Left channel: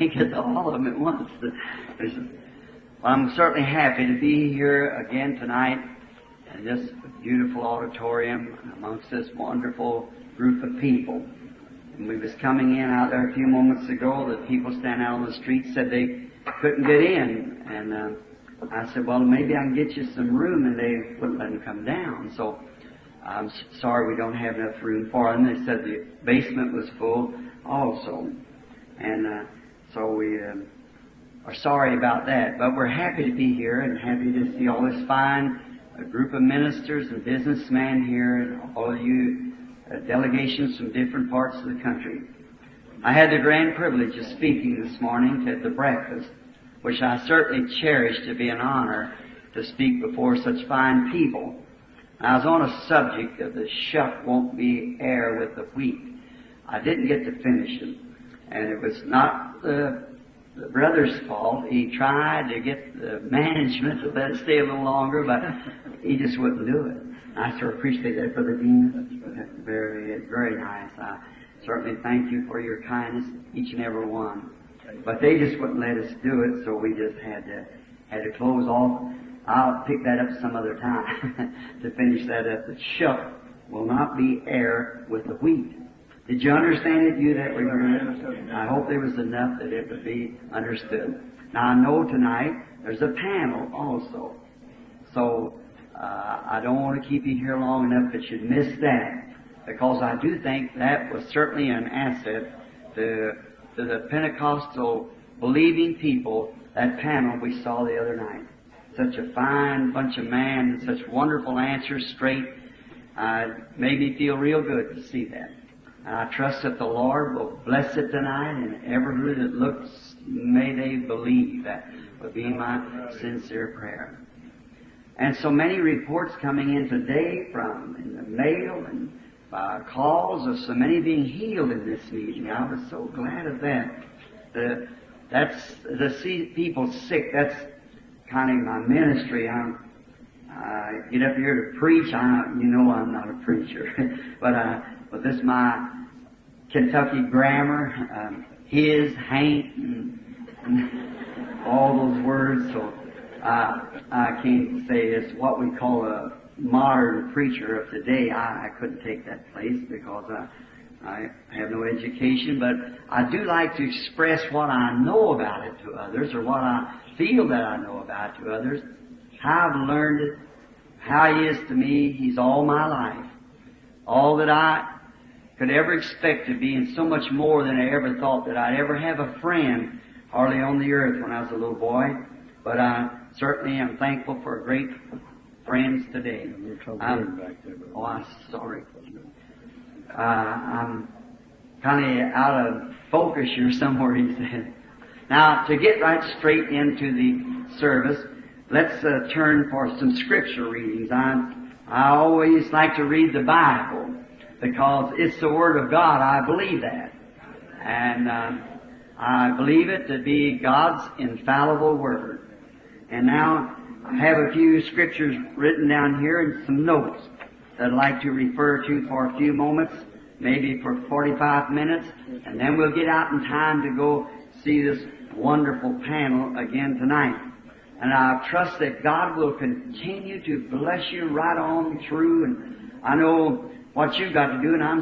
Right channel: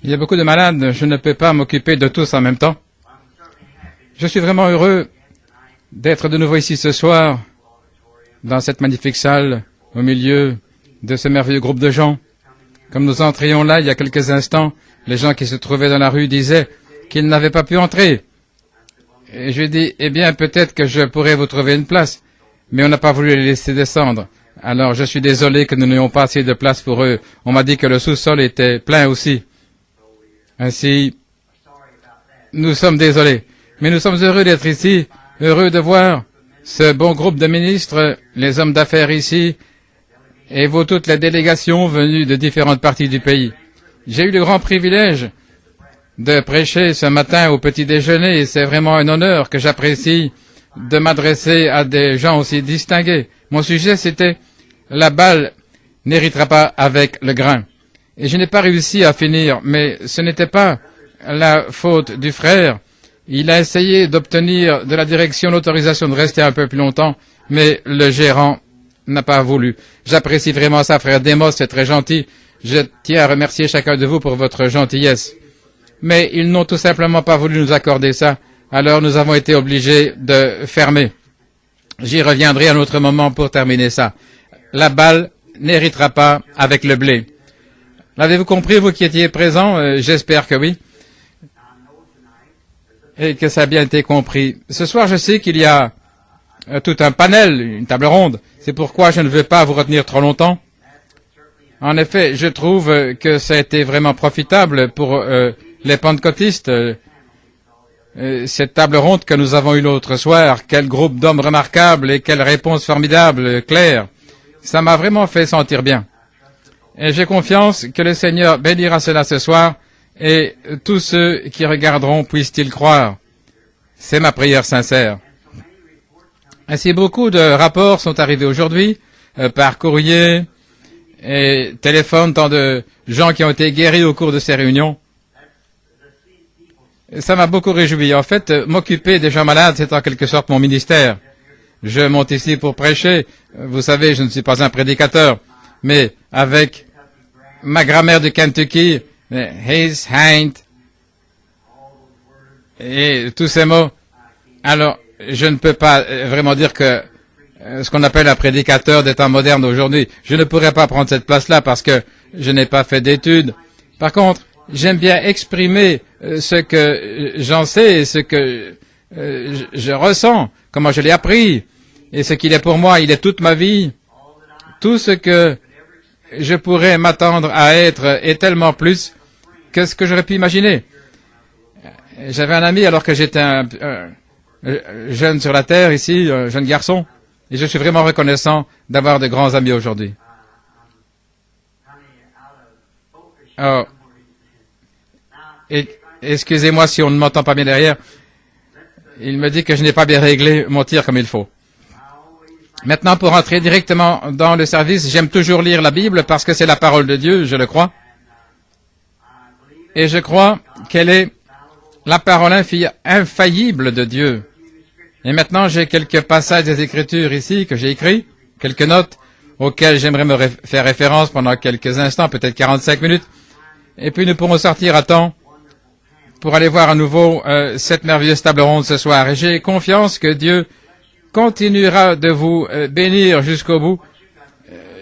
Il y a beaucoup de malades, je ne peux pas m'occuper de tous en même temps. Je suis vraiment heureux d'être de nouveau ici ce soir, dans cette magnifique salle, au milieu de ce merveilleux groupe de gens. Comme nous entrions là il y a quelques instants, les gens qui se trouvaient dans la rue disaient qu'ils n'avaient pas pu entrer. Et je lui ai dit, eh bien, peut-être que je pourrais vous trouver une place. Mais on n'a pas voulu les laisser descendre. Alors, je suis désolé que nous n'ayons pas assez de place pour eux. On m'a dit que le sous-sol était plein aussi. Ainsi, nous sommes désolés. Mais nous sommes heureux d'être ici, heureux de voir ce bon groupe de ministres, les hommes d'affaires ici, et vous toutes les délégations venues de différentes parties du pays. J'ai eu le grand privilège de prêcher ce matin au petit déjeuner et c'est vraiment un honneur que j'apprécie de m'adresser à des gens aussi distingués. Mon sujet c'était « La balle n'héritera pas avec le grain ». Et je n'ai pas réussi à finir, mais ce n'était pas la faute du frère. Il a essayé d'obtenir de la direction l'autorisation de rester un peu plus longtemps, mais le gérant n'a pas voulu. J'apprécie vraiment ça, frère Demos, c'est très gentil. Je tiens à remercier chacun de vous pour votre gentillesse. Mais ils n'ont tout simplement pas voulu nous accorder ça, alors nous avons été obligés de fermer. J'y reviendrai à un autre moment pour terminer ça. La balle n'héritera pas avec le blé. L'avez-vous compris, vous qui étiez présents? J'espère que oui. Et que ça a bien été compris. Ce soir, je sais qu'il y a tout un panel, une table ronde. C'est pourquoi je ne veux pas vous retenir trop longtemps. En effet, je trouve que ça a été vraiment profitable pour les pentecôtistes. Cette table ronde que nous avons eue l'autre soir, quel groupe d'hommes remarquables et quelle réponse formidable, claire. Ça m'a vraiment fait sentir bien. Et j'ai confiance que le Seigneur bénira cela ce soir et tous ceux qui regarderont puissent-ils croire. C'est ma prière sincère. Ainsi, beaucoup de rapports sont arrivés aujourd'hui par courrier et téléphone, tant de gens qui ont été guéris au cours de ces réunions. Et ça m'a beaucoup réjoui. En fait, m'occuper des gens malades, c'est en quelque sorte mon ministère. Je monte ici pour prêcher. Vous savez, je ne suis pas un prédicateur, mais avec ma grammaire du Kentucky, his, ain't, et tous ces mots, alors je ne peux pas vraiment dire que ce qu'on appelle un prédicateur des temps modernes aujourd'hui, je ne pourrais pas prendre cette place-là parce que je n'ai pas fait d'études. Par contre, j'aime bien exprimer ce que j'en sais et ce que je ressens, comment je l'ai appris, et ce qu'il est pour moi, il est toute ma vie. Tout ce que je pourrais m'attendre à être est tellement plus que ce que j'aurais pu imaginer. J'avais un ami alors que j'étais jeune sur la terre ici, jeune garçon, et je suis vraiment reconnaissant d'avoir de grands amis aujourd'hui. Excusez-moi si on ne m'entend pas bien derrière. Il me dit que je n'ai pas bien réglé mon tir comme il faut. Maintenant, pour entrer directement dans le service, j'aime toujours lire la Bible parce que c'est la parole de Dieu, je le crois. Et je crois qu'elle est la parole infaillible de Dieu. Et maintenant, j'ai quelques passages des Écritures ici que j'ai écrits, quelques notes auxquelles j'aimerais me faire référence pendant quelques instants, peut-être 45 minutes. Et puis nous pourrons sortir à temps pour aller voir à nouveau cette merveilleuse table ronde ce soir. Et j'ai confiance que Dieu continuera de vous bénir jusqu'au bout.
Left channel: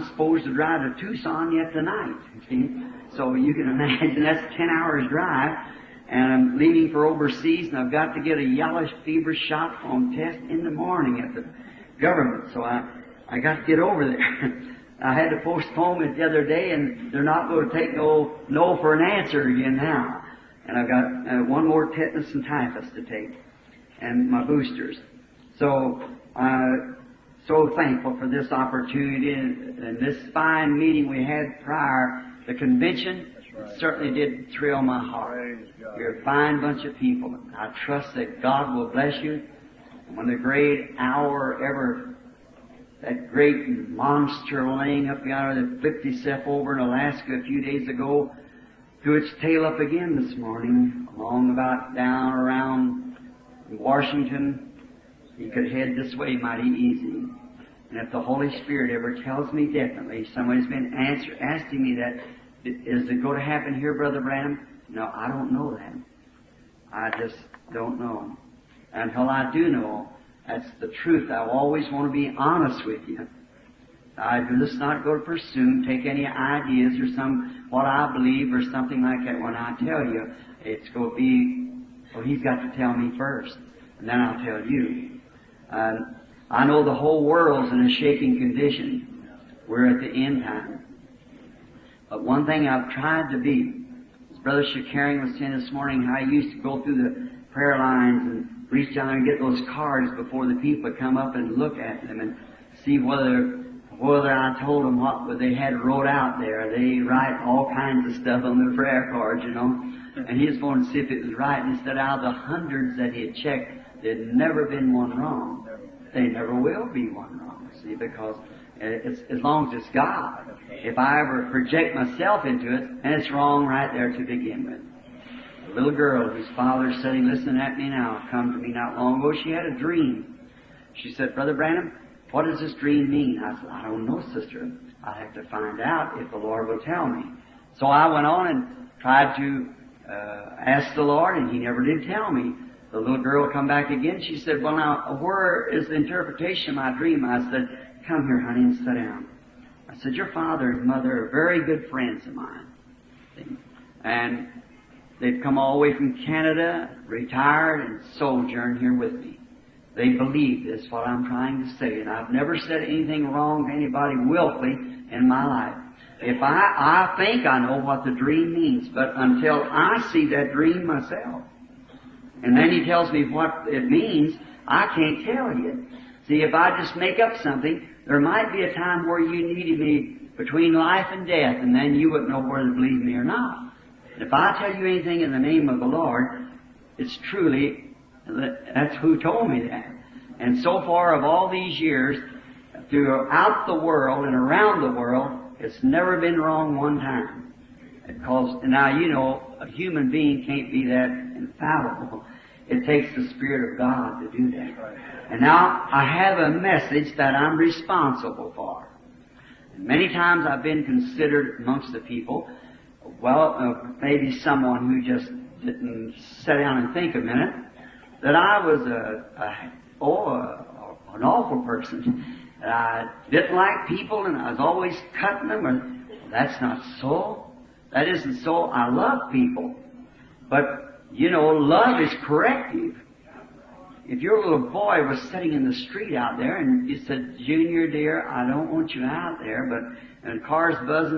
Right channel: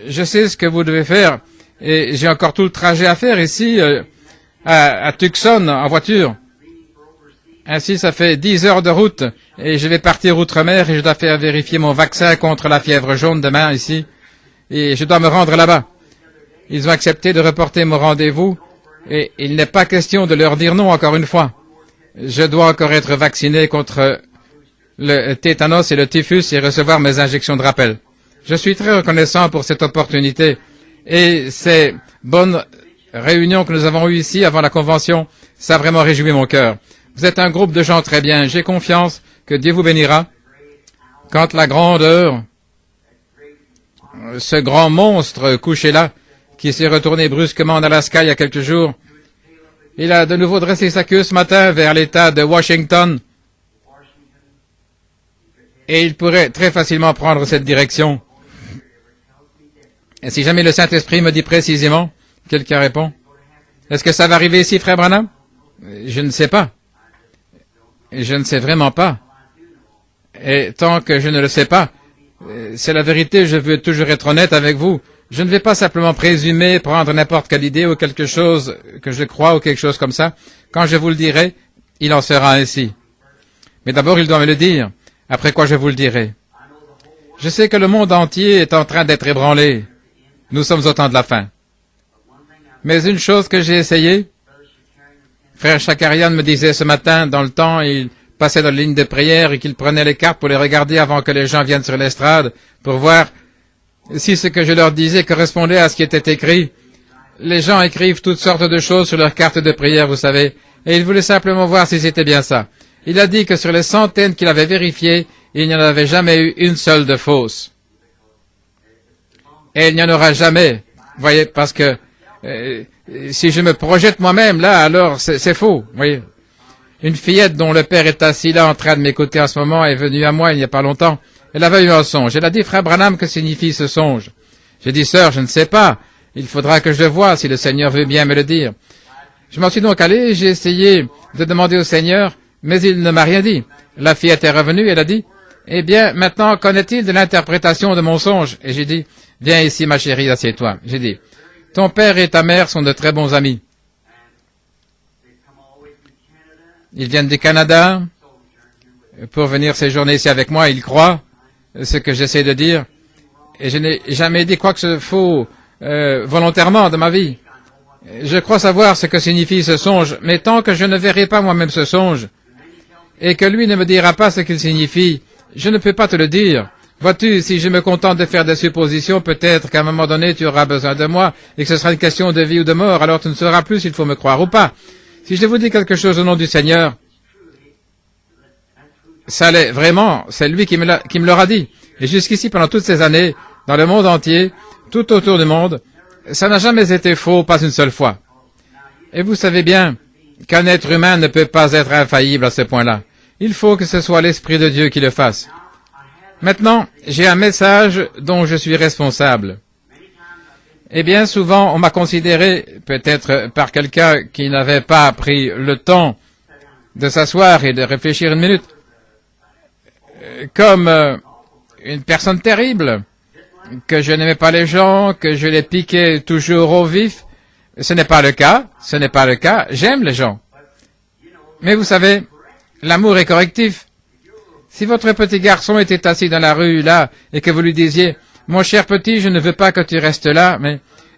Je sais ce que vous devez faire et j'ai encore tout le trajet à faire ici à Tucson en voiture. Ainsi, ça fait 10 heures de route et je vais partir outre-mer et je dois faire vérifier mon vaccin contre la fièvre jaune demain ici. Et je dois me rendre là-bas. Ils ont accepté de reporter mon rendez-vous et il n'est pas question de leur dire non encore une fois. Je dois encore être vacciné contre le tétanos et le typhus et recevoir mes injections de rappel. Je suis très reconnaissant pour cette opportunité et ces bonnes réunions que nous avons eues ici avant la convention, ça a vraiment réjoui mon cœur. Vous êtes un groupe de gens très bien. J'ai confiance que Dieu vous bénira quand la grande heure, ce grand monstre couché là, qui s'est retourné brusquement en Alaska il y a quelques jours, il a de nouveau dressé sa queue ce matin vers l'État de Washington et il pourrait très facilement prendre cette direction. Et si jamais le Saint-Esprit me dit précisément Quelqu'un répond, est-ce que ça va arriver ici, frère Branham? Je ne sais pas. Je ne sais vraiment pas. Et tant que je ne le sais pas, c'est la vérité, je veux toujours être honnête avec vous. Je ne vais pas simplement présumer, prendre n'importe quelle idée ou quelque chose que je crois ou quelque chose comme ça. Quand je vous le dirai, il en sera ainsi. Mais d'abord, il doit me le dire, après quoi je vous le dirai. Je sais que le monde entier est en train d'être ébranlé. Nous sommes au temps de la fin. Mais une chose que j'ai essayé, frère Shakarian me disait ce matin, dans le temps, il passait dans la ligne de prière et qu'il prenait les cartes pour les regarder avant que les gens viennent sur l'estrade, pour voir si ce que je leur disais correspondait à ce qui était écrit. Les gens écrivent toutes sortes de choses sur leurs cartes de prière, vous savez, et il voulait simplement voir si c'était bien ça. Il a dit que sur les centaines qu'il avait vérifiées, il n'y en avait jamais eu une seule de fausse. Et il n'y en aura jamais, vous voyez, parce que si je me projette moi-même là, alors c'est faux, vous voyez. Une fillette dont le père est assis là en train de m'écouter en ce moment est venue à moi il n'y a pas longtemps. Elle avait eu un songe. Elle a dit, frère Branham, que signifie ce songe? J'ai dit, sœur, je ne sais pas. Il faudra que je le voie si le Seigneur veut bien me le dire. Je m'en suis donc allé, j'ai essayé de demander au Seigneur, mais il ne m'a rien dit. La fillette est revenue, elle a dit, eh bien, maintenant, qu'en est-il de l'interprétation de mon songe? Et j'ai dit, viens ici, ma chérie, assieds-toi. J'ai dit, ton père et ta mère sont de très bons amis. Ils viennent du Canada pour venir séjourner ici avec moi. Ils croient ce que j'essaie de dire. Et je n'ai jamais dit quoi que ce faux volontairement dans ma vie. Je crois savoir ce que signifie ce songe, mais tant que je ne verrai pas moi-même ce songe, et que lui ne me dira pas ce qu'il signifie, je ne peux pas te le dire. Vois-tu, si je me contente de faire des suppositions, peut-être qu'à un moment donné, tu auras besoin de moi, et que ce sera une question de vie ou de mort, alors tu ne sauras plus s'il faut me croire ou pas. Si je vous dis quelque chose au nom du Seigneur, ça l'est vraiment, c'est lui qui me l'aura dit. Et jusqu'ici, pendant toutes ces années, dans le monde entier, tout autour du monde, ça n'a jamais été faux, pas une seule fois. Et vous savez bien qu'un être humain ne peut pas être infaillible à ce point-là. Il faut que ce soit l'Esprit de Dieu qui le fasse. Maintenant, j'ai un message dont je suis responsable. Et bien souvent, on m'a considéré, peut-être par quelqu'un qui n'avait pas pris le temps de s'asseoir et de réfléchir une minute, comme une personne terrible, que je n'aimais pas les gens, que je les piquais toujours au vif. Ce n'est pas le cas, ce n'est pas le cas, j'aime les gens. Mais vous savez, l'amour est correctif. Si votre petit garçon était assis dans la rue, là, et que vous lui disiez, « Mon cher petit, je ne veux pas que tu restes là, mais... »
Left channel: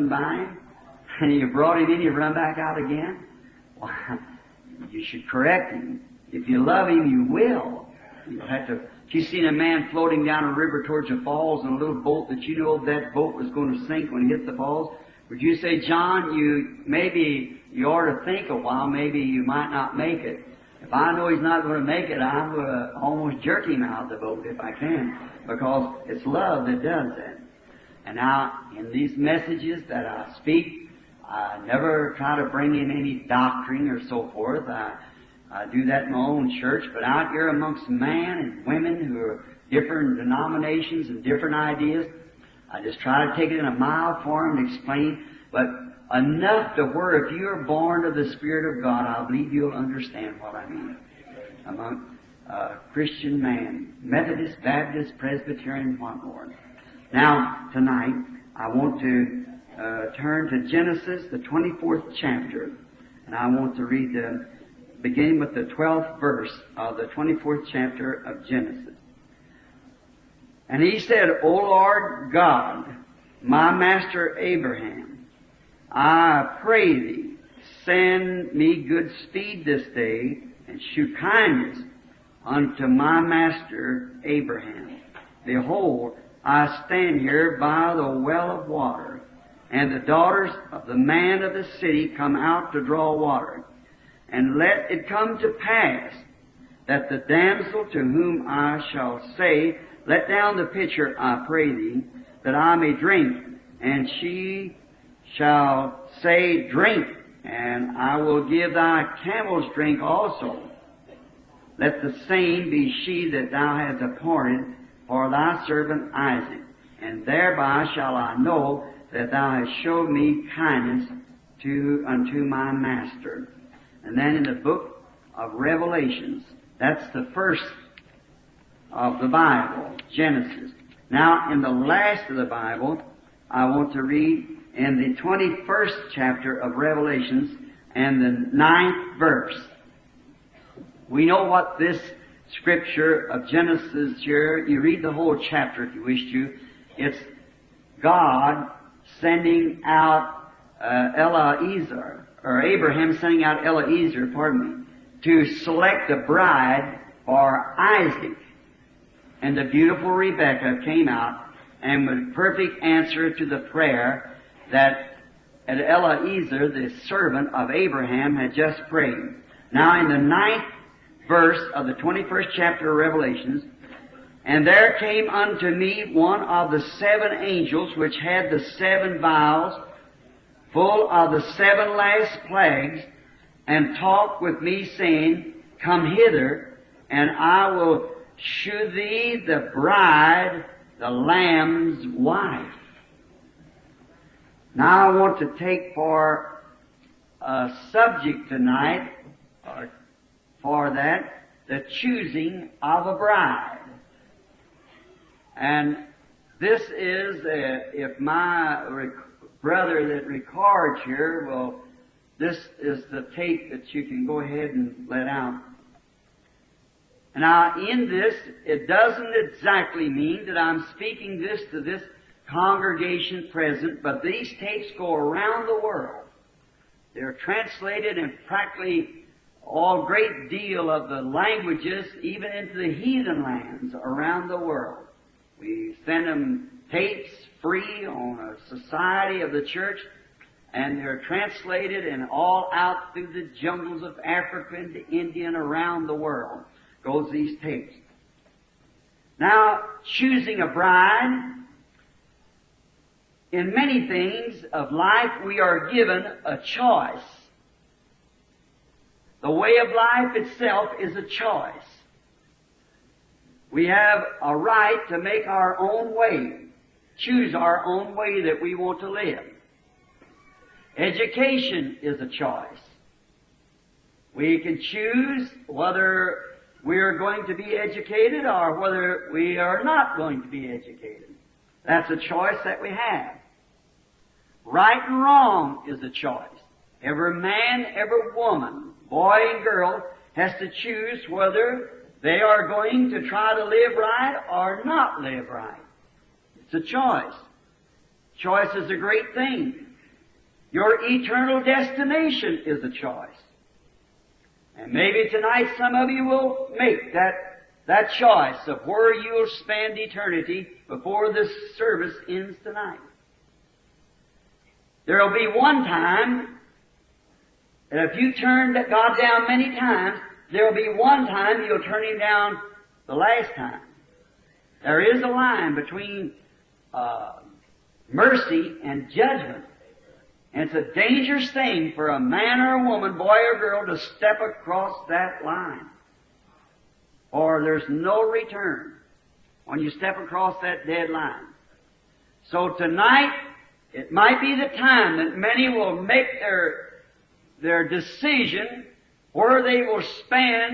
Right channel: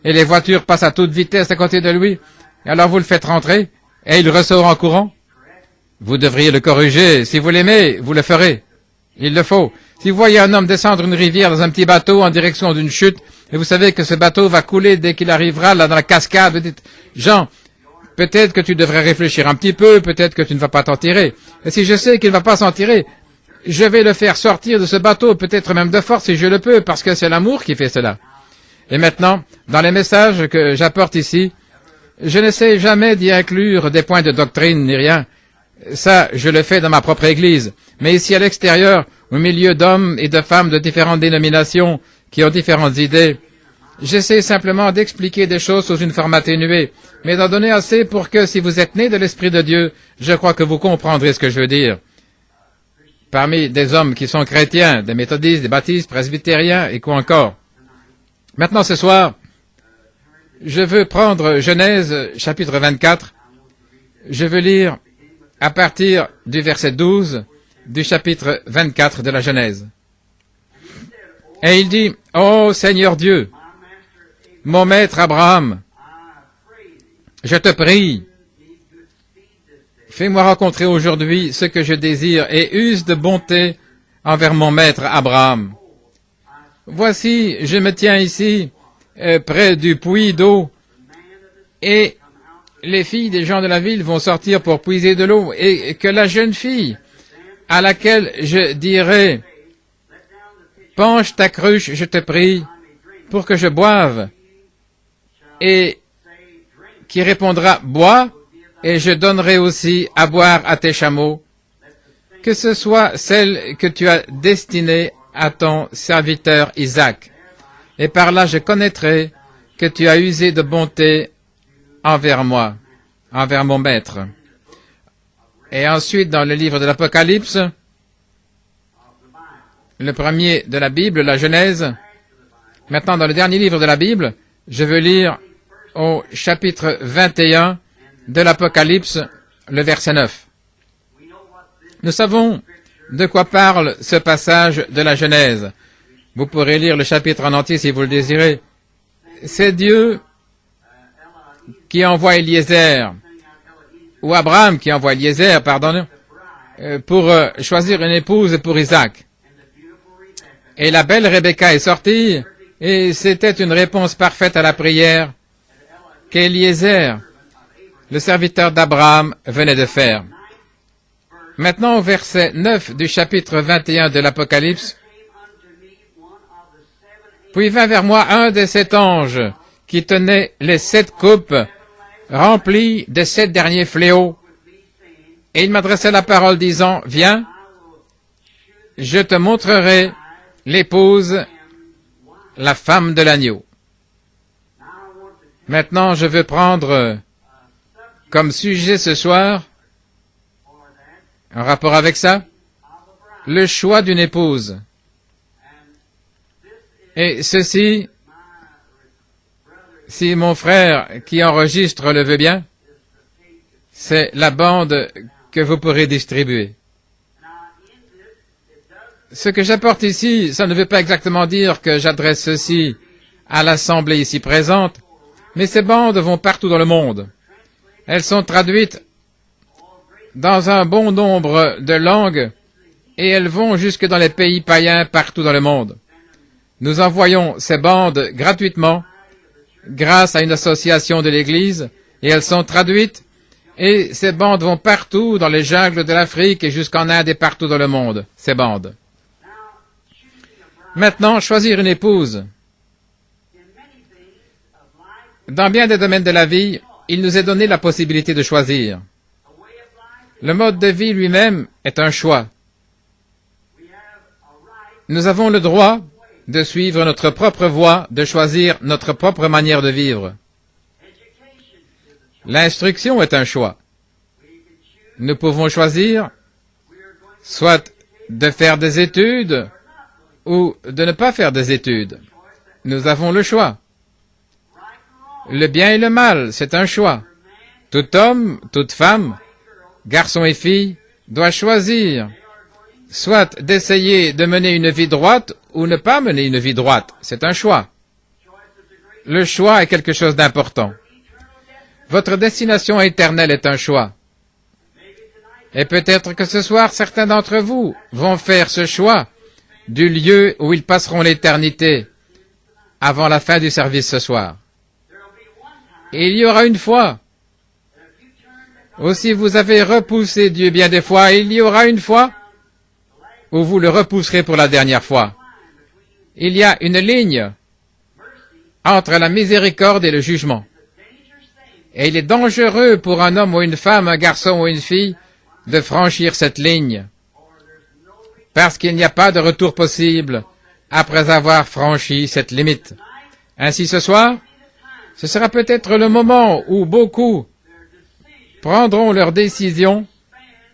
et les voitures passent à toute vitesse à côté de lui, alors vous le faites rentrer, et il ressort en courant. Vous devriez le corriger. Si vous l'aimez, vous le ferez. Il le faut. Si vous voyez un homme descendre une rivière dans un petit bateau en direction d'une chute, et vous savez que ce bateau va couler dès qu'il arrivera là dans la cascade, vous dites, « Jean, peut-être que tu devrais réfléchir un petit peu, peut-être que tu ne vas pas t'en tirer. Et si je sais qu'il ne va pas s'en tirer, je vais le faire sortir de ce bateau, peut-être même de force si je le peux, parce que c'est l'amour qui fait cela. » Et maintenant, dans les messages que j'apporte ici, je n'essaie jamais d'y inclure des points de doctrine ni rien. Ça, je le fais dans ma propre Église. Mais ici à l'extérieur, au milieu d'hommes et de femmes de différentes dénominations qui ont différentes idées, j'essaie simplement d'expliquer des choses sous une forme atténuée, mais d'en donner assez pour que, si vous êtes né de l'Esprit de Dieu, je crois que vous comprendrez ce que je veux dire. Parmi des hommes qui sont chrétiens, des méthodistes, des baptistes, presbytériens et quoi encore. Maintenant, ce soir, je veux prendre Genèse, chapitre 24. Je veux lire à partir du verset 12 du chapitre 24 de la Genèse. Et il dit, « Ô Seigneur Dieu, mon maître Abraham, je te prie, fais-moi rencontrer aujourd'hui ce que je désire et use de bonté envers mon maître Abraham. Voici, je me tiens ici, près du puits d'eau, et les filles des gens de la ville vont sortir pour puiser de l'eau, et que la jeune fille à laquelle je dirai, penche ta cruche, je te prie, pour que je boive, et qui répondra, bois, et je donnerai aussi à boire à tes chameaux. que ce soit celle que tu as destinée à ton serviteur Isaac. Et par là je connaîtrai que tu as usé de bonté envers moi, envers mon maître. Et ensuite, dans le livre de l'Apocalypse, le premier de la Bible, la Genèse, maintenant dans le dernier livre de la Bible, je veux lire au chapitre 21 de l'Apocalypse, le verset 9. Nous savons de quoi parle ce passage de la Genèse. Vous pourrez lire le chapitre en entier si vous le désirez. C'est Dieu qui envoie Eliezer, ou Abraham qui envoie Eliezer, pardon, pour choisir une épouse pour Isaac. Et la belle Rebecca est sortie, et c'était une réponse parfaite à la prière qu'Eliezer, le serviteur d'Abraham, venait de faire. Maintenant, au verset 9 du chapitre 21 de l'Apocalypse, puis vint vers moi un des 7 anges qui tenait les 7 coupes remplies des 7 derniers fléaux, et il m'adressait la parole disant, viens, je te montrerai l'épouse, la femme de l'agneau. Maintenant, je veux prendre comme sujet ce soir, en rapport avec ça, le choix d'une épouse. Et ceci, si mon frère qui enregistre le veut bien, c'est la bande que vous pourrez distribuer. Ce que j'apporte ici, ça ne veut pas exactement dire que j'adresse ceci à l'assemblée ici présente, mais ces bandes vont partout dans le monde. Elles sont traduites dans un bon nombre de langues et elles vont jusque dans les pays païens partout dans le monde. Nous envoyons ces bandes gratuitement grâce à une association de l'Église et elles sont traduites et ces bandes vont partout dans les jungles de l'Afrique et jusqu'en Inde et partout dans le monde, ces bandes. Maintenant, choisir une épouse. Dans bien des domaines de la vie, il nous est donné la possibilité de choisir. Le mode de vie lui-même est un choix. Nous avons le droit de suivre notre propre voie, de choisir notre propre manière de vivre. L'instruction est un choix. Nous pouvons choisir soit de faire des études ou de ne pas faire des études. Nous avons le choix. Le bien et le mal, c'est un choix. Tout homme, toute femme, garçon et fille, doit choisir soit d'essayer de mener une vie droite ou ne pas mener une vie droite. C'est un choix. Le choix est quelque chose d'important. Votre destination éternelle est un choix. Et peut-être que ce soir, certains d'entre vous vont faire ce choix du lieu où ils passeront l'éternité avant la fin du service ce soir. Et il y aura une fois où si vous avez repoussé Dieu bien des fois, il y aura une fois où vous le repousserez pour la dernière fois. Il y a une ligne entre la miséricorde et le jugement. Et il est dangereux pour un homme ou une femme, un garçon ou une fille, de franchir cette ligne, parce qu'il n'y a pas de retour possible après avoir franchi cette limite. Ainsi ce soir, ce sera peut-être le moment où beaucoup prendront leur décision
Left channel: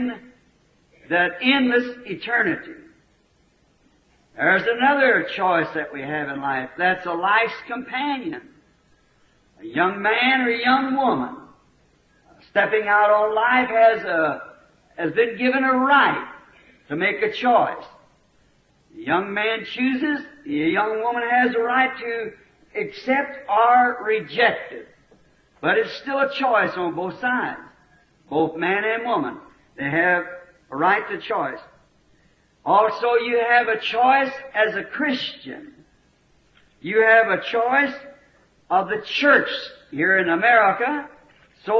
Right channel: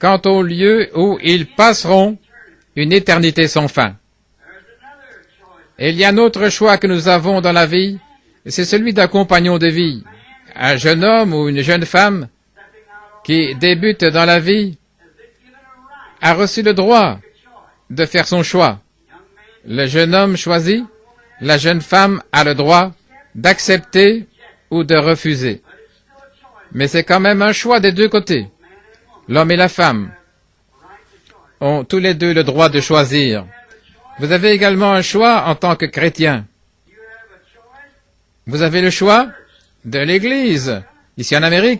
quant au lieu où ils passeront une éternité sans fin. Et il y a un autre choix que nous avons dans la vie, c'est celui d'un compagnon de vie. Un jeune homme ou une jeune femme qui débute dans la vie a reçu le droit de faire son choix. Le jeune homme choisit, la jeune femme a le droit d'accepter ou de refuser. Mais c'est quand même un choix des deux côtés. L'homme et la femme ont tous les deux le droit de choisir. Vous avez également un choix en tant que chrétien. Vous avez le choix de l'Église, ici en Amérique,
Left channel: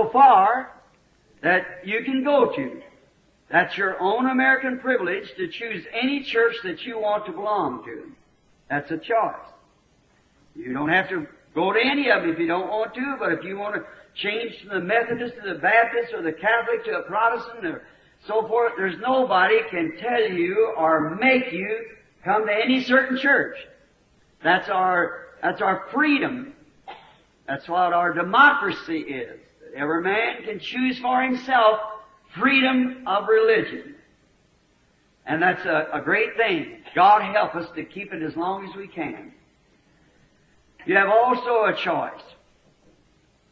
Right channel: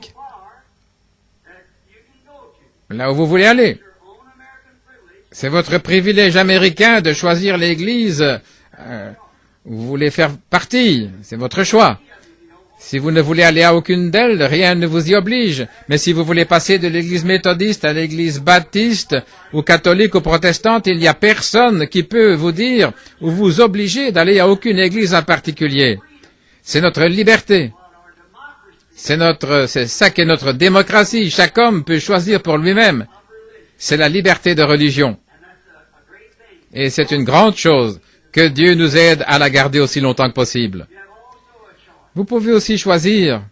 là où vous voulez aller. C'est votre privilège américain de choisir l'Église vous voulez faire partie, c'est votre choix. Si vous ne voulez aller à aucune d'elles, rien ne vous y oblige. Mais si vous voulez passer de l'église méthodiste à l'église baptiste, ou catholique, ou protestante, il n'y a personne qui peut vous dire ou vous obliger d'aller à aucune église en particulier. C'est notre liberté. C'est ça qu'est notre démocratie. Chaque homme peut choisir pour lui-même. C'est la liberté de religion. Et c'est une grande chose que Dieu nous aide à la garder aussi longtemps que possible. Vous pouvez aussi choisir.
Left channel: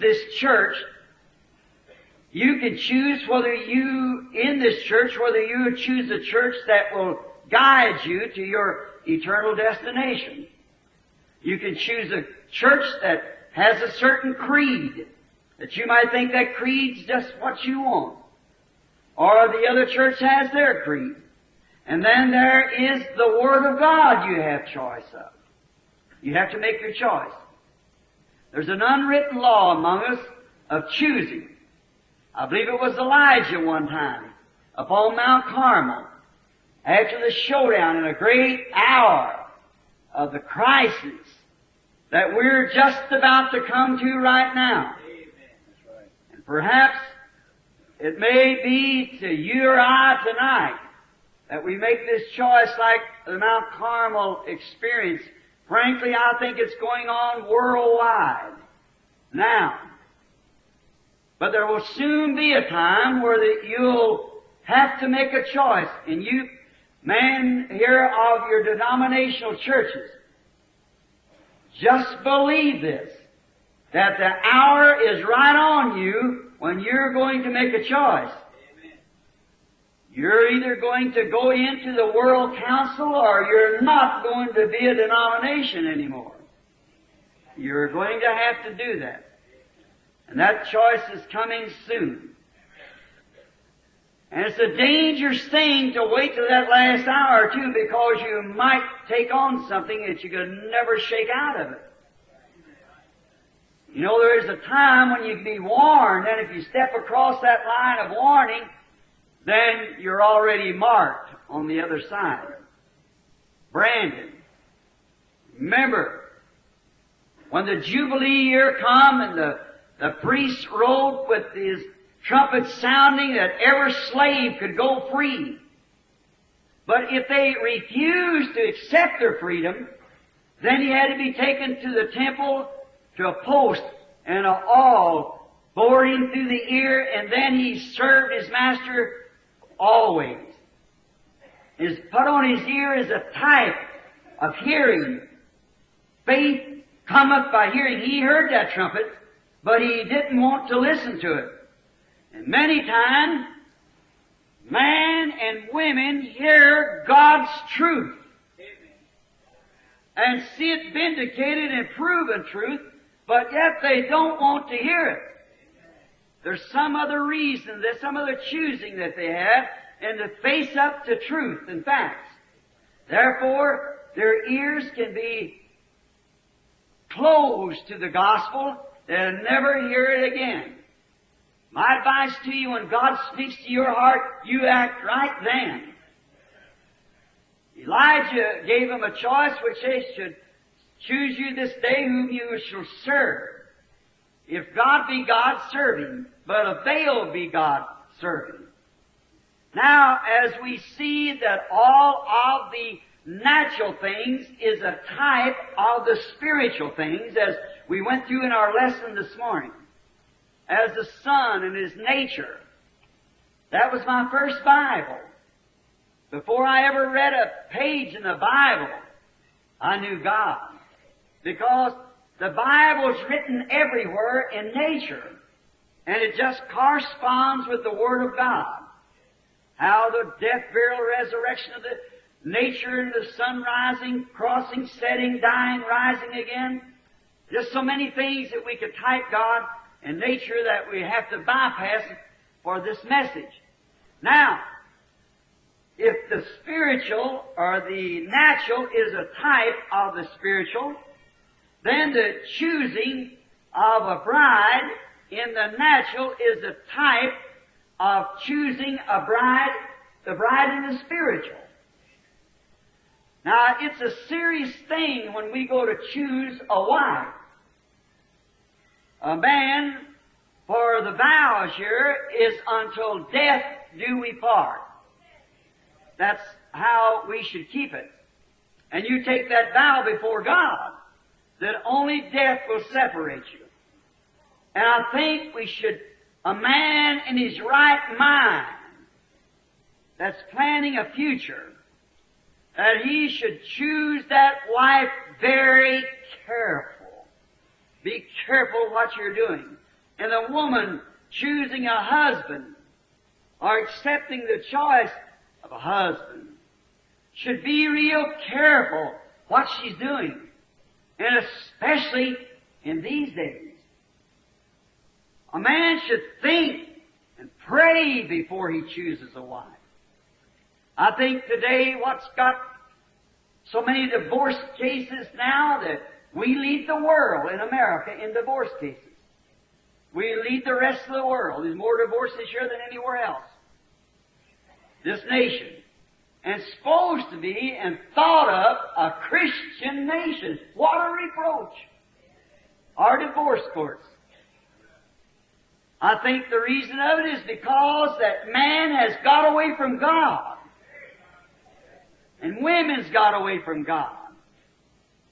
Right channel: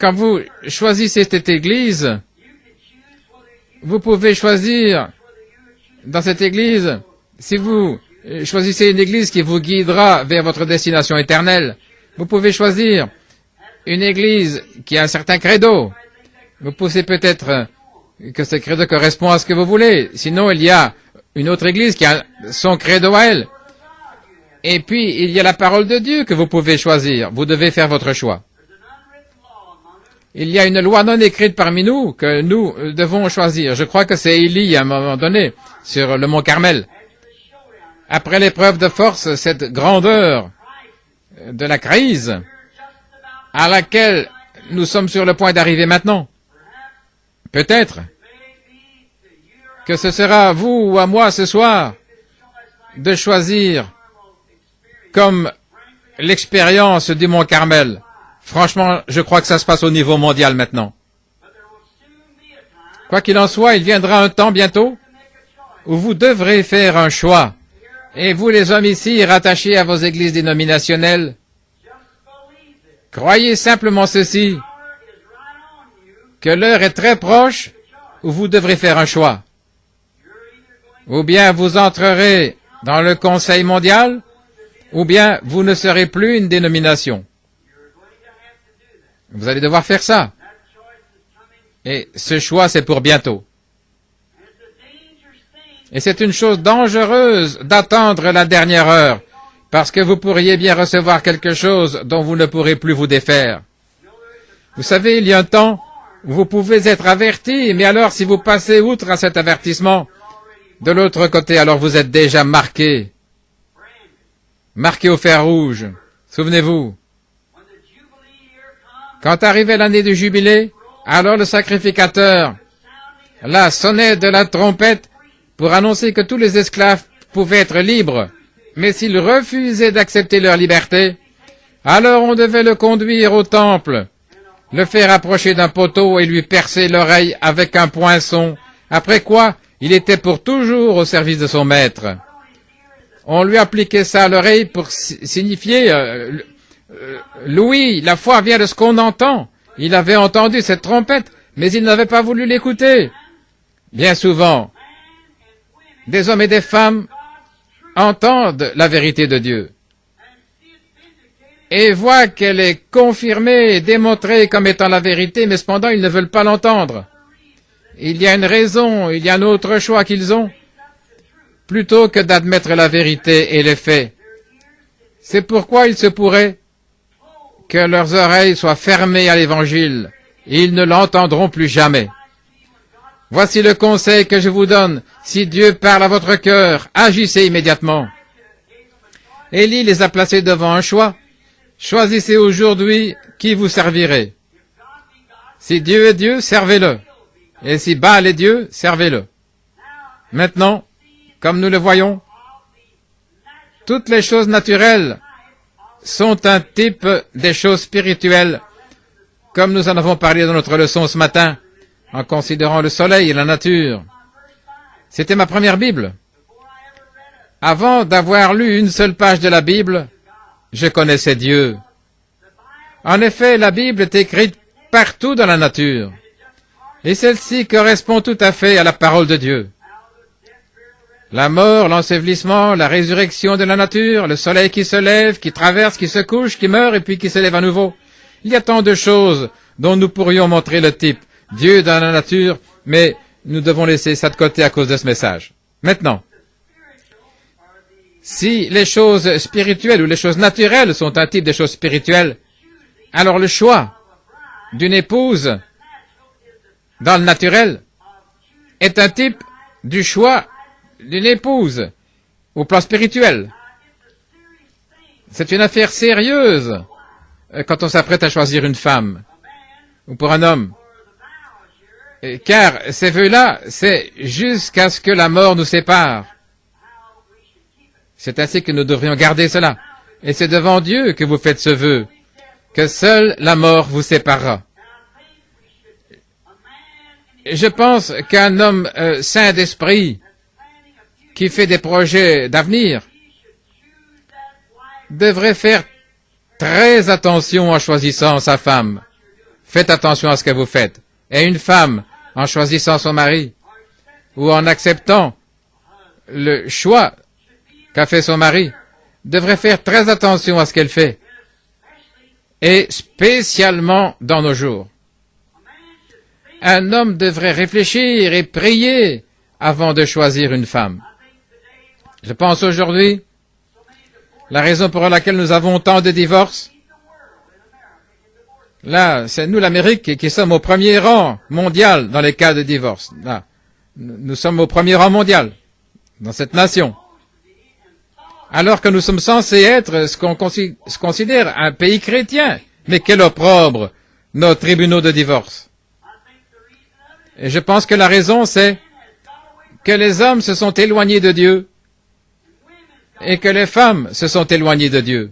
Quand vous choisissez cette église, vous pouvez choisir dans cette église. Si vous choisissez une église qui vous guidera vers votre destination éternelle, vous pouvez choisir une église qui a un certain credo. Vous pensez peut-être que ce credo correspond à ce que vous voulez. Sinon, il y a une autre église qui a son credo à elle. Et puis, il y a la parole de Dieu que vous pouvez choisir. Vous devez faire votre choix. Il y a une loi non écrite parmi nous que nous devons choisir. Je crois que c'est Élie à un moment donné, sur le mont Carmel. Après l'épreuve de force, cette grandeur de la crise à laquelle nous sommes sur le point d'arriver maintenant. Peut-être que ce sera à vous ou à moi ce soir de choisir comme l'expérience du Mont Carmel. Franchement, je crois que ça se passe au niveau mondial maintenant. Quoi qu'il en soit, il viendra un temps bientôt où vous devrez faire un choix. Et vous, les hommes ici, rattachés à vos églises dénominationnelles, croyez simplement ceci, que l'heure est très proche où vous devrez faire un choix. Ou bien vous entrerez dans le Conseil mondial, ou bien vous ne serez plus une dénomination. Vous allez devoir faire ça. Et ce choix, c'est pour bientôt. Et c'est une chose dangereuse d'attendre la dernière heure, parce que vous pourriez bien recevoir quelque chose dont vous ne pourrez plus vous défaire. Vous savez, il y a un temps où vous pouvez être averti, mais alors si vous passez outre à cet avertissement, de l'autre côté, alors vous êtes déjà marqué. Marqué au fer rouge. Souvenez-vous. Quand arrivait l'année du jubilé, alors le sacrificateur, la sonnette de la trompette pour annoncer que tous les esclaves pouvaient être libres. Mais s'ils refusaient d'accepter leur liberté, alors on devait le conduire au temple, le faire approcher d'un poteau et lui percer l'oreille avec un poinçon, après quoi il était pour toujours au service de son maître. On lui appliquait ça à l'oreille pour signifier Louis, la foi vient de ce qu'on entend. Il avait entendu cette trompette, mais il n'avait pas voulu l'écouter. Bien souvent, des hommes et des femmes entendent la vérité de Dieu et voient qu'elle est confirmée et démontrée comme étant la vérité, mais cependant ils ne veulent pas l'entendre. Il y a une raison, il y a un autre choix qu'ils ont, plutôt que d'admettre la vérité et les faits. C'est pourquoi il se pourrait que leurs oreilles soient fermées à l'Évangile. Ils ne l'entendront plus jamais. Voici le conseil que je vous donne. Si Dieu parle à votre cœur, agissez immédiatement. Élie les a placés devant un choix. Choisissez aujourd'hui qui vous servirez. Si Dieu est Dieu, servez-le. Et si Baal est Dieu, servez-le. Maintenant, comme nous le voyons, toutes les choses naturelles sont un type des choses spirituelles, comme nous en avons parlé dans notre leçon ce matin, en considérant le soleil et la nature. C'était ma première Bible. Avant d'avoir lu une seule page de la Bible, je connaissais Dieu. En effet, la Bible est écrite partout dans la nature, et celle-ci correspond tout à fait à la parole de Dieu. La mort, l'ensevelissement, la résurrection de la nature, le soleil qui se lève, qui traverse, qui se couche, qui meurt et puis qui se lève à nouveau. Il y a tant de choses dont nous pourrions montrer le type. Dieu dans la nature, mais nous devons laisser ça de côté à cause de ce message. Maintenant, si les choses spirituelles ou les choses naturelles sont un type de choses spirituelles, alors le choix d'une épouse dans le naturel est un type du choix d'une épouse. au plan spirituel. C'est une affaire sérieuse quand on s'apprête à choisir une femme ou pour un homme. Car ces vœux-là, c'est jusqu'à ce que la mort nous sépare. C'est ainsi que nous devrions garder cela. Et c'est devant Dieu que vous faites ce vœu, que seule la mort vous séparera. Je pense qu'un homme saint d'esprit, qui fait des projets d'avenir, devrait faire très attention en choisissant sa femme. Faites attention à ce que vous faites. Et une femme, en choisissant son mari, ou en acceptant le choix qu'a fait son mari, devrait faire très attention à ce qu'elle fait. Et spécialement dans nos jours. Un homme devrait réfléchir et prier avant de choisir une femme. Je pense aujourd'hui, la raison pour laquelle nous avons tant de divorces, là, c'est nous l'Amérique qui sommes au premier rang mondial dans les cas de divorce. Là, nous sommes au premier rang mondial dans cette nation. Alors que nous sommes censés être ce qu'on considère un pays chrétien. Mais quel opprobre, nos tribunaux de divorce. Et je pense que la raison, c'est que les hommes se sont éloignés de Dieu et que les femmes se sont éloignées de Dieu.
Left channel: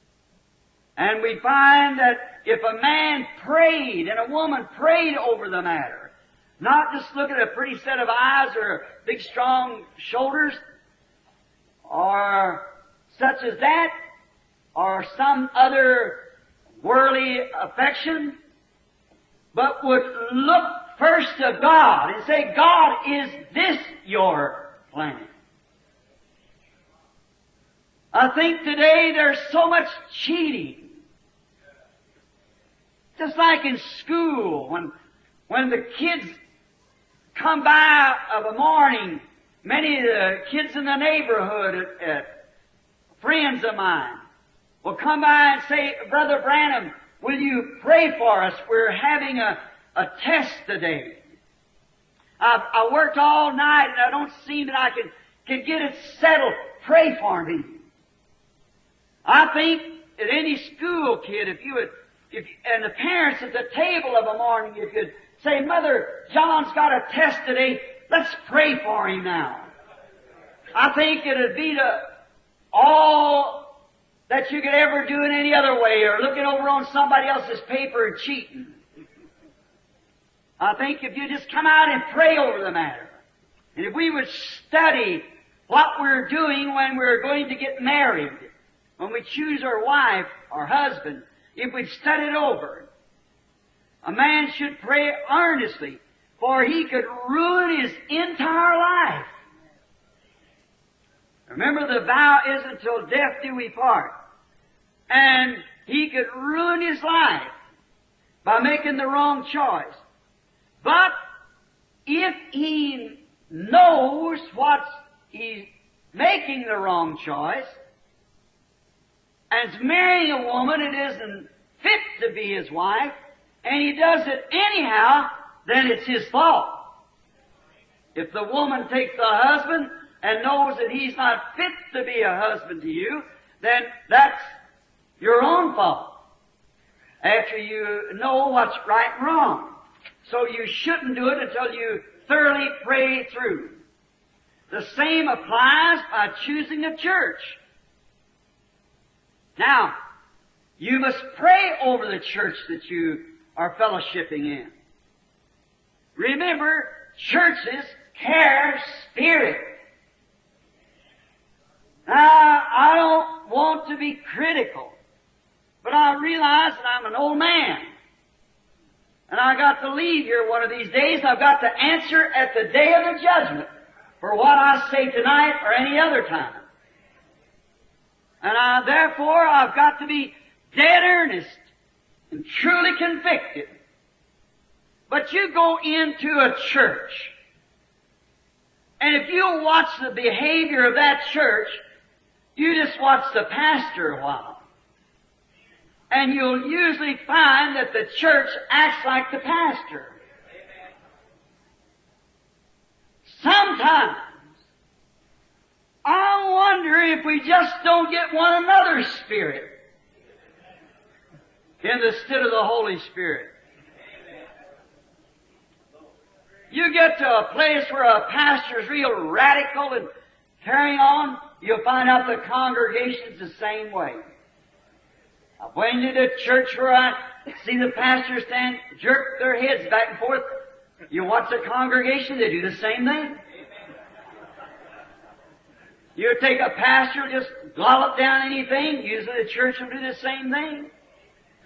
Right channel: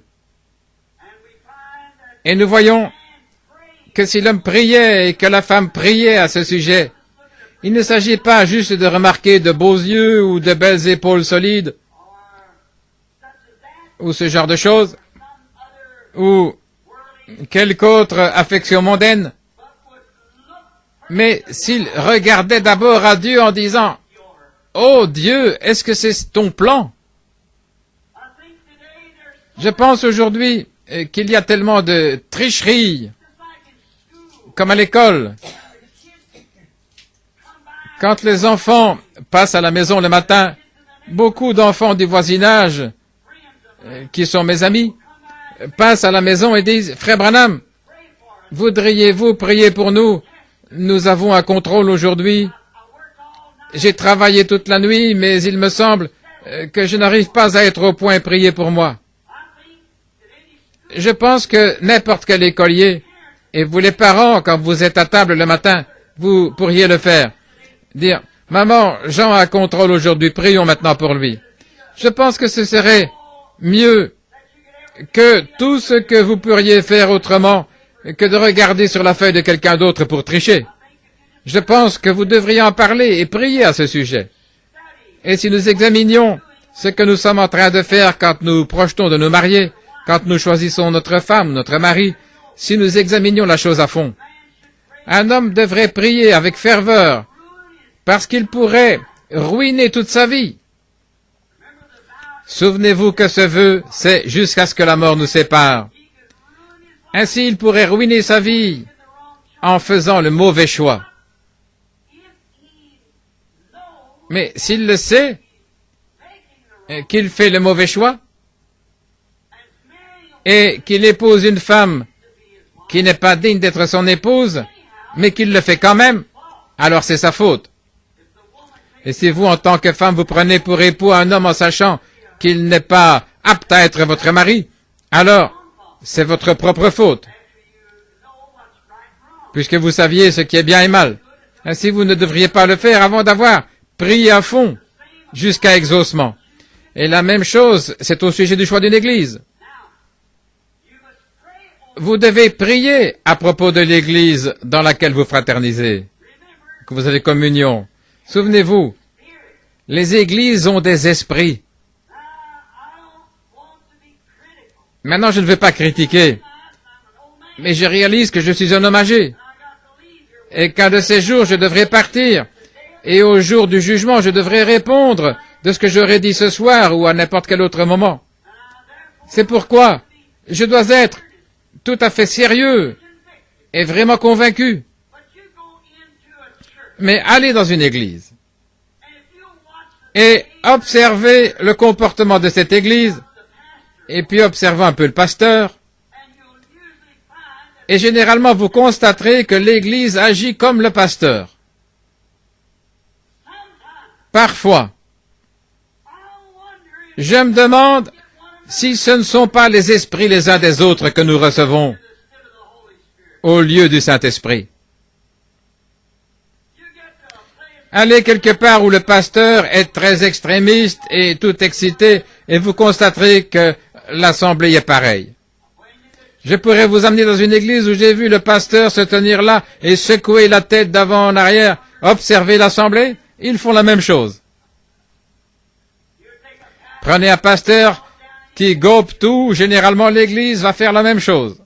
Et nous voyons que si l'homme priait et que la femme priait à ce sujet, il ne s'agit pas juste de remarquer de beaux yeux ou de belles épaules solides ou ce genre de choses ou quelque autre affection mondaine, mais s'il regardait d'abord à Dieu en disant « Oh Dieu, est-ce que c'est ton plan ?» Je pense aujourd'hui qu'il y a tellement de tricheries, comme à l'école. Quand les enfants passent à la maison le matin, beaucoup d'enfants du voisinage, qui sont mes amis, passent à la maison et disent « Frère Branham, voudriez-vous prier pour nous? Nous avons un contrôle aujourd'hui. J'ai travaillé toute la nuit, mais il me semble que je n'arrive pas à être au point. Priez pour moi. » Je pense que n'importe quel écolier, et vous les parents, quand vous êtes à table le matin, vous pourriez le faire. Dire « Maman, Jean a un contrôle aujourd'hui, prions maintenant pour lui. » Je pense que ce serait mieux que tout ce que vous pourriez faire autrement que de regarder sur la feuille de quelqu'un d'autre pour tricher. Je pense que vous devriez en parler et prier à ce sujet. Et si nous examinions ce que nous sommes en train de faire quand nous projetons de nous marier, quand nous choisissons notre femme, notre mari, si nous examinions la chose à fond, un homme devrait prier avec ferveur parce qu'il pourrait ruiner toute sa vie. Souvenez-vous que ce vœu, c'est jusqu'à ce que la mort nous sépare. Ainsi, il pourrait ruiner sa vie en faisant le mauvais choix. Mais s'il le sait, qu'il fait le mauvais choix, et qu'il épouse une femme qui n'est pas digne d'être son épouse, mais qu'il le fait quand même, alors c'est sa faute. Et si vous, en tant que femme, vous prenez pour époux un homme en sachant qu'il n'est pas apte à être votre mari, alors c'est votre propre faute, puisque vous saviez ce qui est bien et mal. Ainsi, vous ne devriez pas le faire avant d'avoir prié à fond jusqu'à exaucement. Et la même chose, c'est au sujet du choix d'une église. Vous devez prier à propos de l'église dans laquelle vous fraternisez, que vous avez communion. Souvenez-vous, les églises ont des esprits. Maintenant, je ne veux pas critiquer, mais je réalise que je suis un homme âgé, et qu'un de ces jours, je devrais partir, et au jour du jugement, je devrais répondre de ce que j'aurais dit ce soir ou à n'importe quel autre moment. C'est pourquoi je dois être tout à fait sérieux et vraiment convaincu. Mais allez dans une église et observez le comportement de cette église et puis observez un peu le pasteur. Et généralement, vous constaterez que l'église agit comme le pasteur. Parfois, Je me demande si ce ne sont pas les esprits les uns des autres que nous recevons au lieu du Saint-Esprit. Allez quelque part où le pasteur est très extrémiste et tout excité, et vous constaterez que l'assemblée est pareille. Je pourrais vous amener dans une église où j'ai vu le pasteur se tenir là et secouer la tête d'avant en arrière, observer l'assemblée. Ils font la même chose. Prenez un pasteur qui gobe tout, généralement l'église va faire la même chose.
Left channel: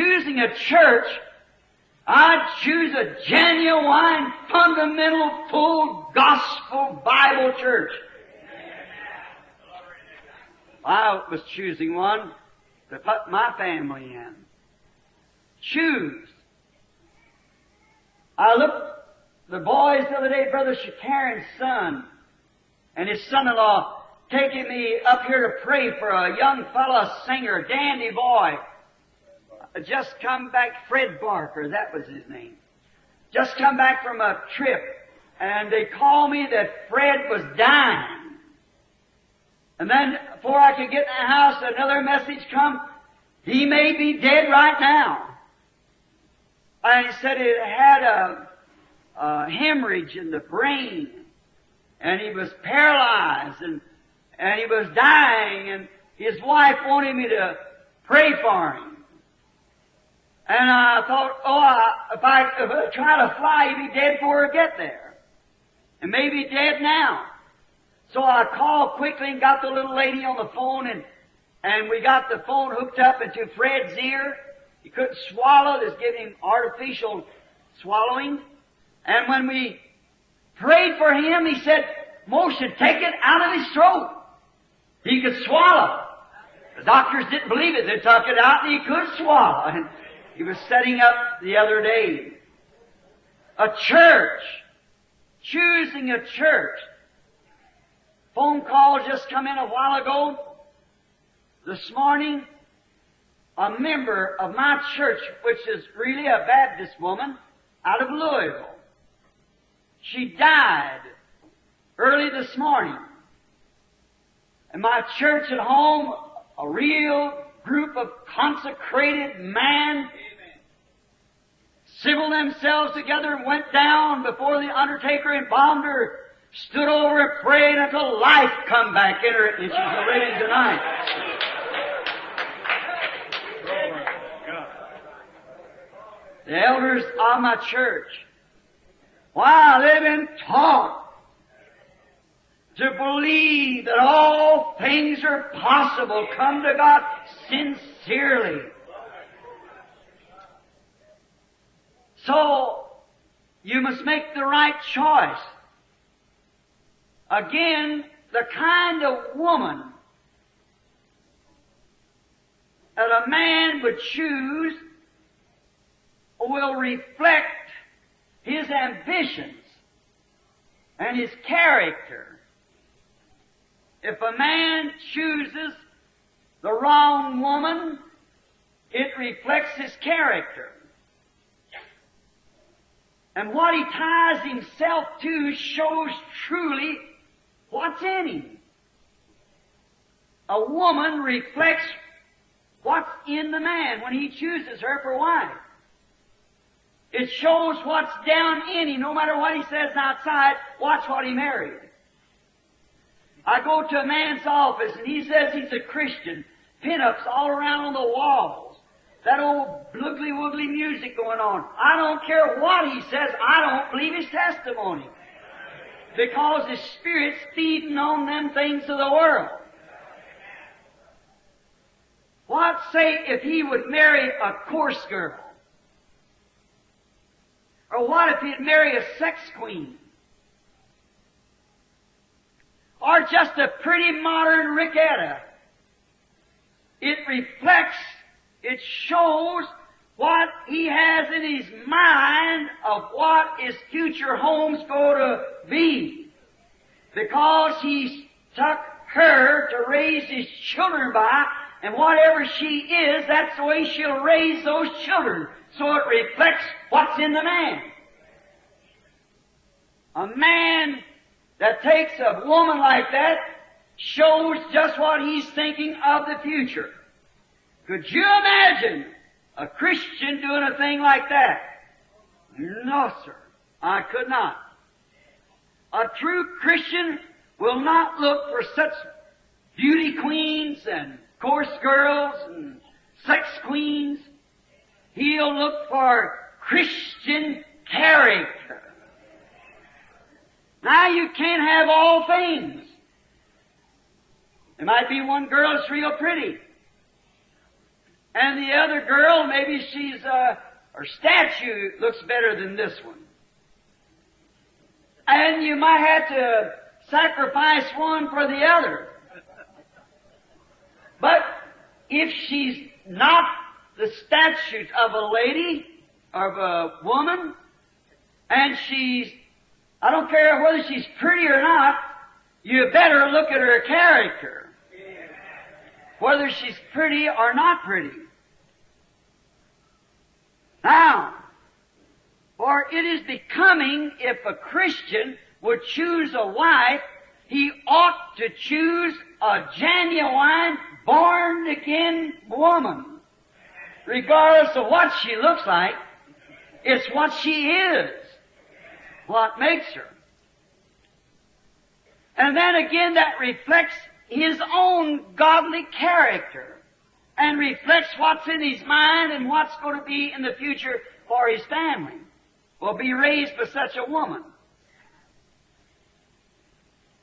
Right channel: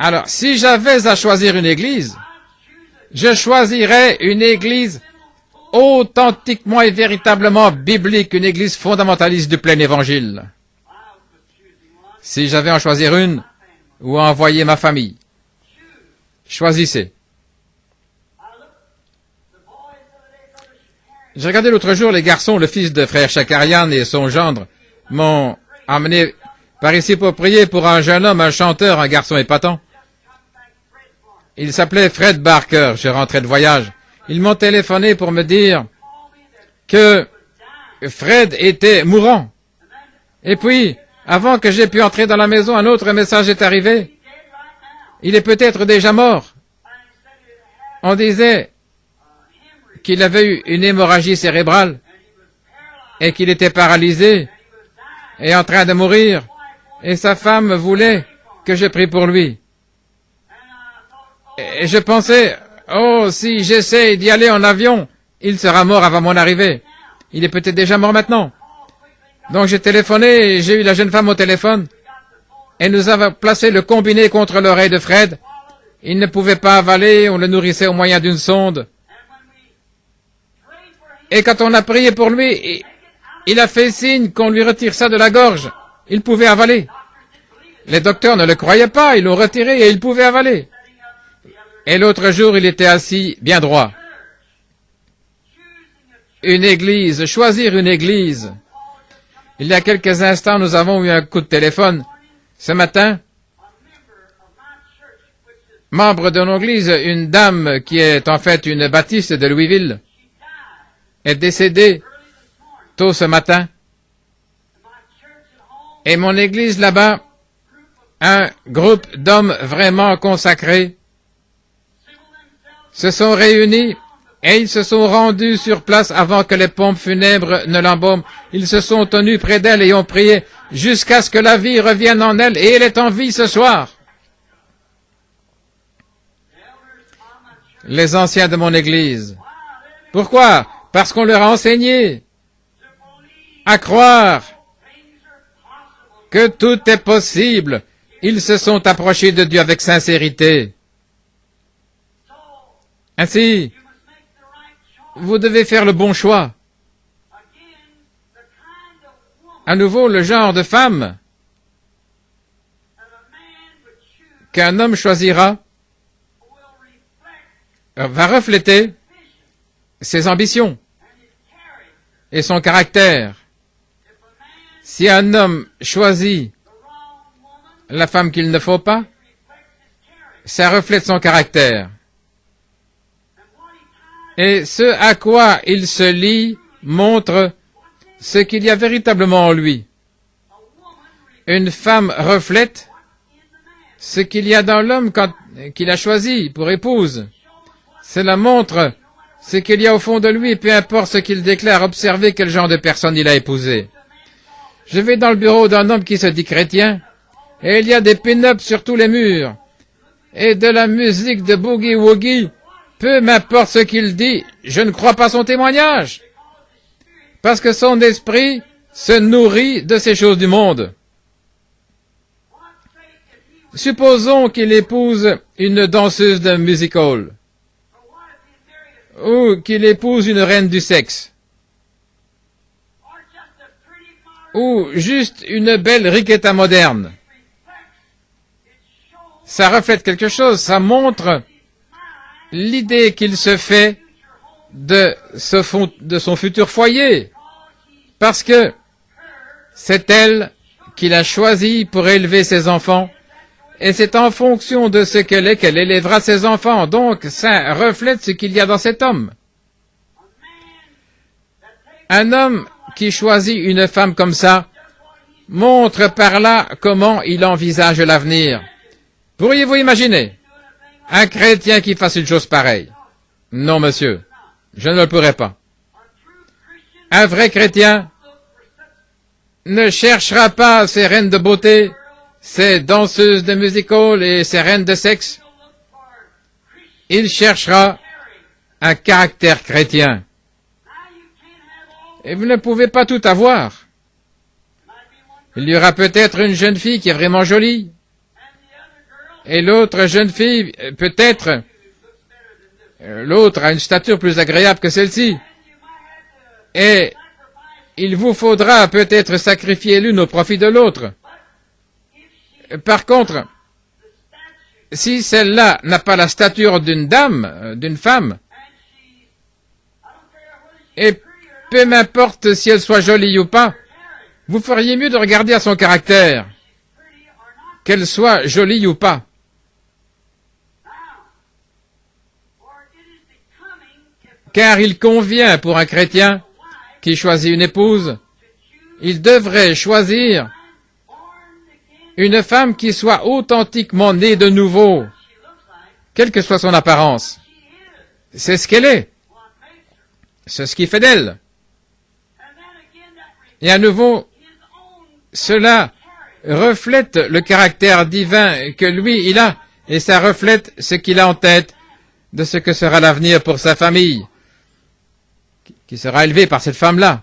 Alors, si j'avais à choisir une église, je choisirais une église authentiquement et véritablement biblique, une église fondamentaliste du plein évangile. Si j'avais à en choisir une, ou à envoyer ma famille, choisissez. J'ai regardé l'autre jour les garçons, le fils de frère Shakarian et son gendre m'ont emmené par ici pour prier pour un jeune homme, un chanteur, un garçon épatant. Il s'appelait Fred Barker. Je rentrais de voyage. Ils m'ont téléphoné pour me dire que Fred était mourant. Et puis, avant que j'aie pu entrer dans la maison, un autre message est arrivé. Il est peut-être déjà mort. On disait qu'il avait eu une hémorragie cérébrale et qu'il était paralysé et en train de mourir. Et sa femme voulait que je prie pour lui. Et je pensais, oh, si j'essaie d'y aller en avion, il sera mort avant mon arrivée. Il est peut-être déjà mort maintenant. Donc j'ai téléphoné et j'ai eu la jeune femme au téléphone et nous avons placé le combiné contre l'oreille de Fred. Il ne pouvait pas avaler, on le nourrissait au moyen d'une sonde. Et quand on a prié pour lui, il a fait signe qu'on lui retire ça de la gorge. Il pouvait avaler. Les docteurs ne le croyaient pas, ils l'ont retiré et il pouvait avaler. Et l'autre jour, il était assis bien droit. Une église, choisir une église. Il y a quelques instants, nous avons eu un coup de téléphone. Ce matin, membre de notre église, une dame qui est en fait une baptiste de Louisville, est décédée tôt ce matin. Et mon église là-bas, un groupe d'hommes vraiment consacrés, se sont réunis et ils se sont rendus sur place avant que les pompes funèbres ne l'embaument. Ils se sont tenus près d'elle et ont prié jusqu'à ce que la vie revienne en elle, et elle est en vie ce soir. Les anciens de mon église. Pourquoi? Parce qu'on leur a enseigné à croire que tout est possible. Ils se sont approchés de Dieu avec sincérité. Ainsi, vous devez faire le bon choix. À nouveau, le genre de femme qu'un homme choisira va refléter ses ambitions et son caractère. Si un homme choisit la femme qu'il ne faut pas, ça reflète son caractère. Et ce à quoi il se lie montre ce qu'il y a véritablement en lui. Une femme reflète ce qu'il y a dans l'homme qu'il a choisi pour épouse. Cela montre ce qu'il y a au fond de lui, peu importe ce qu'il déclare. Observez quel genre de personne il a épousé. Je vais dans le bureau d'un homme qui se dit chrétien, et il y a des pin-ups sur tous les murs, et de la musique de boogie-woogie. Peu m'importe ce qu'il dit, je ne crois pas son témoignage, parce que son esprit se nourrit de ces choses du monde. Supposons qu'il épouse une danseuse d'un music hall, ou qu'il épouse une reine du sexe, ou juste une belle riquetta moderne. Ça reflète quelque chose, ça montre l'idée qu'il se fait de son futur foyer, parce que c'est elle qu'il a choisi pour élever ses enfants, et c'est en fonction de ce qu'elle est qu'elle élèvera ses enfants. Donc, ça reflète ce qu'il y a dans cet homme. Un homme qui choisit une femme comme ça montre par là comment il envisage l'avenir. Pourriez-vous imaginer un chrétien qui fasse une chose pareille? Non, monsieur, je ne le pourrais pas. Un vrai chrétien ne cherchera pas ces reines de beauté, ces danseuses de music-hall et ces reines de sexe. Il cherchera un caractère chrétien. Et vous ne pouvez pas tout avoir. Il y aura peut-être une jeune fille qui est vraiment jolie. Et l'autre jeune fille, peut-être, l'autre a une stature plus agréable que celle-ci. Et il vous faudra peut-être sacrifier l'une au profit de l'autre. Par contre, si celle-là n'a pas la stature d'une dame, d'une femme, et peu m'importe si elle soit jolie ou pas, vous feriez mieux de regarder à son caractère, qu'elle soit jolie ou pas. Car il convient pour un chrétien qui choisit une épouse, il devrait choisir une femme qui soit authentiquement née de nouveau, quelle que soit son apparence. C'est ce qu'elle est. C'est ce qui fait d'elle. Et à nouveau, cela reflète le caractère divin que lui, il a, et ça reflète ce qu'il a en tête de ce que sera l'avenir pour sa famille, qui sera élevé par cette femme-là.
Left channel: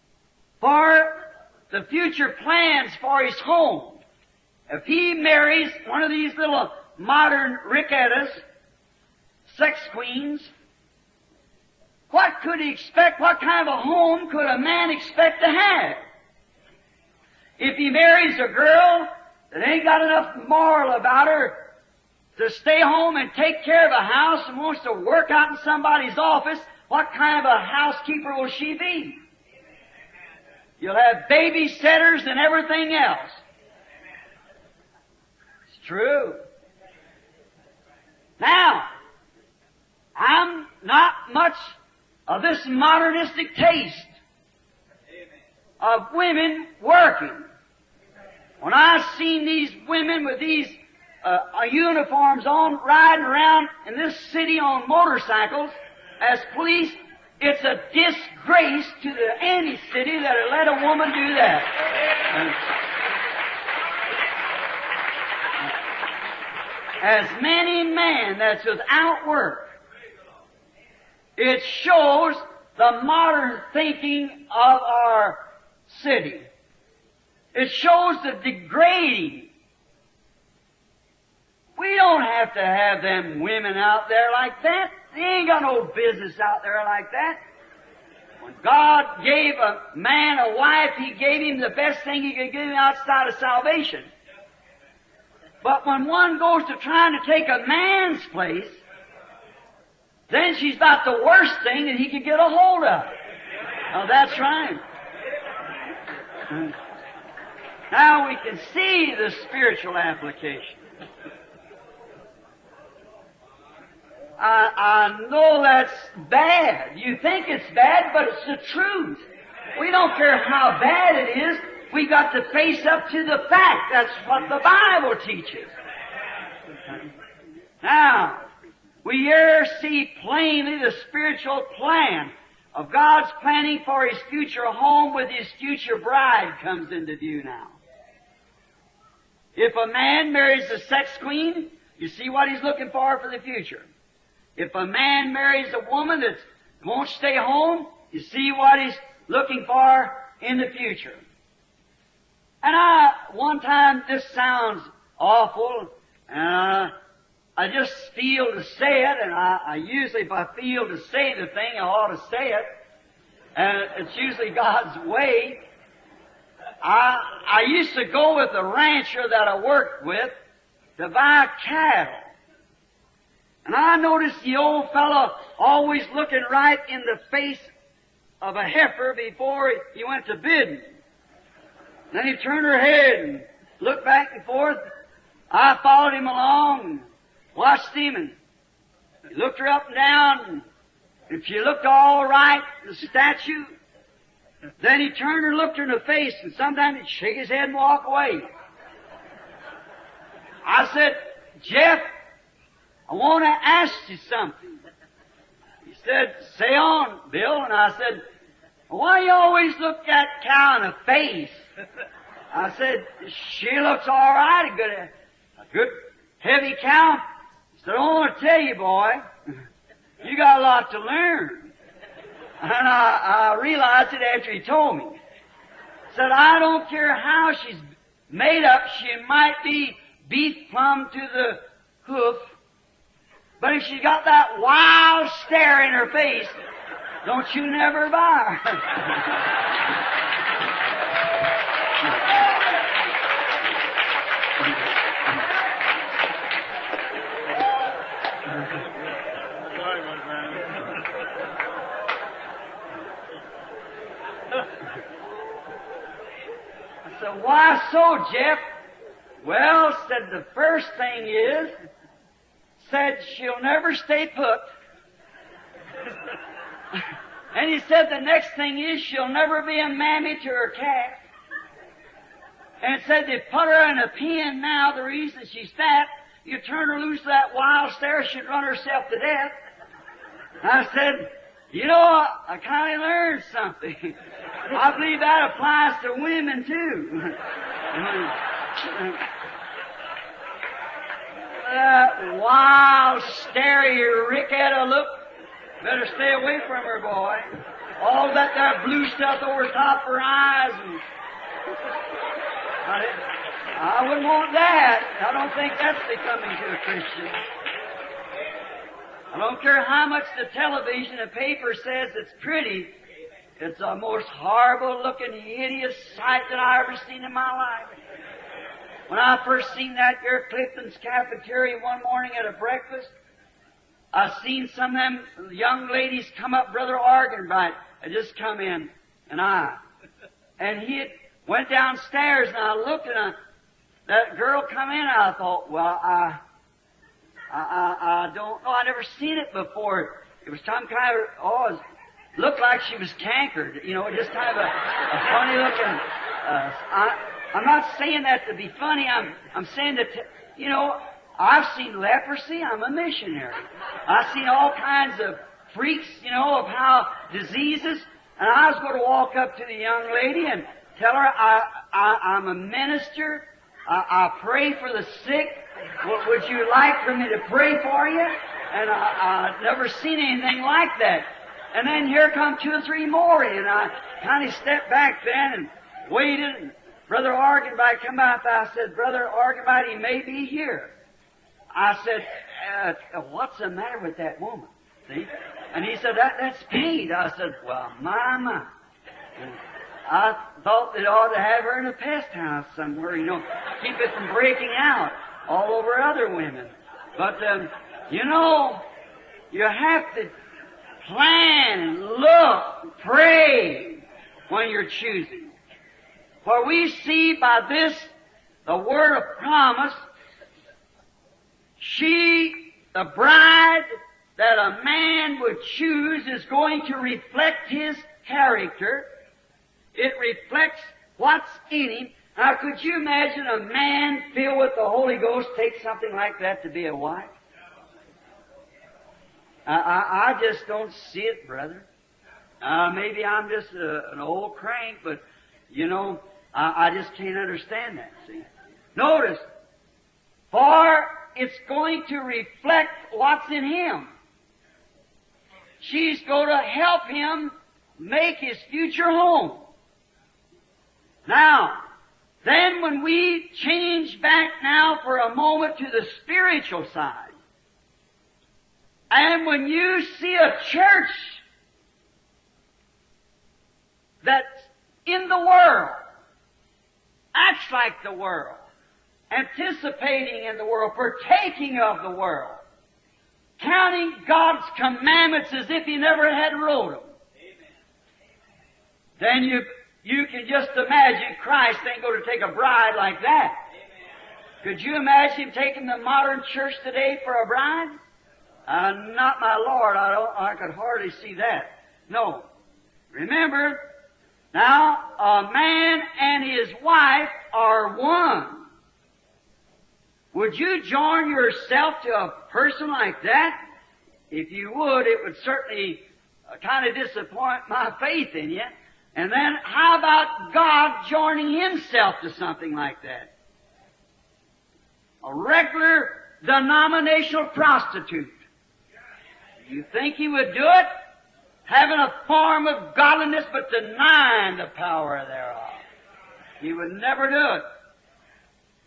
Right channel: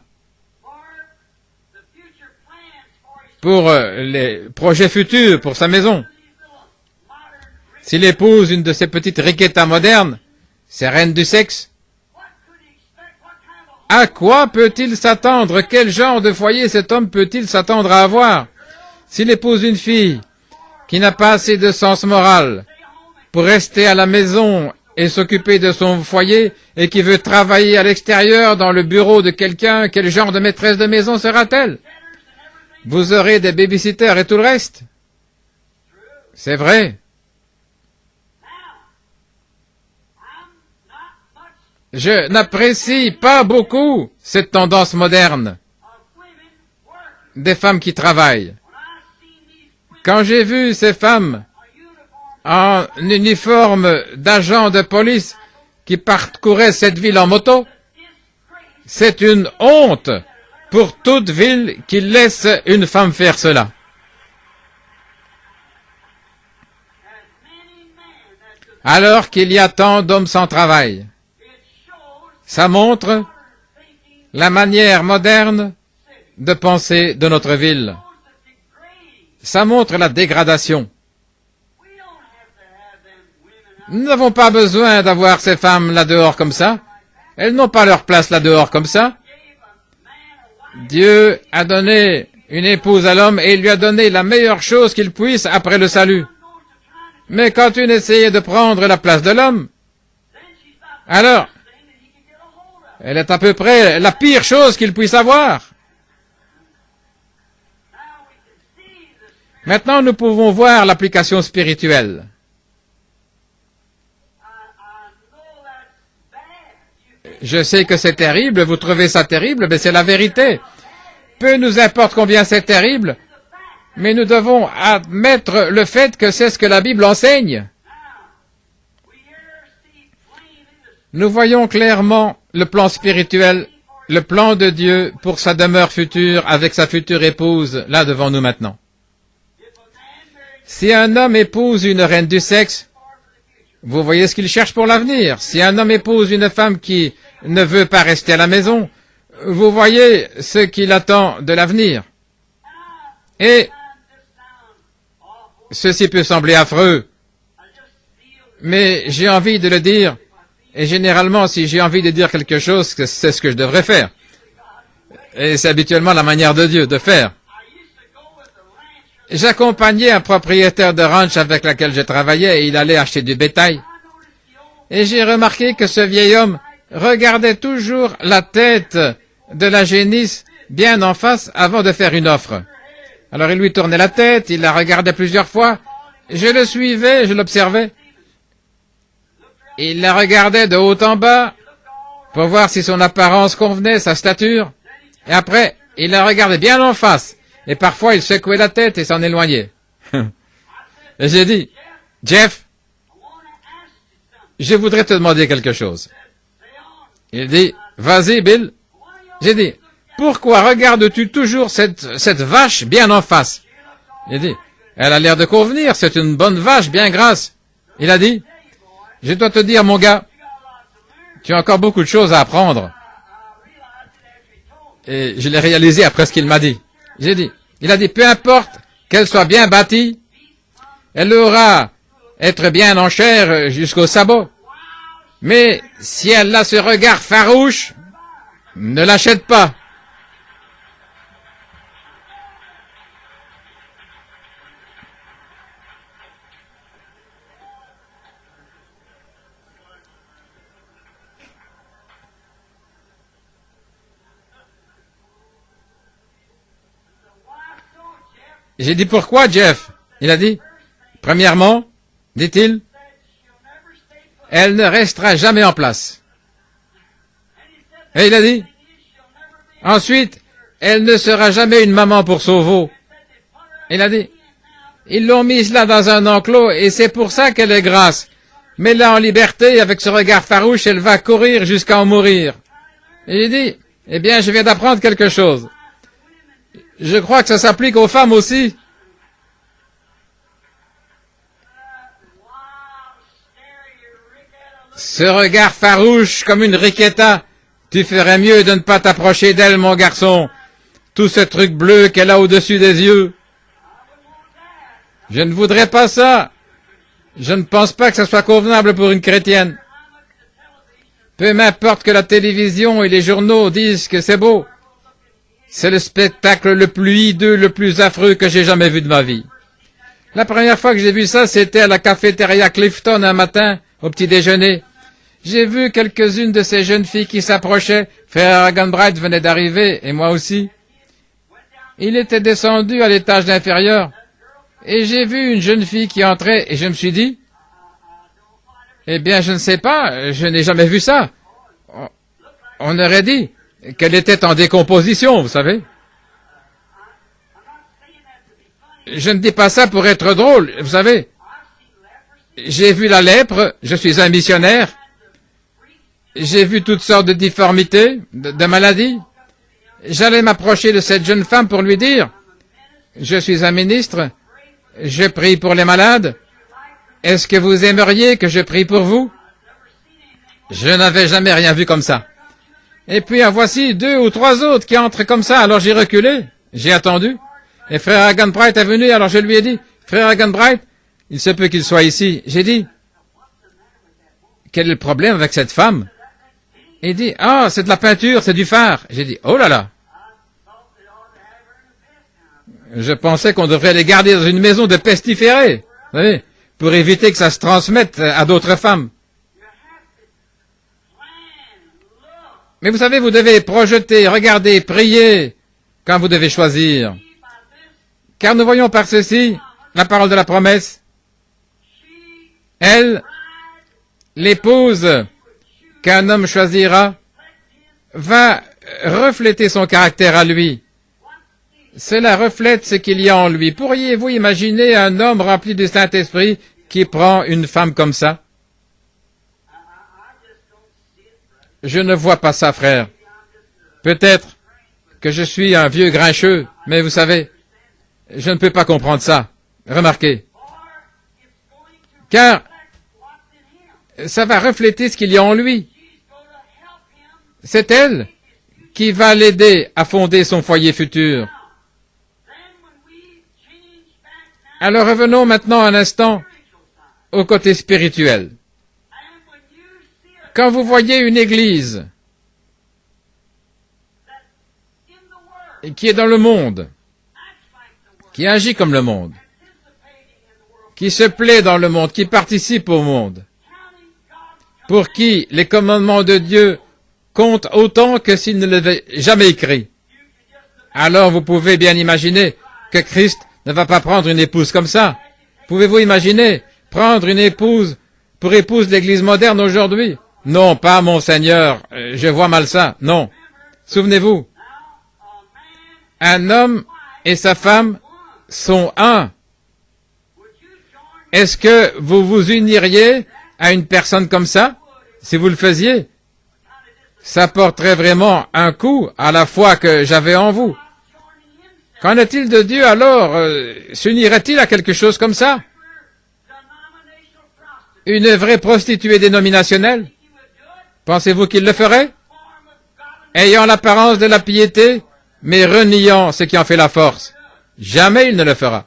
Pour les projets futurs, pour sa maison. S'il épouse une de ces petites riquetas modernes, ces reines du sexe, à quoi peut-il s'attendre? Quel genre de foyer cet homme peut-il s'attendre à avoir? S'il épouse une fille qui n'a pas assez de sens moral pour rester à la maison et s'occuper de son foyer et qui veut travailler à l'extérieur dans le bureau de quelqu'un, quel genre de maîtresse de maison sera-t-elle? Vous aurez des babysitters et tout le reste. C'est vrai. Je n'apprécie pas beaucoup cette tendance moderne des femmes qui travaillent. Quand j'ai vu ces femmes en uniforme d'agents de police qui parcouraient cette ville en moto, c'est une honte pour toute ville qui laisse une femme faire cela. Alors qu'il y a tant d'hommes sans travail. Ça montre la manière moderne de penser de notre ville. Ça montre la dégradation. Nous n'avons pas besoin d'avoir ces femmes là-dehors comme ça. Elles n'ont pas leur place là-dehors comme ça. Dieu a donné une épouse à l'homme et il lui a donné la meilleure chose qu'il puisse après le salut. Mais quand une essayait de prendre la place de l'homme, alors, elle est à peu près la pire chose qu'il puisse avoir. Maintenant, nous pouvons voir l'application spirituelle. Je sais que c'est terrible, vous trouvez ça terrible, mais c'est la vérité. Peu nous importe combien c'est terrible, mais nous devons admettre le fait que c'est ce que la Bible enseigne. Nous voyons clairement le plan spirituel, le plan de Dieu pour sa demeure future avec sa future épouse, là devant nous maintenant. Si un homme épouse une reine du sexe, vous voyez ce qu'il cherche pour l'avenir. Si un homme épouse une femme qui ne veut pas rester à la maison, vous voyez ce qu'il attend de l'avenir. Et ceci peut sembler affreux, mais j'ai envie de le dire, et généralement, si j'ai envie de dire quelque chose, c'est ce que je devrais faire. Et c'est habituellement la manière de Dieu de faire. J'accompagnais un propriétaire de ranch avec lequel je travaillais et il allait acheter du bétail. Et j'ai remarqué que ce vieil homme regardait toujours la tête de la génisse bien en face avant de faire une offre. Alors il lui tournait la tête, il la regardait plusieurs fois. Je le suivais, je l'observais. Il la regardait de haut en bas. pour voir si son apparence convenait, sa stature. Et après, il la regardait bien en face. Et parfois, il secouait la tête et s'en éloignait. Et j'ai dit, Jeff, je voudrais te demander quelque chose. Il dit, vas-y, Bill. J'ai dit, pourquoi regardes-tu toujours cette vache bien en face? Il dit, elle a l'air de convenir, c'est une bonne vache bien grasse. Il a dit, je dois te dire, mon gars, tu as encore beaucoup de choses à apprendre. Et je l'ai réalisé après ce qu'il m'a dit. J'ai dit, il a dit, peu importe qu'elle soit bien bâtie, elle aura être bien en chair jusqu'au sabot. Mais si elle a ce regard farouche, ne l'achète pas. J'ai dit pourquoi, Jeff? Il a dit, premièrement, dit-il, elle ne restera jamais en place. Et il a dit, ensuite, elle ne sera jamais une maman pour son veau. Il a dit, ils l'ont mise là dans un enclos et c'est pour ça qu'elle est grasse. Mais là en liberté, avec ce regard farouche, elle va courir jusqu'à en mourir. Et il dit, eh bien, je viens d'apprendre quelque chose. Je crois que ça s'applique aux femmes aussi. Ce regard farouche comme une riquetta, tu ferais mieux de ne pas t'approcher d'elle, mon garçon. Tout ce truc bleu qu'elle a au-dessus des yeux. Je ne voudrais pas ça. Je ne pense pas que ça soit convenable pour une chrétienne. Peu m'importe que la télévision et les journaux disent que c'est beau. C'est le spectacle le plus hideux, le plus affreux que j'ai jamais vu de ma vie. La première fois que j'ai vu ça, c'était à la cafétéria Clifton un matin, au petit déjeuner. J'ai vu quelques-unes de ces jeunes filles qui s'approchaient. Frère Hagenbright venait d'arriver, et moi aussi. Il était descendu à l'étage inférieur, et j'ai vu une jeune fille qui entrait, et je me suis dit, eh bien, je ne sais pas, je n'ai jamais vu ça. On aurait dit qu'elle était en décomposition, vous savez. Je ne dis pas ça pour être drôle, vous savez. J'ai vu la lèpre, je suis un missionnaire. J'ai vu toutes sortes de difformités, de maladies. J'allais m'approcher de cette jeune femme pour lui dire, je suis un ministre, je prie pour les malades. Est-ce que vous aimeriez que je prie pour vous? Je n'avais jamais rien vu comme ça. Et puis en voici 2 ou 3 autres qui entrent comme ça. Alors j'ai reculé, j'ai attendu. Et frère Hagenbright est venu, alors je lui ai dit, frère Hagenbright, il se peut qu'il soit ici. J'ai dit, quel est le problème avec cette femme? Il dit, ah, c'est de la peinture, c'est du fard. J'ai dit, oh là là. Je pensais qu'on devrait les garder dans une maison de pestiférés, vous savez, pour éviter que ça se transmette à d'autres femmes. Mais vous savez, vous devez projeter, regarder, prier quand vous devez choisir. Car nous voyons par ceci la parole de la promesse. Elle, l'épouse qu'un homme choisira, va refléter son caractère à lui. Cela reflète ce qu'il y a en lui. Pourriez-vous imaginer un homme rempli du Saint-Esprit qui prend une femme comme ça? Je ne vois pas ça, frère. Peut-être que je suis un vieux grincheux, mais vous savez, je ne peux pas comprendre ça. Remarquez. Car ça va refléter ce qu'il y a en lui. C'est elle qui va l'aider à fonder son foyer futur. Alors revenons maintenant un instant au côté spirituel. Quand vous voyez une église qui est dans le monde, qui agit comme le monde, qui se plaît dans le monde, qui participe au monde, pour qui les commandements de Dieu comptent autant que s'il ne l'avait jamais écrit. Alors vous pouvez bien imaginer que Christ ne va pas prendre une épouse comme ça. Pouvez-vous imaginer prendre une épouse pour épouse de l'Église moderne aujourd'hui? Non, pas mon Seigneur, je vois mal ça. Non. Souvenez-vous, un homme et sa femme sont un. Est-ce que vous vous uniriez à une personne comme ça, si vous le faisiez? Ça porterait vraiment un coup à la foi que j'avais en vous. Qu'en est-il de Dieu alors? S'unirait-il à quelque chose comme ça? Une vraie prostituée dénominationnelle? Pensez-vous qu'il le ferait? Ayant l'apparence de la piété, mais reniant ce qui en fait la force. Jamais il ne le fera.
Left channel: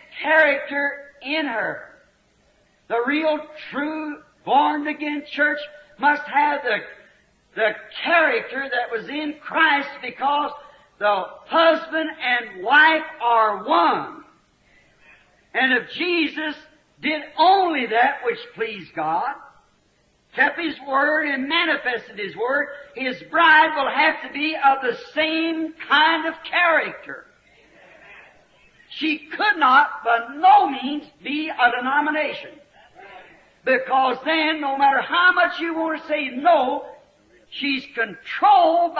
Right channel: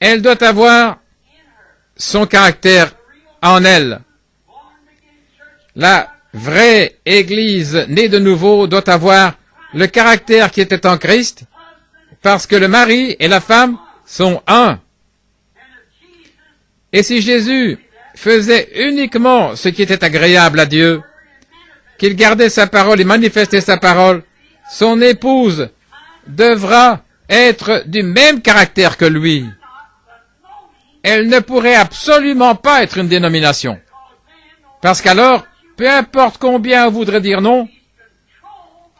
Elle doit avoir son caractère en elle. La vraie Église née de nouveau doit avoir le caractère qui était en Christ, parce que le mari et la femme sont un. Et si Jésus faisait uniquement ce qui était agréable à Dieu, qu'il gardait sa parole et manifestait sa parole, son épouse devra être du même caractère que lui. Elle ne pourrait absolument pas être une dénomination. Parce qu'alors, peu importe combien on voudrait dire non,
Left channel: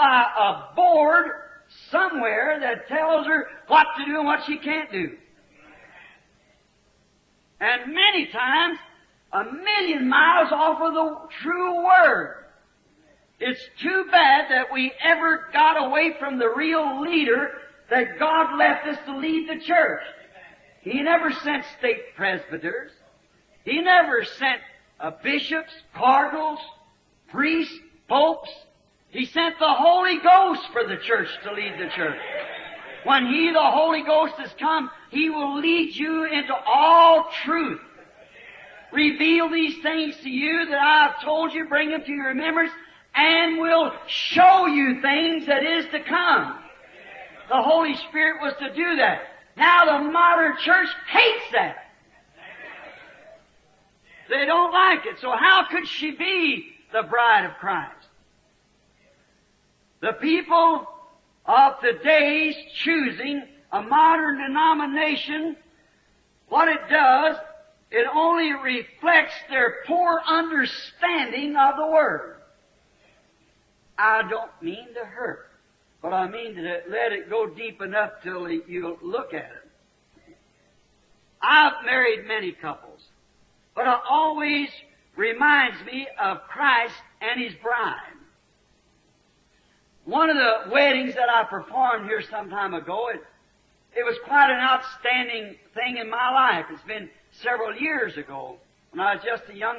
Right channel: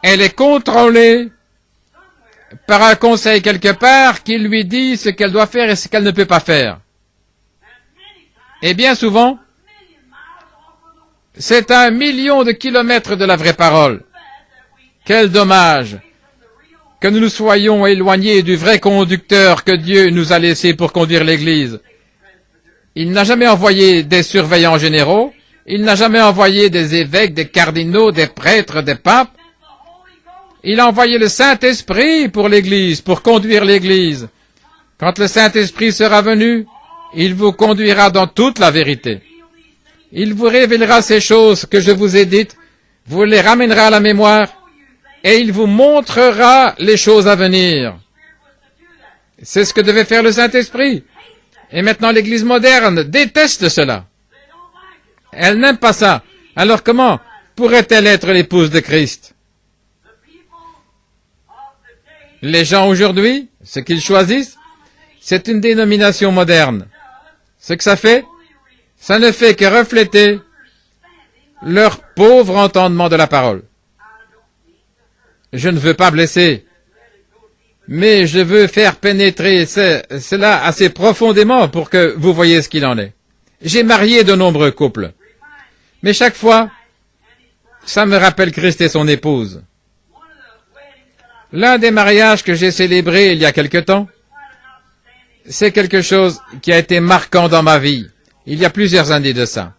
elle est contrôlée par un conseil quelque part qui lui dit ce qu'elle doit faire et ce qu'elle ne peut pas faire. Et bien souvent, c'est à 1 million de kilomètres de la vraie parole. Quel dommage que nous nous soyons éloignés du vrai conducteur que Dieu nous a laissé pour conduire l'Église. Il n'a jamais envoyé des surveillants généraux, il n'a jamais envoyé des évêques, des cardinaux, des prêtres, des papes. Il a envoyé le Saint-Esprit pour l'Église, pour conduire l'Église. Quand le Saint-Esprit sera venu, il vous conduira dans toute la vérité. Il vous révélera ces choses que je vous ai dites, vous les ramènera à la mémoire, et il vous montrera les choses à venir. C'est ce que devait faire le Saint-Esprit. Et maintenant, l'Église moderne déteste cela. Elle n'aime pas ça. Alors comment pourrait-elle être l'épouse de Christ? Les gens aujourd'hui, ce qu'ils choisissent, c'est une dénomination moderne. Ce que ça fait, ça ne fait que refléter leur pauvre entendement de la parole. Je ne veux pas blesser, mais je veux faire pénétrer cela assez profondément pour que vous voyez ce qu'il en est. J'ai marié de nombreux couples, mais chaque fois, ça me rappelle Christ et son épouse. L'un des mariages que j'ai célébré il y a quelque temps, c'est quelque chose qui a été marquant dans ma vie, il y a plusieurs années de ça.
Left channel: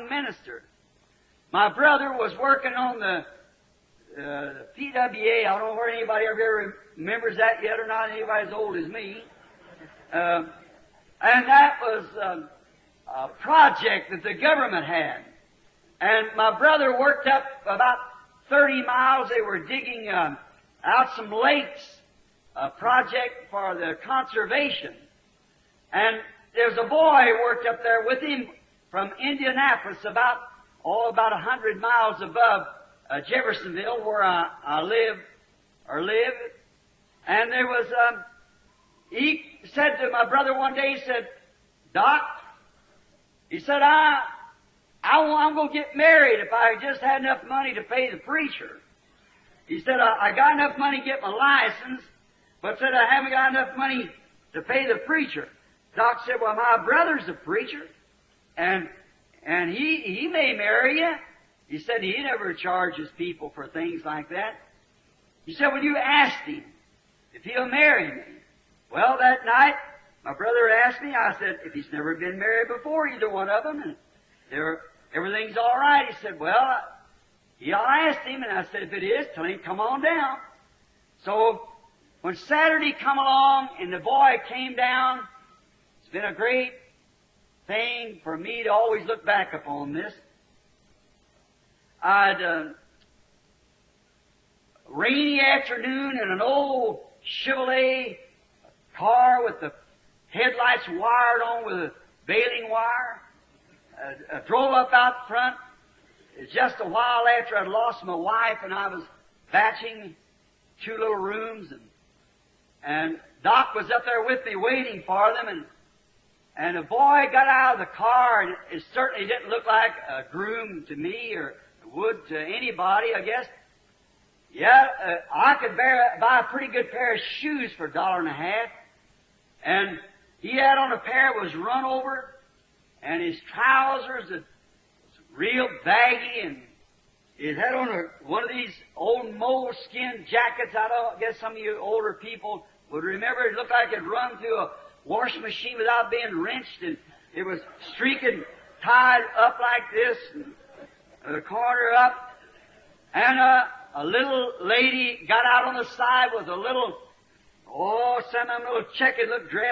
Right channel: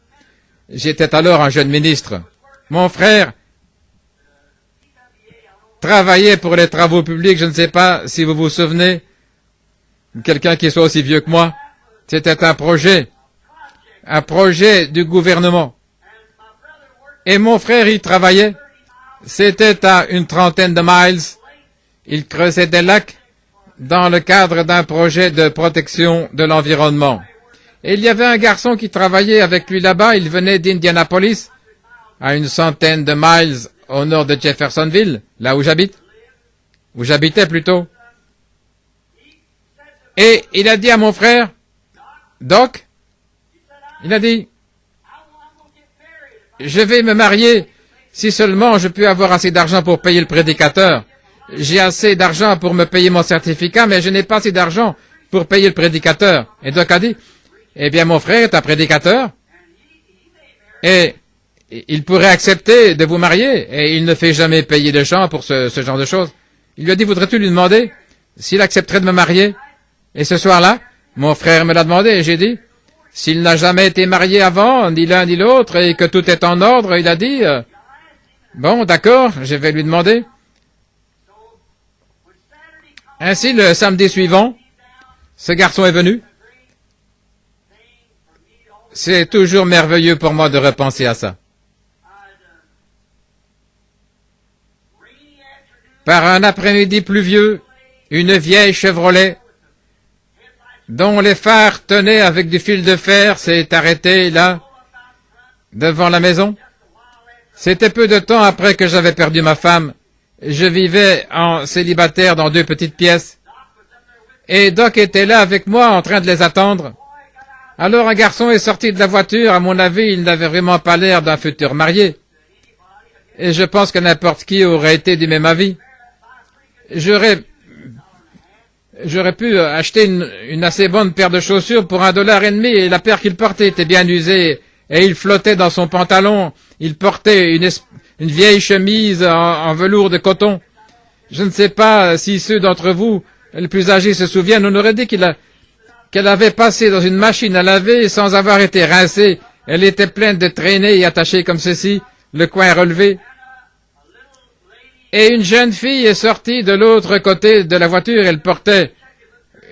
J'étais alors un jeune ministre. Mon frère travaillait pour les travaux publics, je ne sais pas si vous vous souvenez, quelqu'un qui soit aussi vieux que moi. C'était un projet du gouvernement. Et mon frère y travaillait. C'était à une trentaine de miles. Il creusait des lacs dans le cadre d'un projet de protection de l'environnement. Et il y avait un garçon qui travaillait avec lui là-bas. Il venait d'Indianapolis, à une centaine de miles au nord de Jeffersonville, là où j'habite, où j'habitais plutôt. Et il a dit à mon frère, Doc, il a dit, je vais me marier si seulement je peux avoir assez d'argent pour payer le prédicateur. J'ai assez d'argent pour me payer mon certificat, mais je n'ai pas assez d'argent pour payer le prédicateur. Et Doc a dit, eh bien mon frère est un prédicateur, et il pourrait accepter de vous marier, et il ne fait jamais payer de gens pour ce genre de choses. Il lui a dit, voudrais-tu lui demander s'il accepterait de me marier? Et ce soir-là, mon frère me l'a demandé, et j'ai dit, s'il n'a jamais été marié avant, ni l'un ni l'autre, et que tout est en ordre, il a dit, bon, d'accord, je vais lui demander. Ainsi, le samedi suivant, ce garçon est venu. C'est toujours merveilleux pour moi de repenser à ça. Par un après-midi pluvieux, une vieille Chevrolet, dont les phares tenaient avec du fil de fer, s'est arrêtée là, devant la maison. C'était peu de temps après que j'avais perdu ma femme. Je vivais en célibataire dans 2 petites pièces. Et Doc était là avec moi en train de les attendre. Alors un garçon est sorti de la voiture, à mon avis, il n'avait vraiment pas l'air d'un futur marié. Et je pense que n'importe qui aurait été du même avis. J'aurais pu acheter une assez bonne paire de chaussures pour $1,50 et la paire qu'il portait était bien usée et il flottait dans son pantalon. Il portait une vieille chemise en velours de coton. Je ne sais pas si ceux d'entre vous, les plus âgés, se souviennent. On aurait dit qu'elle avait passé dans une machine à laver sans avoir été rincée. Elle était pleine de traînées et attachée comme ceci, le coin relevé. Et une jeune fille est sortie de l'autre côté de la voiture. Elle portait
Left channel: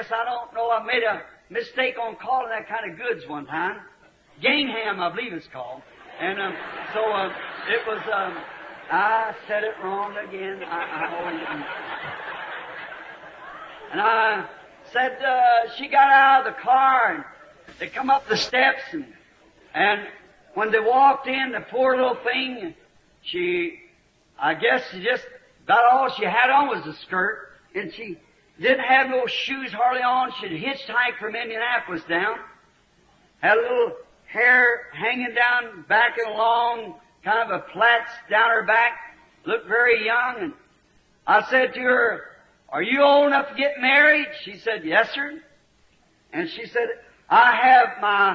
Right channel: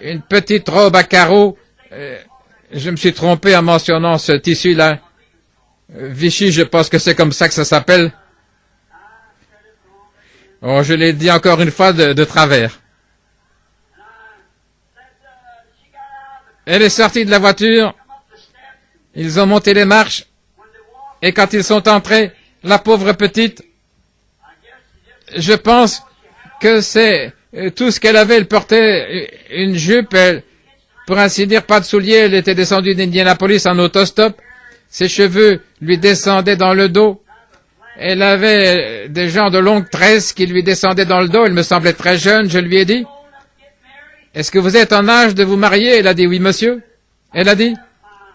une petite robe à carreaux. Je me suis trompé en mentionnant ce tissu-là. Vichy, je pense que c'est comme ça que ça s'appelle. Oh, je l'ai dit encore une fois de travers. Elle est sortie de la voiture. Ils ont monté les marches. Et quand ils sont entrés, la pauvre petite, je pense que c'est tout ce qu'elle avait. Elle portait une jupe, pour ainsi dire, pas de souliers. Elle était descendue d'Indianapolis en autostop. Ses cheveux lui descendaient dans le dos. Elle avait des genres de longues tresses qui lui descendaient dans le dos. Elle me semblait très jeune. Je lui ai dit, « Est-ce que vous êtes en âge de vous marier ?» Elle a dit, « Oui, monsieur. » Elle a dit,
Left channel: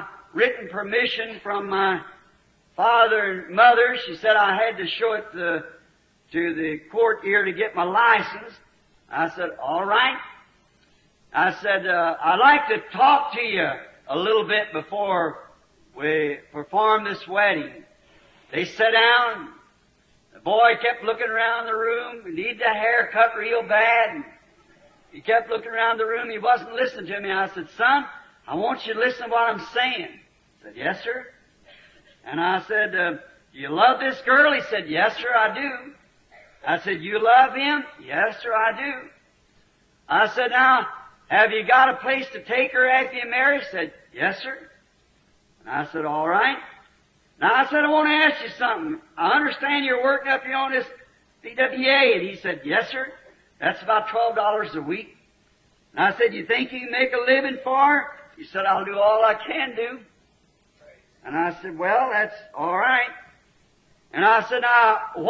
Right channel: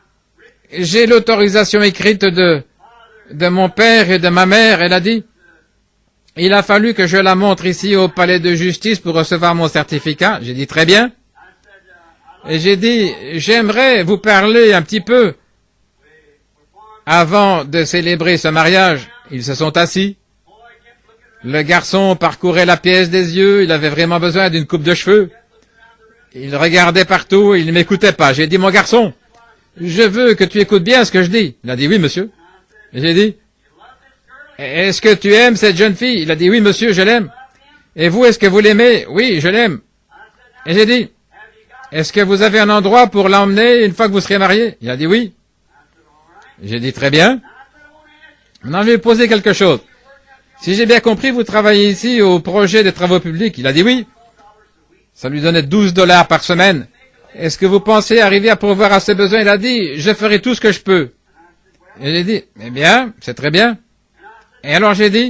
« J'ai l'autorisation écrite de mon père et de ma mère. » Elle a dit, « Il a fallu que je la montre ici au palais de justice pour recevoir mon certificat. » J'ai dit, « Très bien. » Et j'ai dit, « J'aimerais vous parler un petit peu. » Avant de célébrer ce mariage, ils se sont assis. Le garçon parcourait la pièce des yeux, il avait vraiment besoin d'une coupe de cheveux. Il regardait partout, il ne m'écoutait pas. J'ai dit, mon garçon, je veux que tu écoutes bien ce que je dis. Il a dit, oui, monsieur. J'ai dit, est-ce que tu aimes cette jeune fille? Il a dit, oui, monsieur, je l'aime. Et vous, est-ce que vous l'aimez? Oui, je l'aime. Et j'ai dit, est-ce que vous avez un endroit pour l'emmener une fois que vous serez mariés? Il a dit, oui. J'ai dit, très bien. Maintenant, je vais poser quelque chose. Si j'ai bien compris, vous travaillez ici au projet des travaux publics. Il a dit oui. Ça lui donnait $12 par semaine. Est-ce que vous pensez arriver à pourvoir à ses besoins? Il a dit, je ferai tout ce que je peux. Et j'ai dit, eh bien, c'est très bien. Et alors j'ai dit,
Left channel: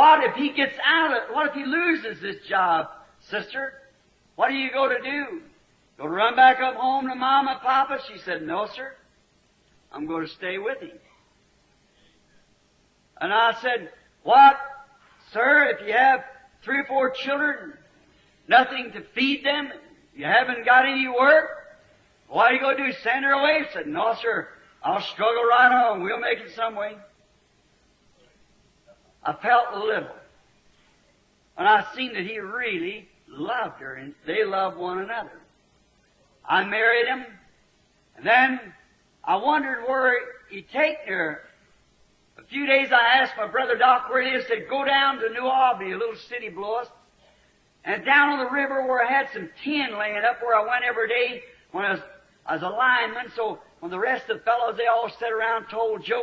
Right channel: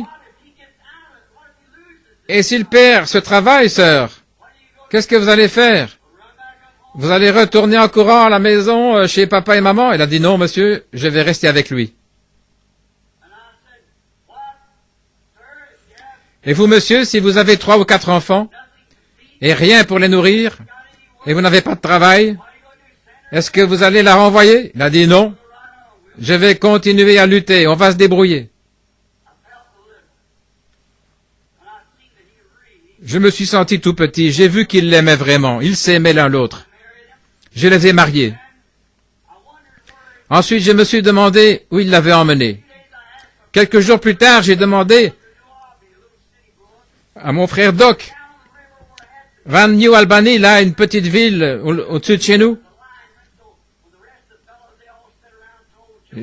et s'il perd ce travail, sœur, qu'est-ce que vous allez faire? Vous allez retourner en courant à la maison chez papa et maman? Elle a dit non, monsieur, je vais rester avec lui. Et vous, monsieur, si vous avez 3 ou 4 enfants et rien pour les nourrir et vous n'avez pas de travail, est-ce que vous allez la renvoyer? Il a dit non, je vais continuer à lutter, on va se débrouiller. Je me suis senti tout petit, j'ai vu qu'ils l'aimaient vraiment, ils s'aimaient l'un l'autre. Je les ai mariés. Ensuite, je me suis demandé où il l'avait emmené. Quelques jours plus tard, j'ai demandé à mon frère Doc, Van New Albany, là, une petite ville au-dessus de chez nous.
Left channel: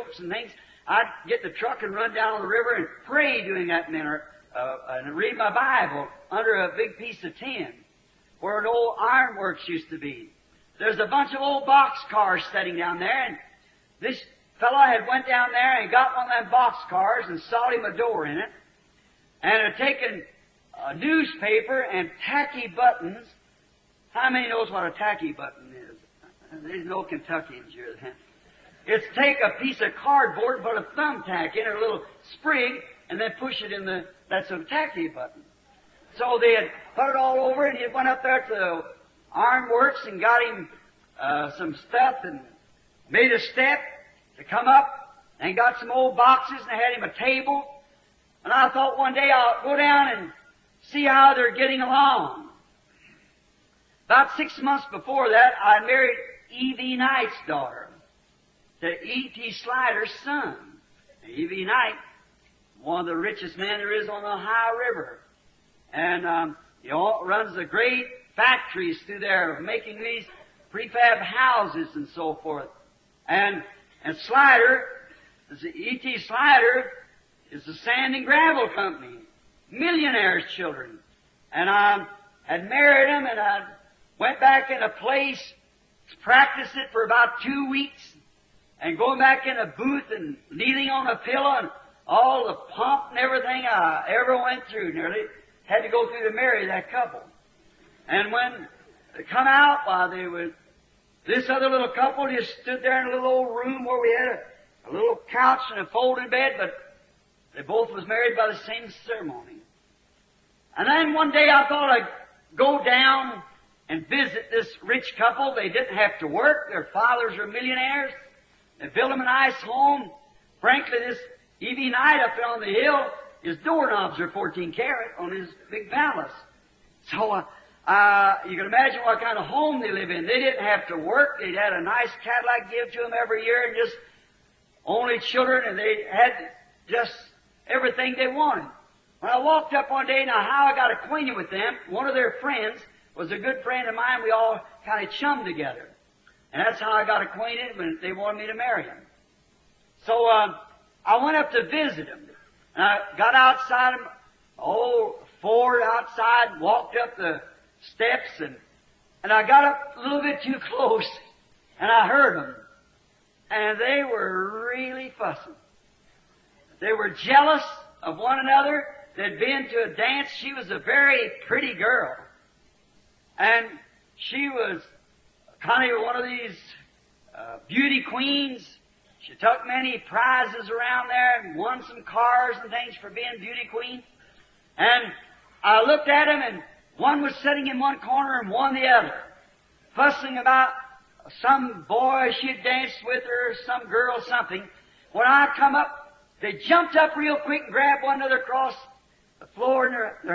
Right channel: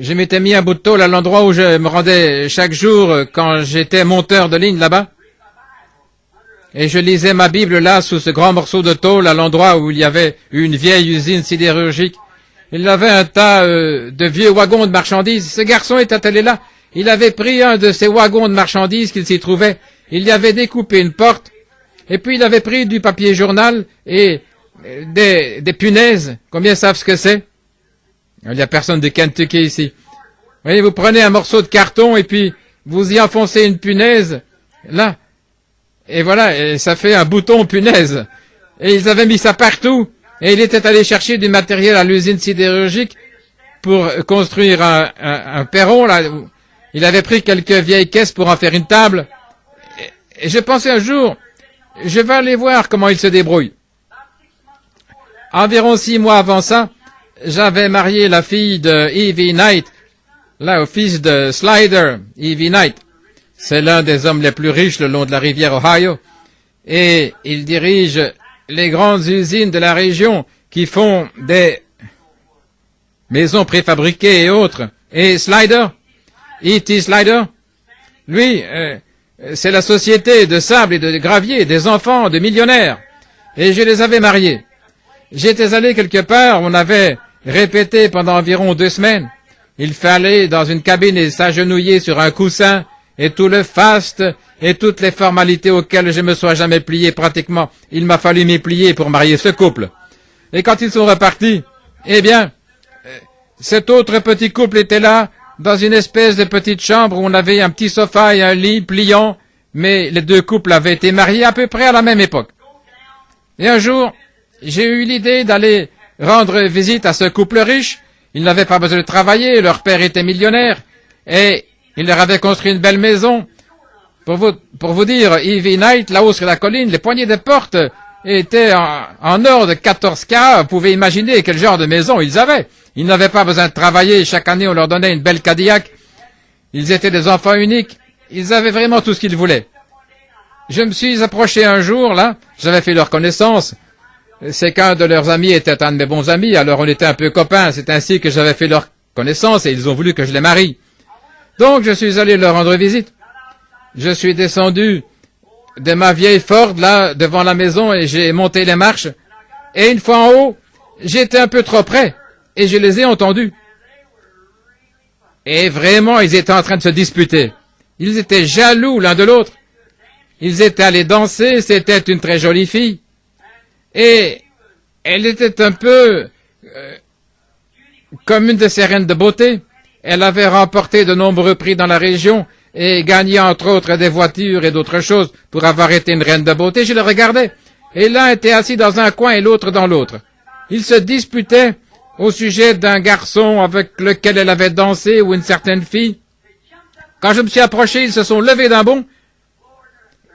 Je m'étais mis un bout de tôle à l'endroit où je me rendais chaque jour quand j'étais monteur de ligne là-bas. Et je lisais ma Bible là, sous ce grand morceau de tôle, à l'endroit où il y avait une vieille usine sidérurgique. Il y avait un tas de vieux wagons de marchandises. Ce garçon était allé là. Il avait pris un de ces wagons de marchandises qu'il s'y trouvait. Il y avait découpé une porte. Et puis il avait pris du papier journal et des punaises. Combien savent ce que c'est? Il n'y a personne de Kentucky ici. Voyez, vous prenez un morceau de carton et puis vous y enfoncez une punaise. Là. Et voilà, et ça fait un bouton punaise. Et ils avaient mis ça partout. Et il était allé chercher du matériel à l'usine sidérurgique pour construire un perron. Là. Il avait pris quelques vieilles caisses pour en faire une table. Et je pensais un jour, je vais aller voir comment il se débrouille. Environ 6 mois avant ça, j'avais marié la fille de Evie Knight, là, au fils de Slider, Evie Knight. C'est l'un des hommes les plus riches le long de la rivière Ohio. Et il dirige les grandes usines de la région qui font des maisons préfabriquées et autres. Et Slider, E.T. Slider, lui, c'est la société de sable et de gravier des enfants de millionnaires. Et je les avais mariés. J'étais allé quelque part, on avait répété pendant environ 2 semaines. Il fallait dans une cabine et s'agenouiller sur un coussin, et tout le faste, et toutes les formalités auxquelles je me sois jamais plié pratiquement. Il m'a fallu m'y plier pour marier ce couple. Et quand ils sont repartis, eh bien, cet autre petit couple était là, dans une espèce de petite chambre où on avait un petit sofa et un lit pliant, mais les 2 couples avaient été mariés à peu près à la même époque. Et un jour, j'ai eu l'idée d'aller rendre visite à ce couple riche. Ils n'avaient pas besoin de travailler, leur père était millionnaire, et il leur avait construit une belle maison. Pour vous dire, Ivy Knight, là-haut sur la colline, les poignées de porte étaient en or de 14 carats. Vous pouvez imaginer quel genre de maison ils avaient. Ils n'avaient pas besoin de travailler. Chaque année, on leur donnait une belle Cadillac. Ils étaient des enfants uniques. Ils avaient vraiment tout ce qu'ils voulaient. Je me suis approché un jour, là. J'avais fait leur connaissance. C'est qu'un de leurs amis était un de mes bons amis, alors on était un peu copains. C'est ainsi que j'avais fait leur connaissance et ils ont voulu que je les marie. Donc, je suis allé leur rendre visite. Je suis descendu de ma vieille Ford, là, devant la maison, et j'ai monté les marches. Et une fois en haut, j'étais un peu trop près, et je les ai entendus. Et vraiment, ils étaient en train de se disputer. Ils étaient jaloux l'un de l'autre. Ils étaient allés danser, c'était une très jolie fille. Et elle était un peu comme une de ces reines de beauté. Elle avait remporté de nombreux prix dans la région et gagné entre autres des voitures et d'autres choses pour avoir été une reine de beauté. Je le regardais. Et l'un était assis dans un coin et l'autre dans l'autre. Ils se disputaient au sujet d'un garçon avec lequel elle avait dansé ou une certaine fille. Quand je me suis approché, ils se sont levés d'un bond.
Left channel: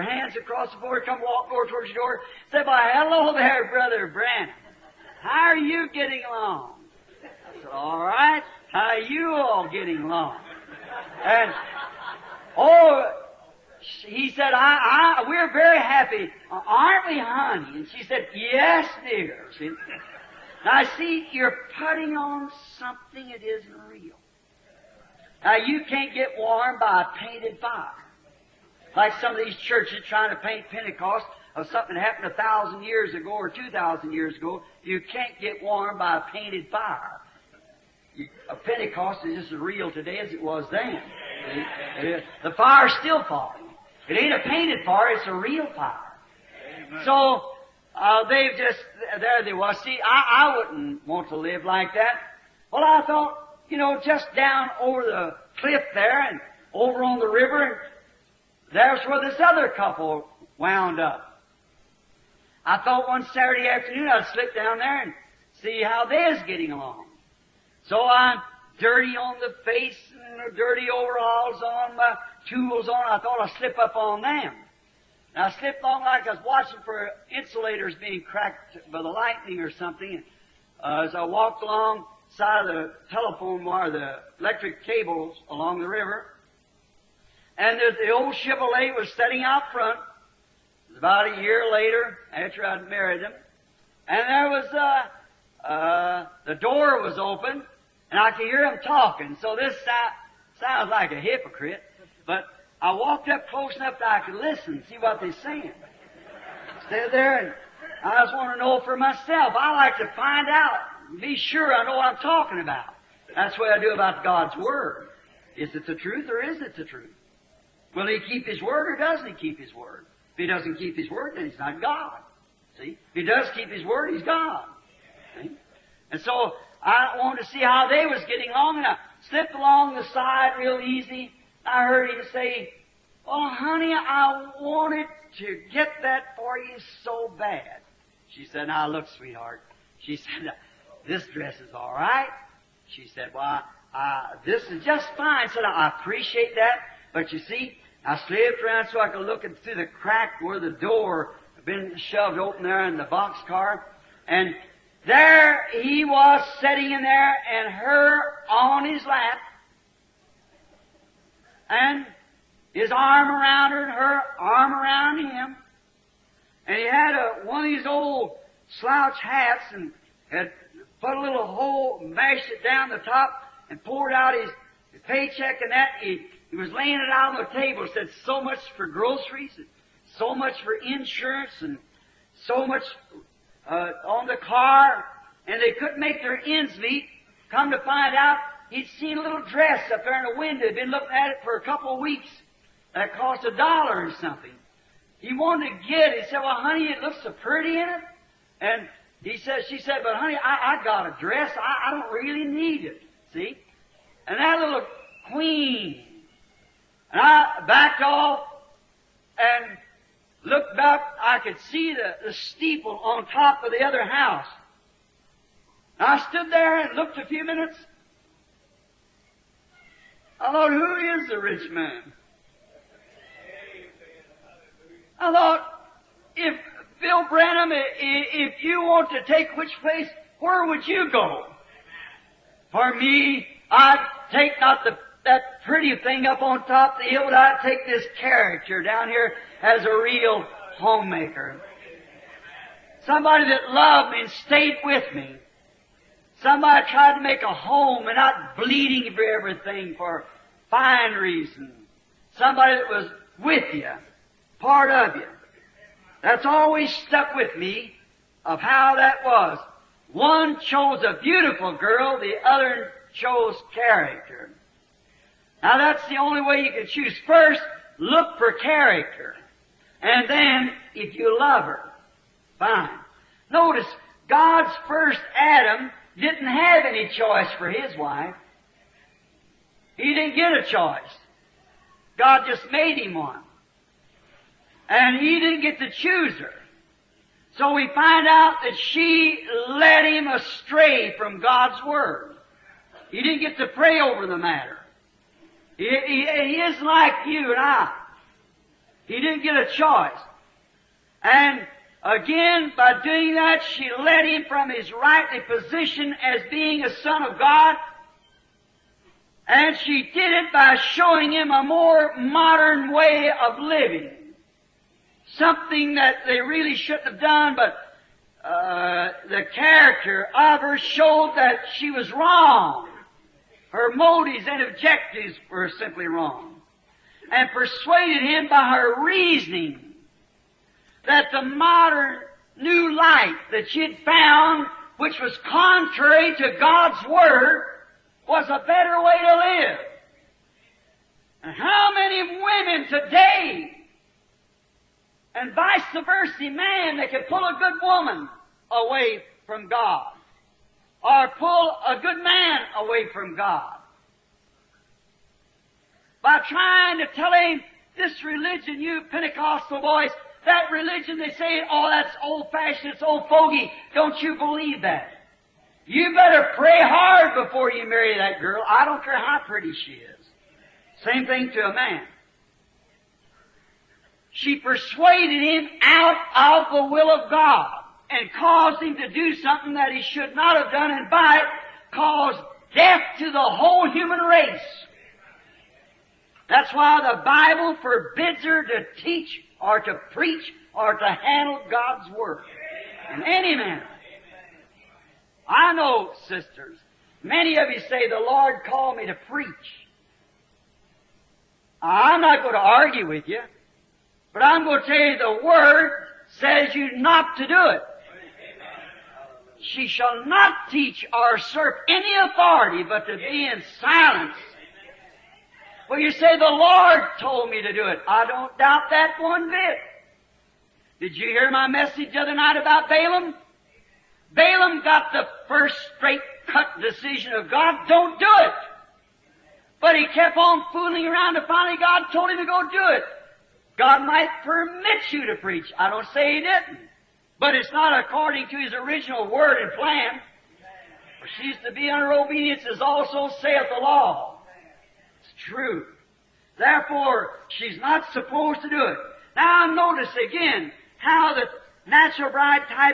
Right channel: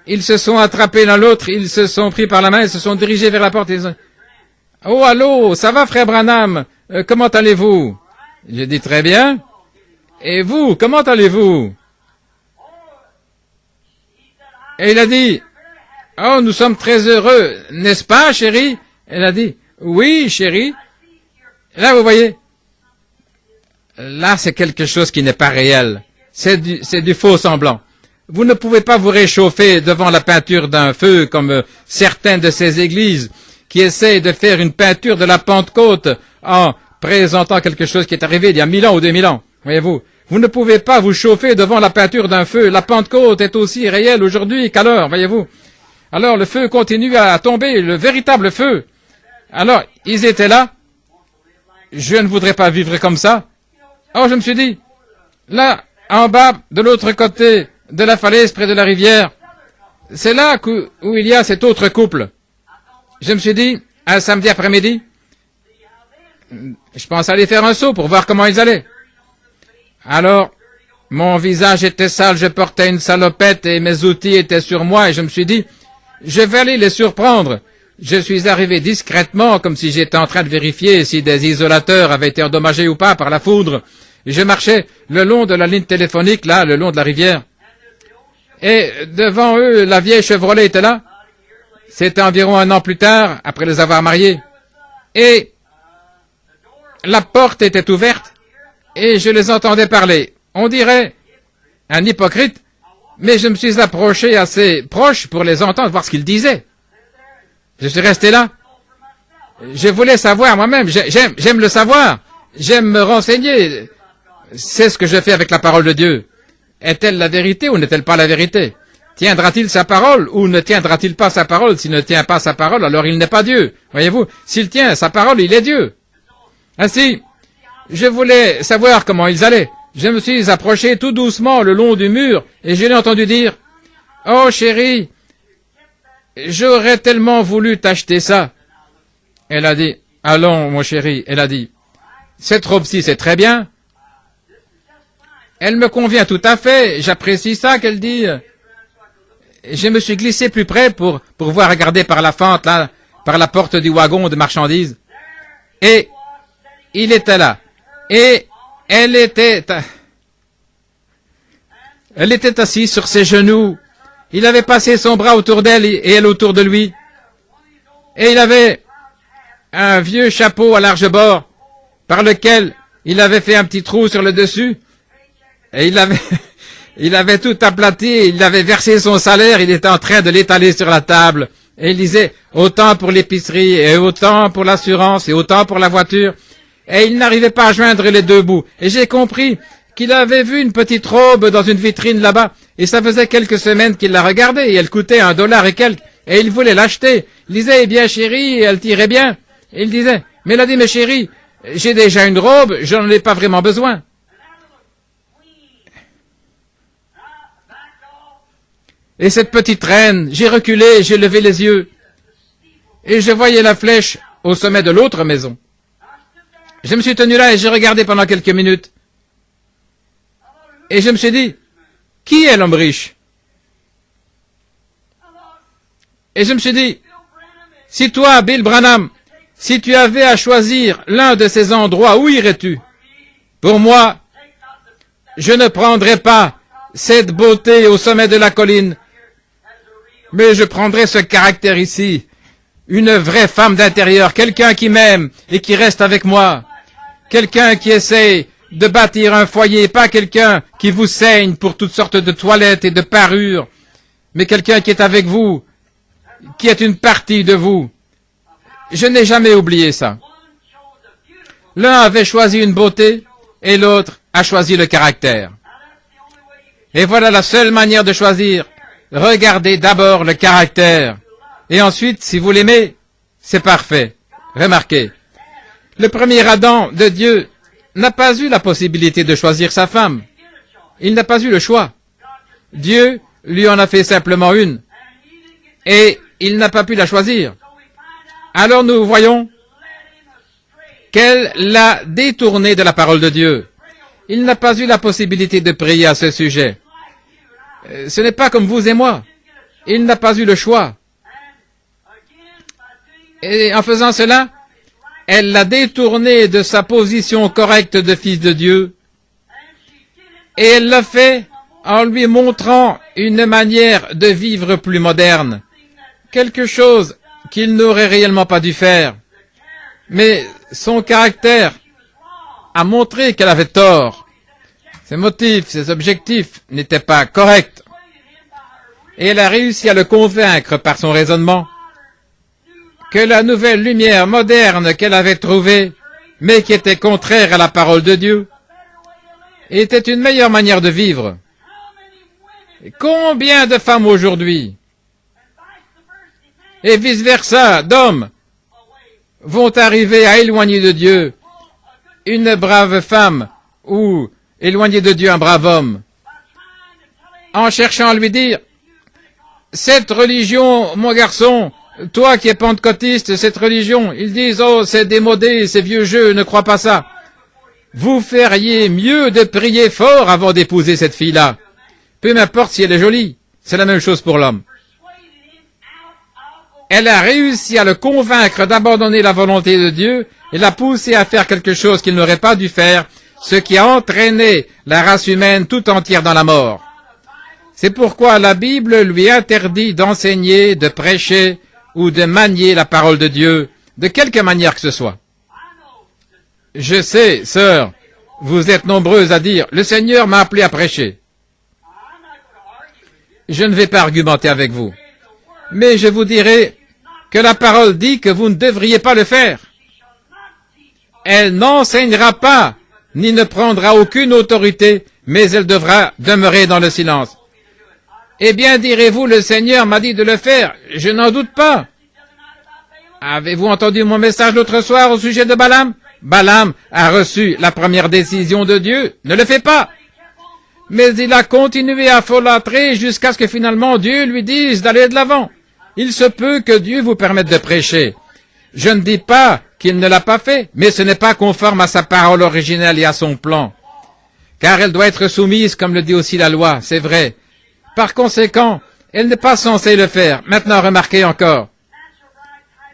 Ils se sont attrapés l'un l'autre, ils se sont pris par la main, ils se sont dirigés vers la porte. Oh, allô, ça va, frère Branham? Comment allez-vous? J'ai dit très bien. Et vous, comment allez-vous? Et il a dit, oh, nous sommes très heureux, n'est-ce pas, chérie? Elle a dit, oui, chérie. Là, vous voyez, là, c'est quelque chose qui n'est pas réel. C'est du faux semblant. Vous ne pouvez pas vous réchauffer devant la peinture d'un feu comme certaines de ces églises qui essayent de faire une peinture de la Pentecôte en présentant quelque chose qui est arrivé il y a 1000 ans ou 2000 ans. Voyez-vous, vous ne pouvez pas vous chauffer devant la peinture d'un feu. La Pentecôte est aussi réelle aujourd'hui qu'alors, voyez-vous. Alors le feu continue à tomber, le véritable feu. Alors, ils étaient là. Je ne voudrais pas vivre comme ça. Oh, je me suis dit, là, en bas, de l'autre côté de la falaise, près de la rivière, c'est là où il y a cet autre couple. Je me suis dit, un samedi après-midi, je pense aller faire un saut pour voir comment ils allaient. Alors, mon visage était sale, je portais une salopette et mes outils étaient sur moi et je me suis dit, je vais aller les surprendre. Je suis arrivé discrètement, comme si j'étais en train de vérifier si des isolateurs avaient été endommagés ou pas par la foudre. Je marchais le long de la ligne téléphonique, là, le long de la rivière. Et devant eux, la vieille Chevrolet était là. C'était environ 1 an plus tard, après les avoir mariés. Et la porte était ouverte et je les entendais parler. On dirait un hypocrite, mais je me suis approché assez proche pour les entendre, voir ce qu'ils disaient. Je suis resté là. Je voulais savoir moi-même. J'aime le savoir. J'aime me renseigner. C'est ce que je fais avec la parole de Dieu. Est-elle la vérité ou n'est-elle pas la vérité? Tiendra-t-il sa parole ou ne tiendra-t-il pas sa parole? S'il ne tient pas sa parole, alors il n'est pas Dieu. Voyez-vous, s'il tient sa parole, il est Dieu. Ainsi, je voulais savoir comment ils allaient. Je me suis approché tout doucement le long du mur et je l'ai entendu dire, « Oh chérie, j'aurais tellement voulu t'acheter ça. » Elle a dit, « Allons, mon chéri. » Elle a dit, « Cette robe-ci, c'est très bien. » Elle me convient tout à fait. J'apprécie ça qu'elle dit. Je me suis glissé plus près pour pouvoir regarder par la fente, là, par la porte du wagon de marchandises. Et il était là. Et elle était assise sur ses genoux. Il avait passé son bras autour d'elle et elle autour de lui. Et il avait un vieux chapeau à large bord par lequel il avait fait un petit trou sur le dessus. Et il avait tout aplati, il avait versé son salaire, il était en train de l'étaler sur la table. Et il disait, autant pour l'épicerie, et autant pour l'assurance, et autant pour la voiture. Et il n'arrivait pas à joindre les deux bouts. Et j'ai compris qu'il avait vu une petite robe dans une vitrine là-bas. Et ça faisait quelques semaines qu'il la regardait, et elle coûtait $1 et quelques. Et il voulait l'acheter. Il disait, eh bien chérie, elle tirait bien. Et il disait, mais elle a dit, mais chérie, j'ai déjà une robe, je n'en ai pas vraiment besoin. Et cette petite reine, j'ai reculé, j'ai levé les yeux, et je voyais la flèche au sommet de l'autre maison. Je me suis tenu là et j'ai regardé pendant quelques minutes. Et je me suis dit, qui est l'homme riche? Et je me suis dit, si toi, Bill Branham, si tu avais à choisir l'un de ces endroits, où irais-tu? Pour moi, je ne prendrais pas cette beauté au sommet de la colline, mais je prendrais ce caractère ici. Une vraie femme d'intérieur, quelqu'un qui m'aime et qui reste avec moi. Quelqu'un qui essaie de bâtir un foyer, pas quelqu'un qui vous saigne pour toutes sortes de toilettes et de parures, mais quelqu'un qui est avec vous, qui est une partie de vous. Je n'ai jamais oublié ça. L'un avait choisi une beauté et l'autre a choisi le caractère. Et voilà la seule manière de choisir. Regardez d'abord le caractère. Et ensuite, si vous l'aimez, c'est parfait. Remarquez, le premier Adam de Dieu n'a pas eu la possibilité de choisir sa femme. Il n'a pas eu le choix. Dieu lui en a fait simplement une. Et il n'a pas pu la choisir. Alors nous voyons qu'elle l'a détourné de la parole de Dieu. Il n'a pas eu la possibilité de prier à ce sujet. Ce n'est pas comme vous et moi. Il n'a pas eu le choix. Et en faisant cela, elle l'a détourné de sa position correcte de fils de Dieu. Et elle l'a fait en lui montrant une manière de vivre plus moderne, quelque chose qu'il n'aurait réellement pas dû faire. Mais son caractère a montré qu'elle avait tort. Ses motifs, ses objectifs n'étaient pas corrects. Et elle a réussi à le convaincre par son raisonnement que la nouvelle lumière moderne qu'elle avait trouvée, mais qui était contraire à la parole de Dieu, était une meilleure manière de vivre. Combien de femmes aujourd'hui, et vice-versa, d'hommes, vont arriver à éloigner de Dieu une brave femme, ou éloigner de Dieu un brave homme, en cherchant à lui dire, cette religion, mon garçon, toi qui es pentecôtiste, cette religion, ils disent, oh, c'est démodé, c'est vieux jeu, ne crois pas ça. Vous feriez mieux de prier fort avant d'épouser cette fille-là. Peu m'importe si elle est jolie. C'est la même chose pour l'homme. Elle a réussi à le convaincre d'abandonner la volonté de Dieu et l'a poussé à faire quelque chose qu'il n'aurait pas dû faire, ce qui a entraîné la race humaine tout entière dans la mort. C'est pourquoi la Bible lui interdit d'enseigner, de prêcher ou de manier la parole de Dieu, de quelque manière que ce soit. Je sais, sœur, vous êtes nombreuses à dire, le Seigneur m'a appelé à prêcher. Je ne vais pas argumenter avec vous, mais je vous dirai que la parole dit que vous ne devriez pas le faire. Elle n'enseignera pas, ni ne prendra aucune autorité, mais elle devra demeurer dans le silence. Eh bien, direz-vous, le Seigneur m'a dit de le faire. Je n'en doute pas. Avez-vous entendu mon message l'autre soir au sujet de Balaam? Balaam a reçu la première décision de Dieu. Ne le fais pas. Mais il a continué à folâtrer jusqu'à ce que finalement Dieu lui dise d'aller de l'avant. Il se peut que Dieu vous permette de prêcher. Je ne dis pas qu'il ne l'a pas fait, mais ce n'est pas conforme à sa parole originelle et à son plan. Car elle doit être soumise, comme le dit aussi la loi, c'est vrai. Par conséquent, elle n'est pas censée le faire. Maintenant, remarquez encore.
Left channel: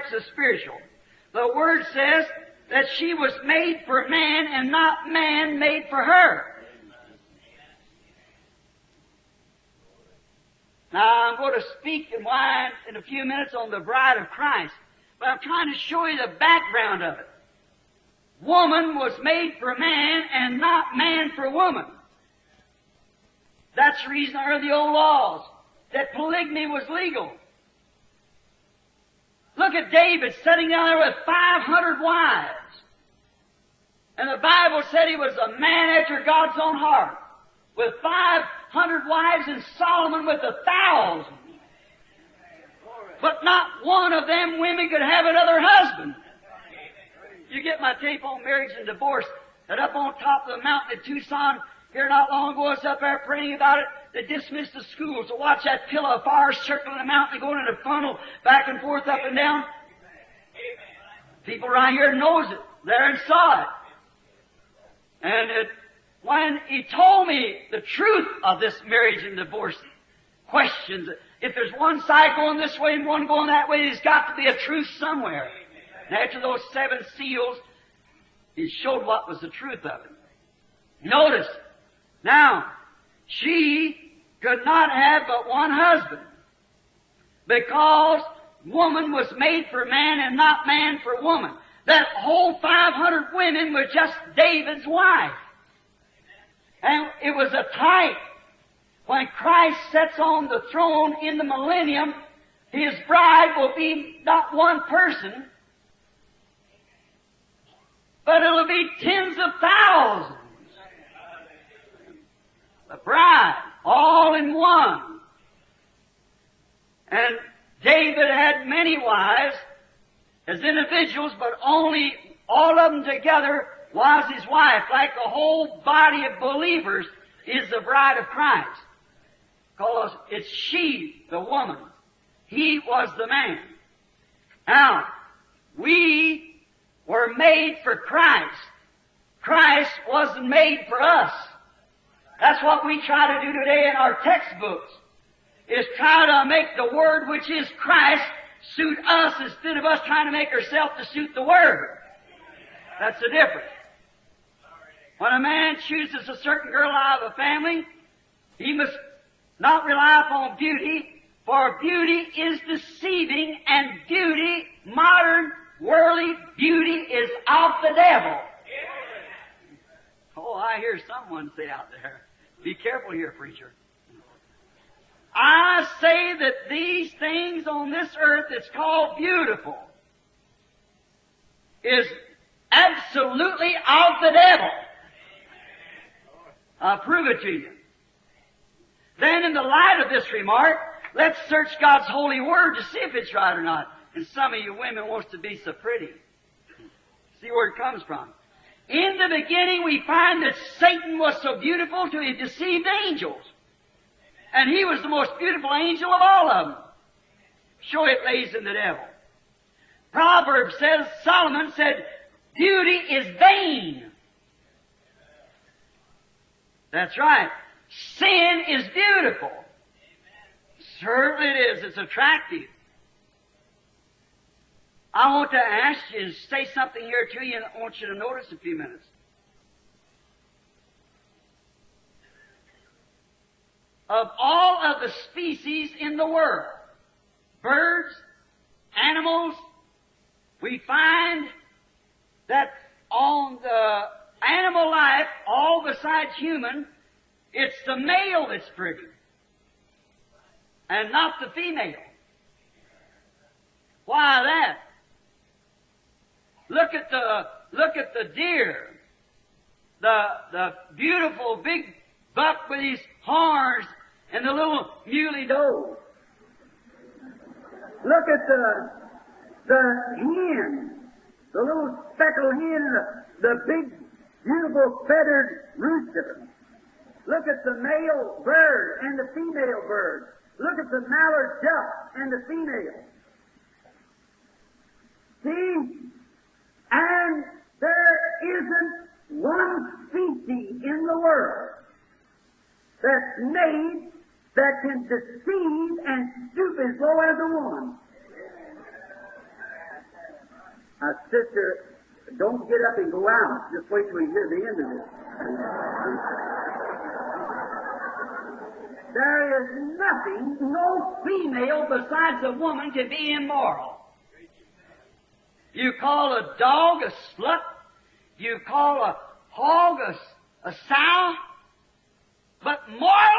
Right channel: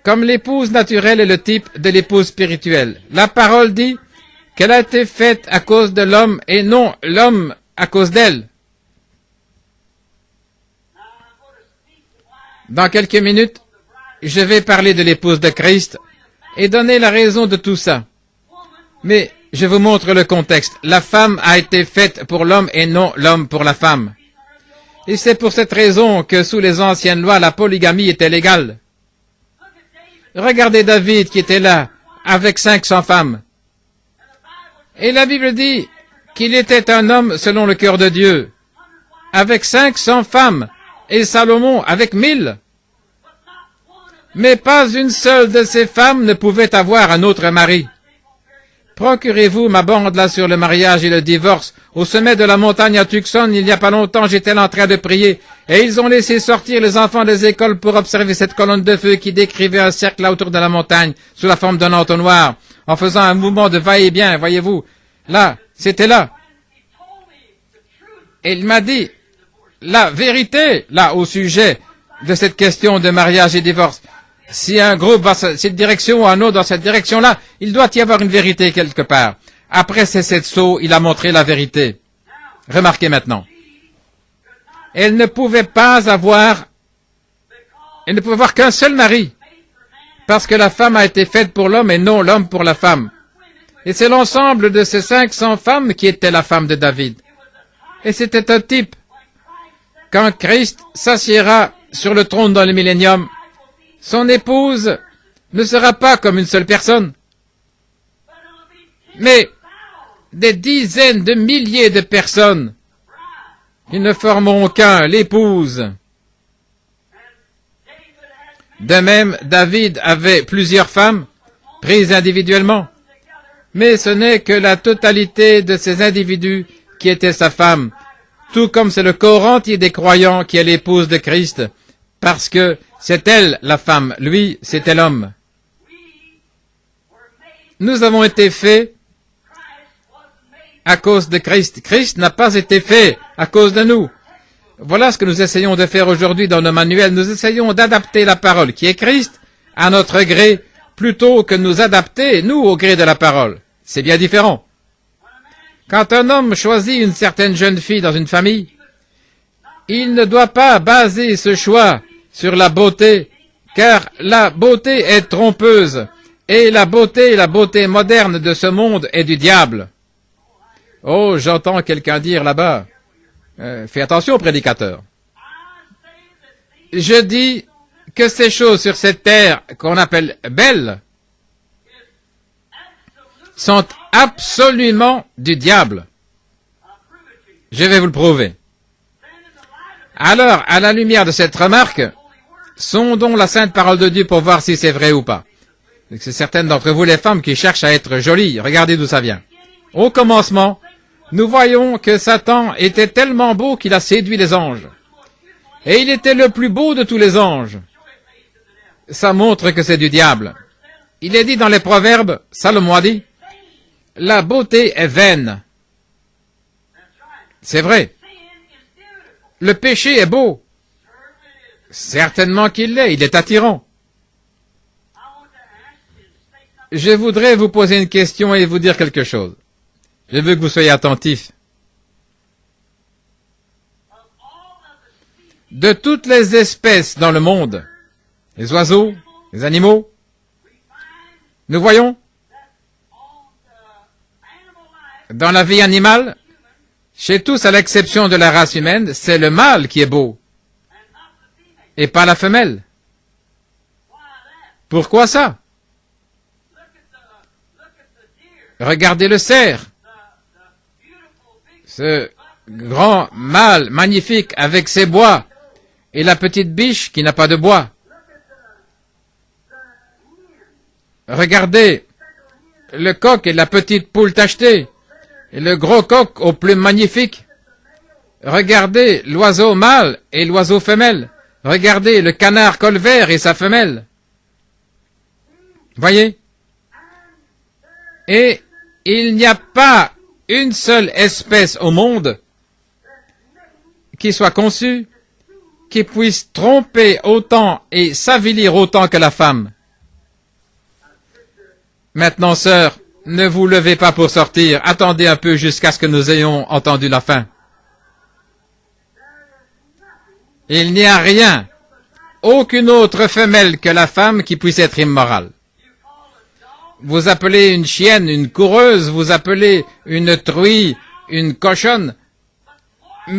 Comme l'épouse naturelle est le type de l'épouse spirituelle. La parole dit qu'elle a été faite à cause de l'homme et non l'homme à cause d'elle. Dans quelques minutes, je vais parler de l'épouse de Christ et donner la raison de tout ça. Mais je vous montre le contexte. La femme a été faite pour l'homme et non l'homme pour la femme. Et c'est pour cette raison que sous les anciennes lois, la polygamie était légale. Regardez David qui était là, avec 500 femmes. Et la Bible dit qu'il était un homme selon le cœur de Dieu, avec 500 femmes, et Salomon avec 1000. Mais pas une seule de ces femmes ne pouvait avoir un autre mari. Procurez-vous ma bande là sur le mariage et le divorce. Au sommet de la montagne à Tucson, il n'y a pas longtemps, j'étais là en train de prier, et ils ont laissé sortir les enfants des écoles pour observer cette colonne de feu qui décrivait un cercle là autour de la montagne, sous la forme d'un entonnoir, en faisant un mouvement de va-et-vient, voyez-vous. Là, c'était là. Et il m'a dit la vérité, là, au sujet de cette question de mariage et divorce. Si un groupe va dans cette direction ou un autre dans cette direction-là, il doit y avoir une vérité quelque part. Après ces 7 sauts, il a montré la vérité. Remarquez maintenant. Elle ne pouvait pas avoir qu'un seul mari, parce que la femme a été faite pour l'homme et non l'homme pour la femme. Et c'est l'ensemble de ces 500 femmes qui étaient la femme de David. Et c'était un type. Quand Christ s'assiera sur le trône dans le millénium, son épouse ne sera pas comme une seule personne, mais des dizaines de milliers de personnes. Ils ne formeront qu'un, l'épouse. De même, David avait plusieurs femmes, prises individuellement, mais ce n'est que la totalité de ces individus qui étaient sa femme, tout comme c'est le corps entier des croyants qui est l'épouse de Christ, parce que c'est elle la femme, lui c'était l'homme. Nous avons été faits à cause de Christ. Christ n'a pas été fait à cause de nous. Voilà ce que nous essayons de faire aujourd'hui dans nos manuels. Nous essayons d'adapter la parole qui est Christ à notre gré, plutôt que nous adapter, nous, au gré de la parole. C'est bien différent. Quand un homme choisit une certaine jeune fille dans une famille, il ne doit pas baser ce choix sur la beauté, car la beauté est trompeuse, et la beauté moderne de ce monde est du diable. Oh, j'entends quelqu'un dire là-bas, fais attention, prédicateur. Je dis que ces choses sur cette terre qu'on appelle belles sont absolument du diable. Je vais vous le prouver. Alors, à la lumière de cette remarque, sondons la sainte parole de Dieu pour voir si c'est vrai ou pas. C'est certaines d'entre vous, les femmes, qui cherchent à être jolies. Regardez d'où ça vient. Au commencement, nous voyons que Satan était tellement beau qu'il a séduit les anges. Et il était le plus beau de tous les anges. Ça montre que c'est du diable. Il est dit dans les Proverbes, Salomon a dit, la beauté est vaine. C'est vrai. Le péché est beau. Certainement qu'il l'est, il est attirant. Je voudrais vous poser une question et vous dire quelque chose. Je veux que vous soyez attentifs. De toutes les espèces dans le monde, les oiseaux, les animaux, nous voyons dans la vie animale, chez tous à l'exception de la race humaine, c'est le mâle qui est beau et pas la femelle. Pourquoi ça? Regardez le cerf, ce grand mâle magnifique avec ses bois, et la petite biche qui n'a pas de bois. Regardez le coq et la petite poule tachetée, et le gros coq aux plumes magnifiques. Regardez l'oiseau mâle et l'oiseau femelle. Regardez le canard colvert et sa femelle. Voyez? Et il n'y a pas une seule espèce au monde qui soit conçue, qui puisse tromper autant et s'avilir autant que la femme. Maintenant, sœur, ne vous levez pas pour sortir. Attendez un peu jusqu'à ce que nous ayons entendu la fin. Il n'y a rien, aucune autre femelle que la femme qui puisse être immorale. Vous appelez une chienne une coureuse, vous appelez une truie une cochonne,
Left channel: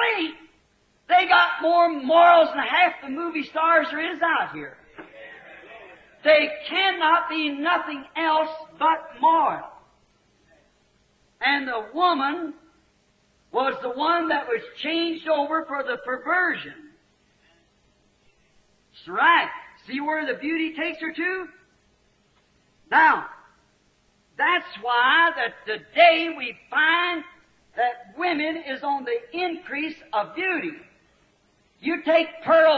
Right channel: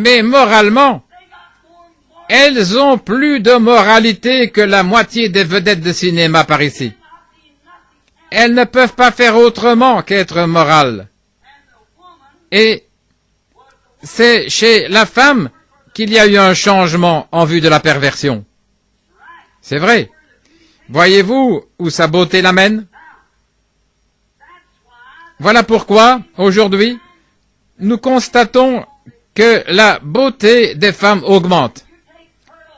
mais moralement, Elles ont plus de moralité que la moitié des vedettes de cinéma par ici. Elles ne peuvent pas faire autrement qu'être morales. Et c'est chez la femme qu'il y a eu un changement en vue de la perversion. C'est vrai. Voyez-vous où sa beauté l'amène? Voilà pourquoi, aujourd'hui, nous constatons que la beauté des femmes augmente.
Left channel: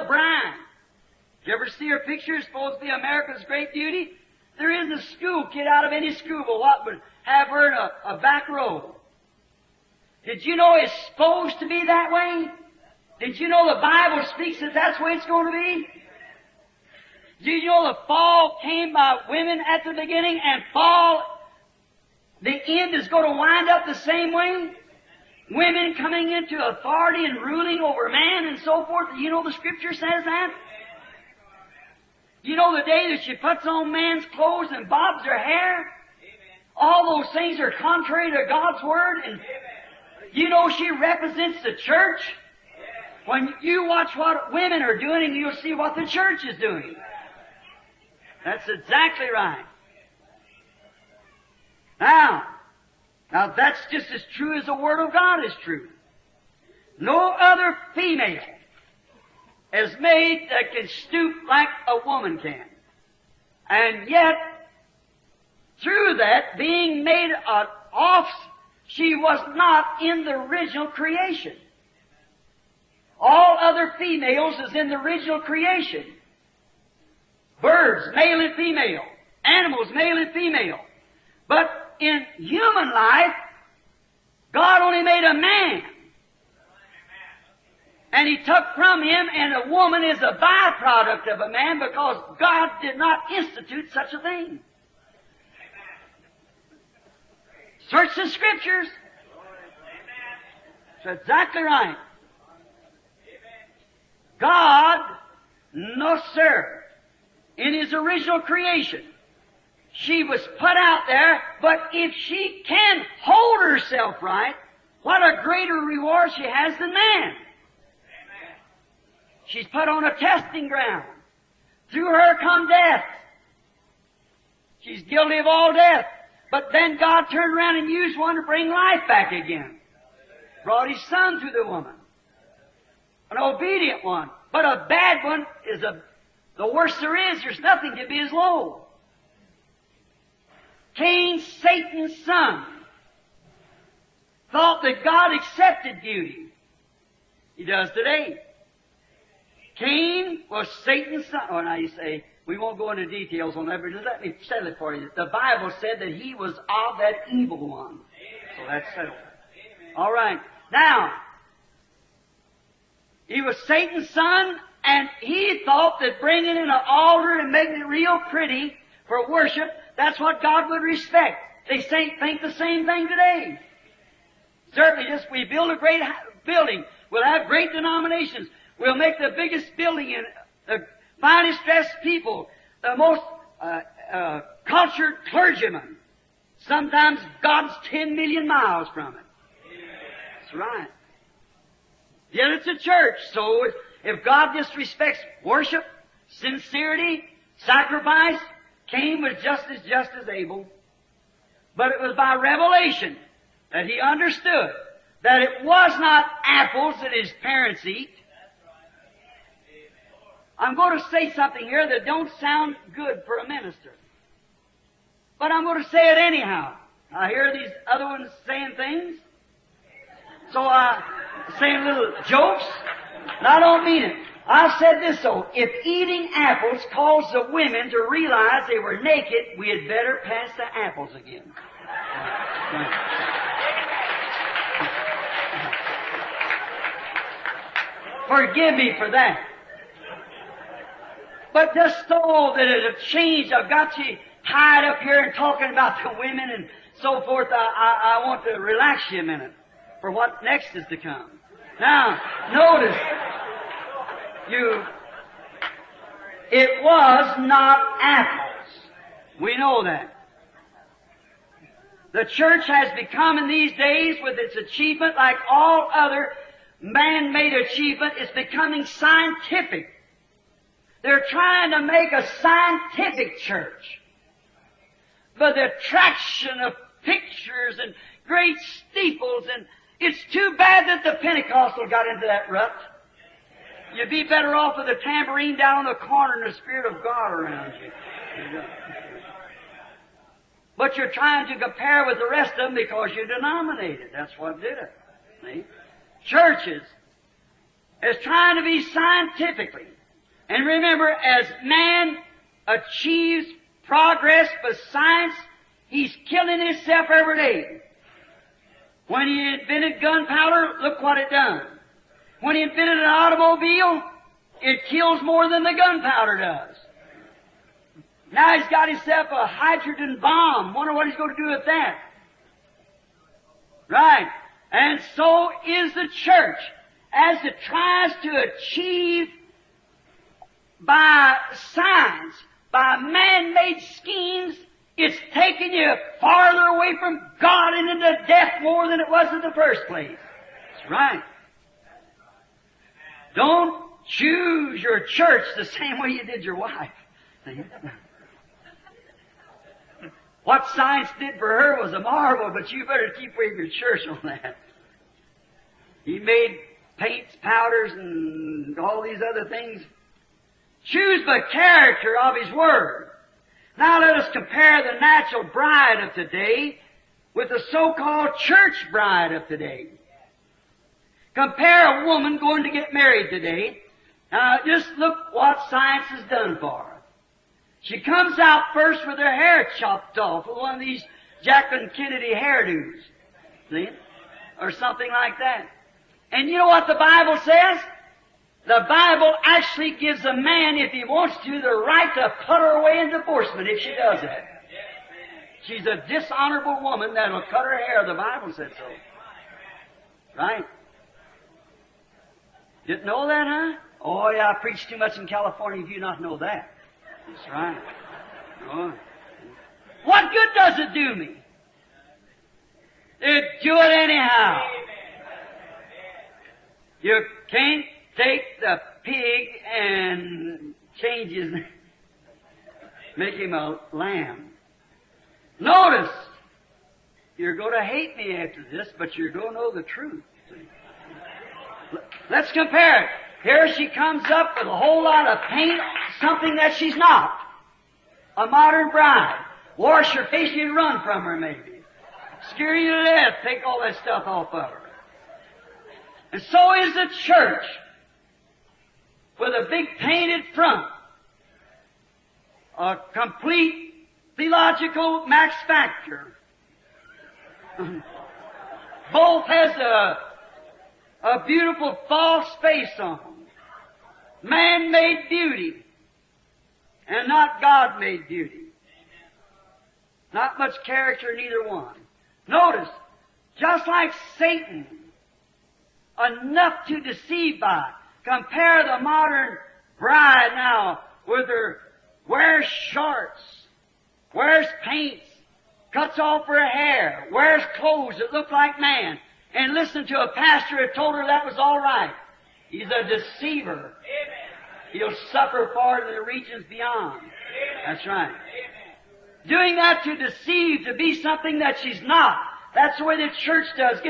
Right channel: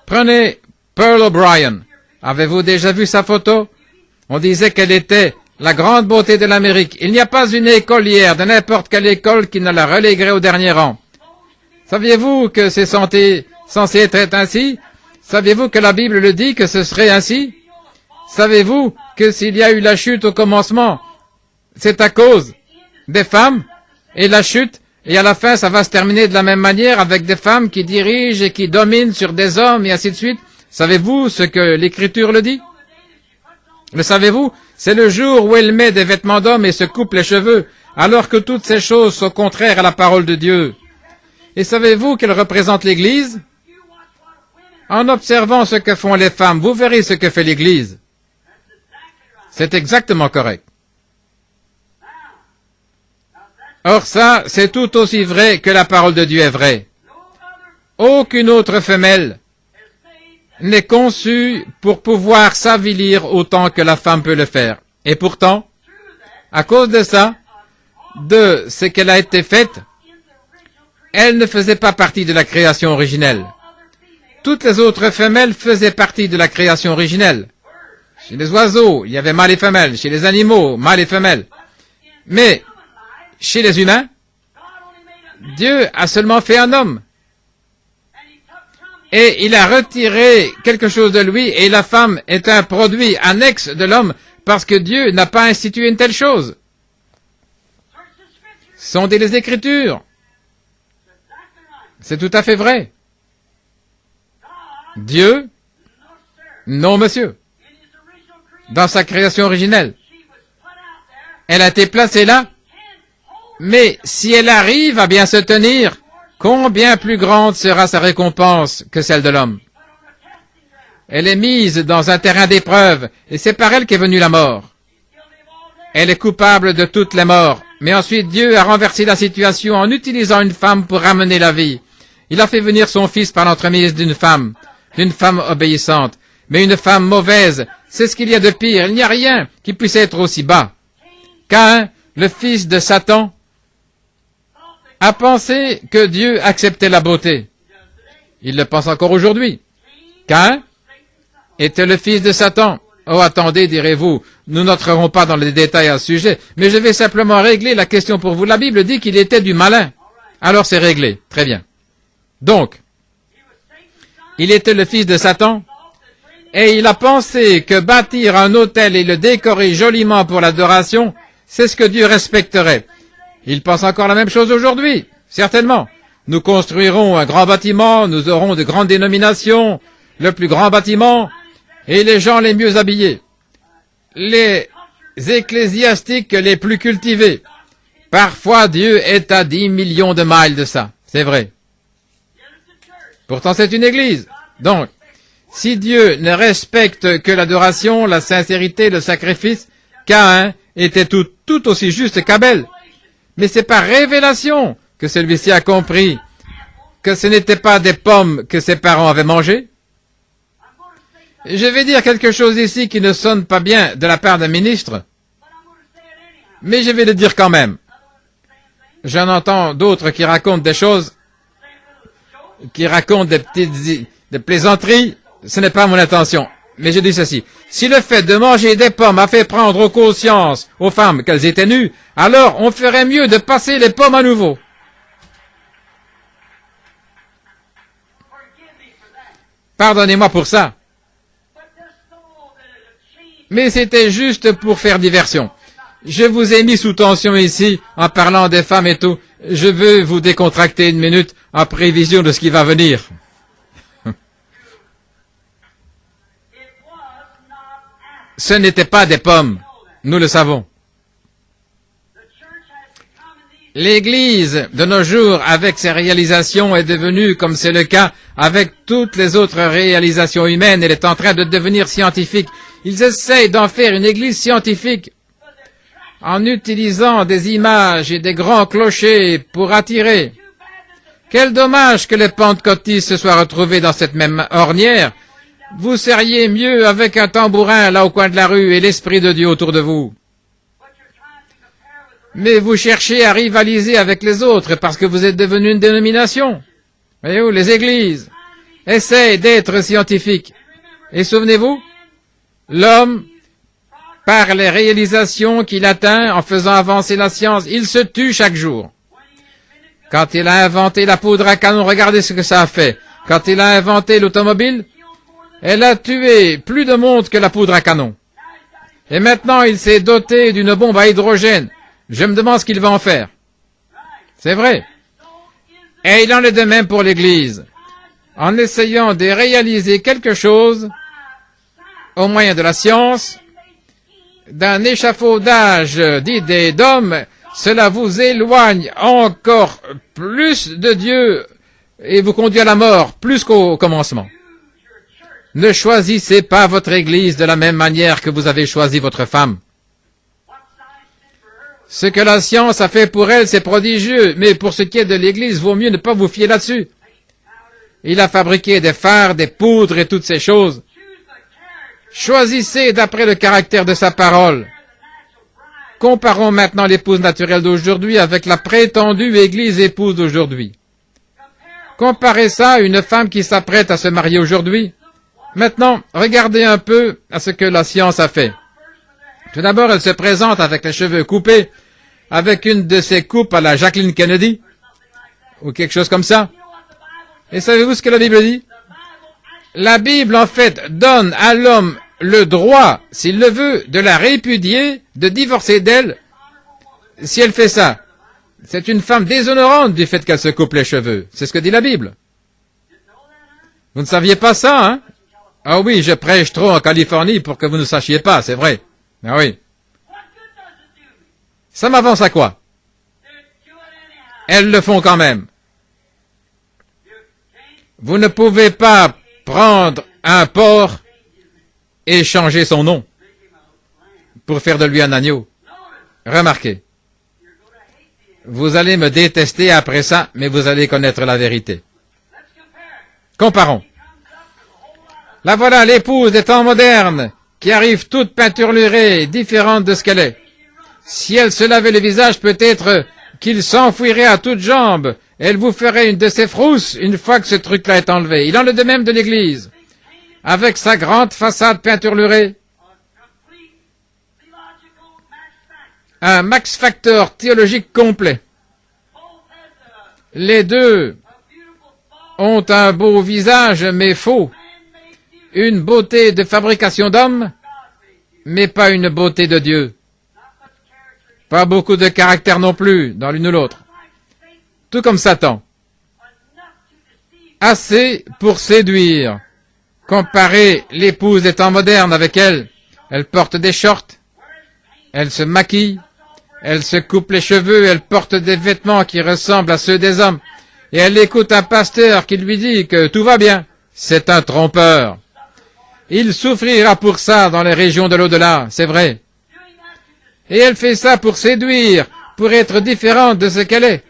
Prenez Pearl O'Brien. Avez-vous déjà vu sa photo? On disait qu'elle était la grande beauté de l'Amérique. Il n'y a pas une écolière de n'importe quelle école qui ne la reléguerait au dernier rang. Saviez-vous que c'est censé être ainsi? Saviez-vous que la Bible le dit, que ce serait ainsi? Savez-vous que s'il y a eu la chute au commencement, c'est à cause des femmes et la chute, et à la fin ça va se terminer de la même manière avec des femmes qui dirigent et qui dominent sur des hommes et ainsi de suite? Savez-vous ce que l'Écriture le dit? Le savez-vous? C'est le jour où elle met des vêtements d'homme et se coupe les cheveux, alors que toutes ces choses sont contraires à la parole de Dieu. Et savez-vous qu'elle représente l'Église? En observant ce que font les femmes, vous verrez ce que fait l'Église. C'est exactement correct. Or ça, c'est tout aussi vrai que la parole de Dieu est vraie. Aucune autre femelle n'est conçue pour pouvoir s'avilir autant que la femme peut le faire. Et pourtant, à cause de ça, de ce qu'elle a été faite, elle ne faisait pas partie de la création originelle. Toutes les autres femelles faisaient partie de la création originelle. Chez les oiseaux, il y avait mâle et femelle. Chez les animaux, mâle et femelle. Mais chez les humains, Dieu a seulement fait un homme. Et il a retiré quelque chose de lui, et la femme est un produit annexe de l'homme, parce que Dieu n'a pas institué une telle chose. Sondez les Écritures. C'est tout à fait vrai. Dieu, non monsieur. Dans sa création originelle, elle a été placée là, mais si elle arrive à bien se tenir, combien plus grande sera sa récompense que celle de l'homme? Elle est mise dans un terrain d'épreuve, et c'est par elle qu'est venue la mort. Elle est coupable de toutes les morts, mais ensuite Dieu a renversé la situation en utilisant une femme pour ramener la vie. Il a fait venir son fils par l'entremise d'une femme obéissante. Mais une femme mauvaise, c'est ce qu'il y a de pire. Il n'y a rien qui puisse être aussi bas. Caïn, le fils de Satan, a pensé que Dieu acceptait la beauté. Il le pense encore aujourd'hui. Caïn était le fils de Satan. Oh, attendez, direz-vous, nous n'entrerons pas dans les détails à ce sujet, mais je vais simplement régler la question pour vous. La Bible dit qu'il était du malin. Alors c'est réglé. Très bien. Donc, il était le fils de Satan, et il a pensé que bâtir un autel et le décorer joliment pour l'adoration, c'est ce que Dieu respecterait. Il pense encore la même chose aujourd'hui, certainement. Nous construirons un grand bâtiment, nous aurons de grandes dénominations, le plus grand bâtiment, et les gens les mieux habillés, les ecclésiastiques les plus cultivés. Parfois, Dieu est à 10 millions de miles de ça, c'est vrai. Pourtant, c'est une église. Donc, si Dieu ne respecte que l'adoration, la sincérité, le sacrifice, Caïn était tout aussi juste qu'Abel. Mais c'est par révélation que celui-ci a compris que ce n'était pas des pommes que ses parents avaient mangées. Je vais dire quelque chose ici qui ne sonne pas bien de la part d'un ministre, mais je vais le dire quand même. J'en entends d'autres qui racontent des choses, qui racontent des plaisanteries. Ce n'est pas mon intention. Mais je dis ceci. Si le fait de manger des pommes a fait prendre conscience aux femmes qu'elles étaient nues, alors on ferait mieux de passer les pommes à nouveau. Pardonnez-moi pour ça. Mais c'était juste pour faire diversion. Je vous ai mis sous tension ici en parlant des femmes et tout. Je veux vous décontracter une minute en prévision de ce qui va venir. Ce n'était pas des pommes. Nous le savons. L'Église, de nos jours, avec ses réalisations, est devenue, comme c'est le cas avec toutes les autres réalisations humaines, elle est en train de devenir scientifique. Ils essayent d'en faire une Église scientifique en utilisant des images et des grands clochers pour attirer. Quel dommage que les pentecôtistes se soient retrouvés dans cette même ornière. Vous seriez mieux avec un tambourin là au coin de la rue et l'Esprit de Dieu autour de vous. Mais vous cherchez à rivaliser avec les autres parce que vous êtes devenu une dénomination. Voyez-vous, les églises essayent d'être scientifiques. Et souvenez-vous, l'homme, par les réalisations qu'il atteint en faisant avancer la science, il se tue chaque jour. Quand il a inventé la poudre à canon, regardez ce que ça a fait. Quand il a inventé l'automobile, elle a tué plus de monde que la poudre à canon. Et maintenant, il s'est doté d'une bombe à hydrogène. Je me demande ce qu'il va en faire. C'est vrai. Et il en est de même pour l'Église. En essayant de réaliser quelque chose au moyen de la science, d'un échafaudage d'idées d'hommes, cela vous éloigne encore plus de Dieu et vous conduit à la mort, plus qu'au commencement. Ne choisissez pas votre Église de la même manière que vous avez choisi votre femme. Ce que la science a fait pour elle, c'est prodigieux, mais pour ce qui est de l'Église, vaut mieux ne pas vous fier là-dessus. Il a fabriqué des fards, des poudres et toutes ces choses. Choisissez d'après le caractère de sa parole. Comparons maintenant l'épouse naturelle d'aujourd'hui avec la prétendue Église épouse d'aujourd'hui. Comparez ça à une femme qui s'apprête à se marier aujourd'hui. Maintenant, regardez un peu à ce que la science a fait. Tout d'abord, elle se présente avec les cheveux coupés, avec une de ses coupes à la Jacqueline Kennedy, ou quelque chose comme ça. Et savez-vous ce que la Bible dit? La Bible, en fait, donne à l'homme le droit, s'il le veut, de la répudier, de divorcer d'elle, si elle fait ça. C'est une femme déshonorante du fait qu'elle se coupe les cheveux. C'est ce que dit la Bible. Vous ne saviez pas ça, hein? Ah oui, je prêche trop en Californie pour que vous ne sachiez pas, c'est vrai. Ah oui. Ça m'avance à quoi? Elles le font quand même. Vous ne pouvez pas prendre un porc et changer son nom pour faire de lui un agneau. Remarquez. Vous allez me détester après ça, mais vous allez connaître la vérité. Comparons. Là voilà l'épouse des temps modernes qui arrive toute peinturlurée, différente de ce qu'elle est. Si elle se lavait le visage, peut-être qu'il s'enfouirait à toutes jambes. Elle vous ferait une de ses frousses une fois que ce truc-là est enlevé. Il en est de même de l'Église. Avec sa grande façade peinturlurée. Un Max Factor théologique complet. Les deux ont un beau visage, mais faux. Une beauté de fabrication d'homme, mais pas une beauté de Dieu. Pas beaucoup de caractère non plus, dans l'une ou l'autre. Tout comme Satan. Assez pour séduire. Comparez l'épouse des temps modernes avec elle. Elle porte des shorts. Elle se maquille, elle se coupe les cheveux, elle porte des vêtements qui ressemblent à ceux des hommes. Et elle écoute un pasteur qui lui dit que tout va bien. C'est un trompeur. Il souffrira pour ça dans les régions de l'au-delà, c'est vrai. Et elle fait ça pour séduire, pour être différente de ce qu'elle est.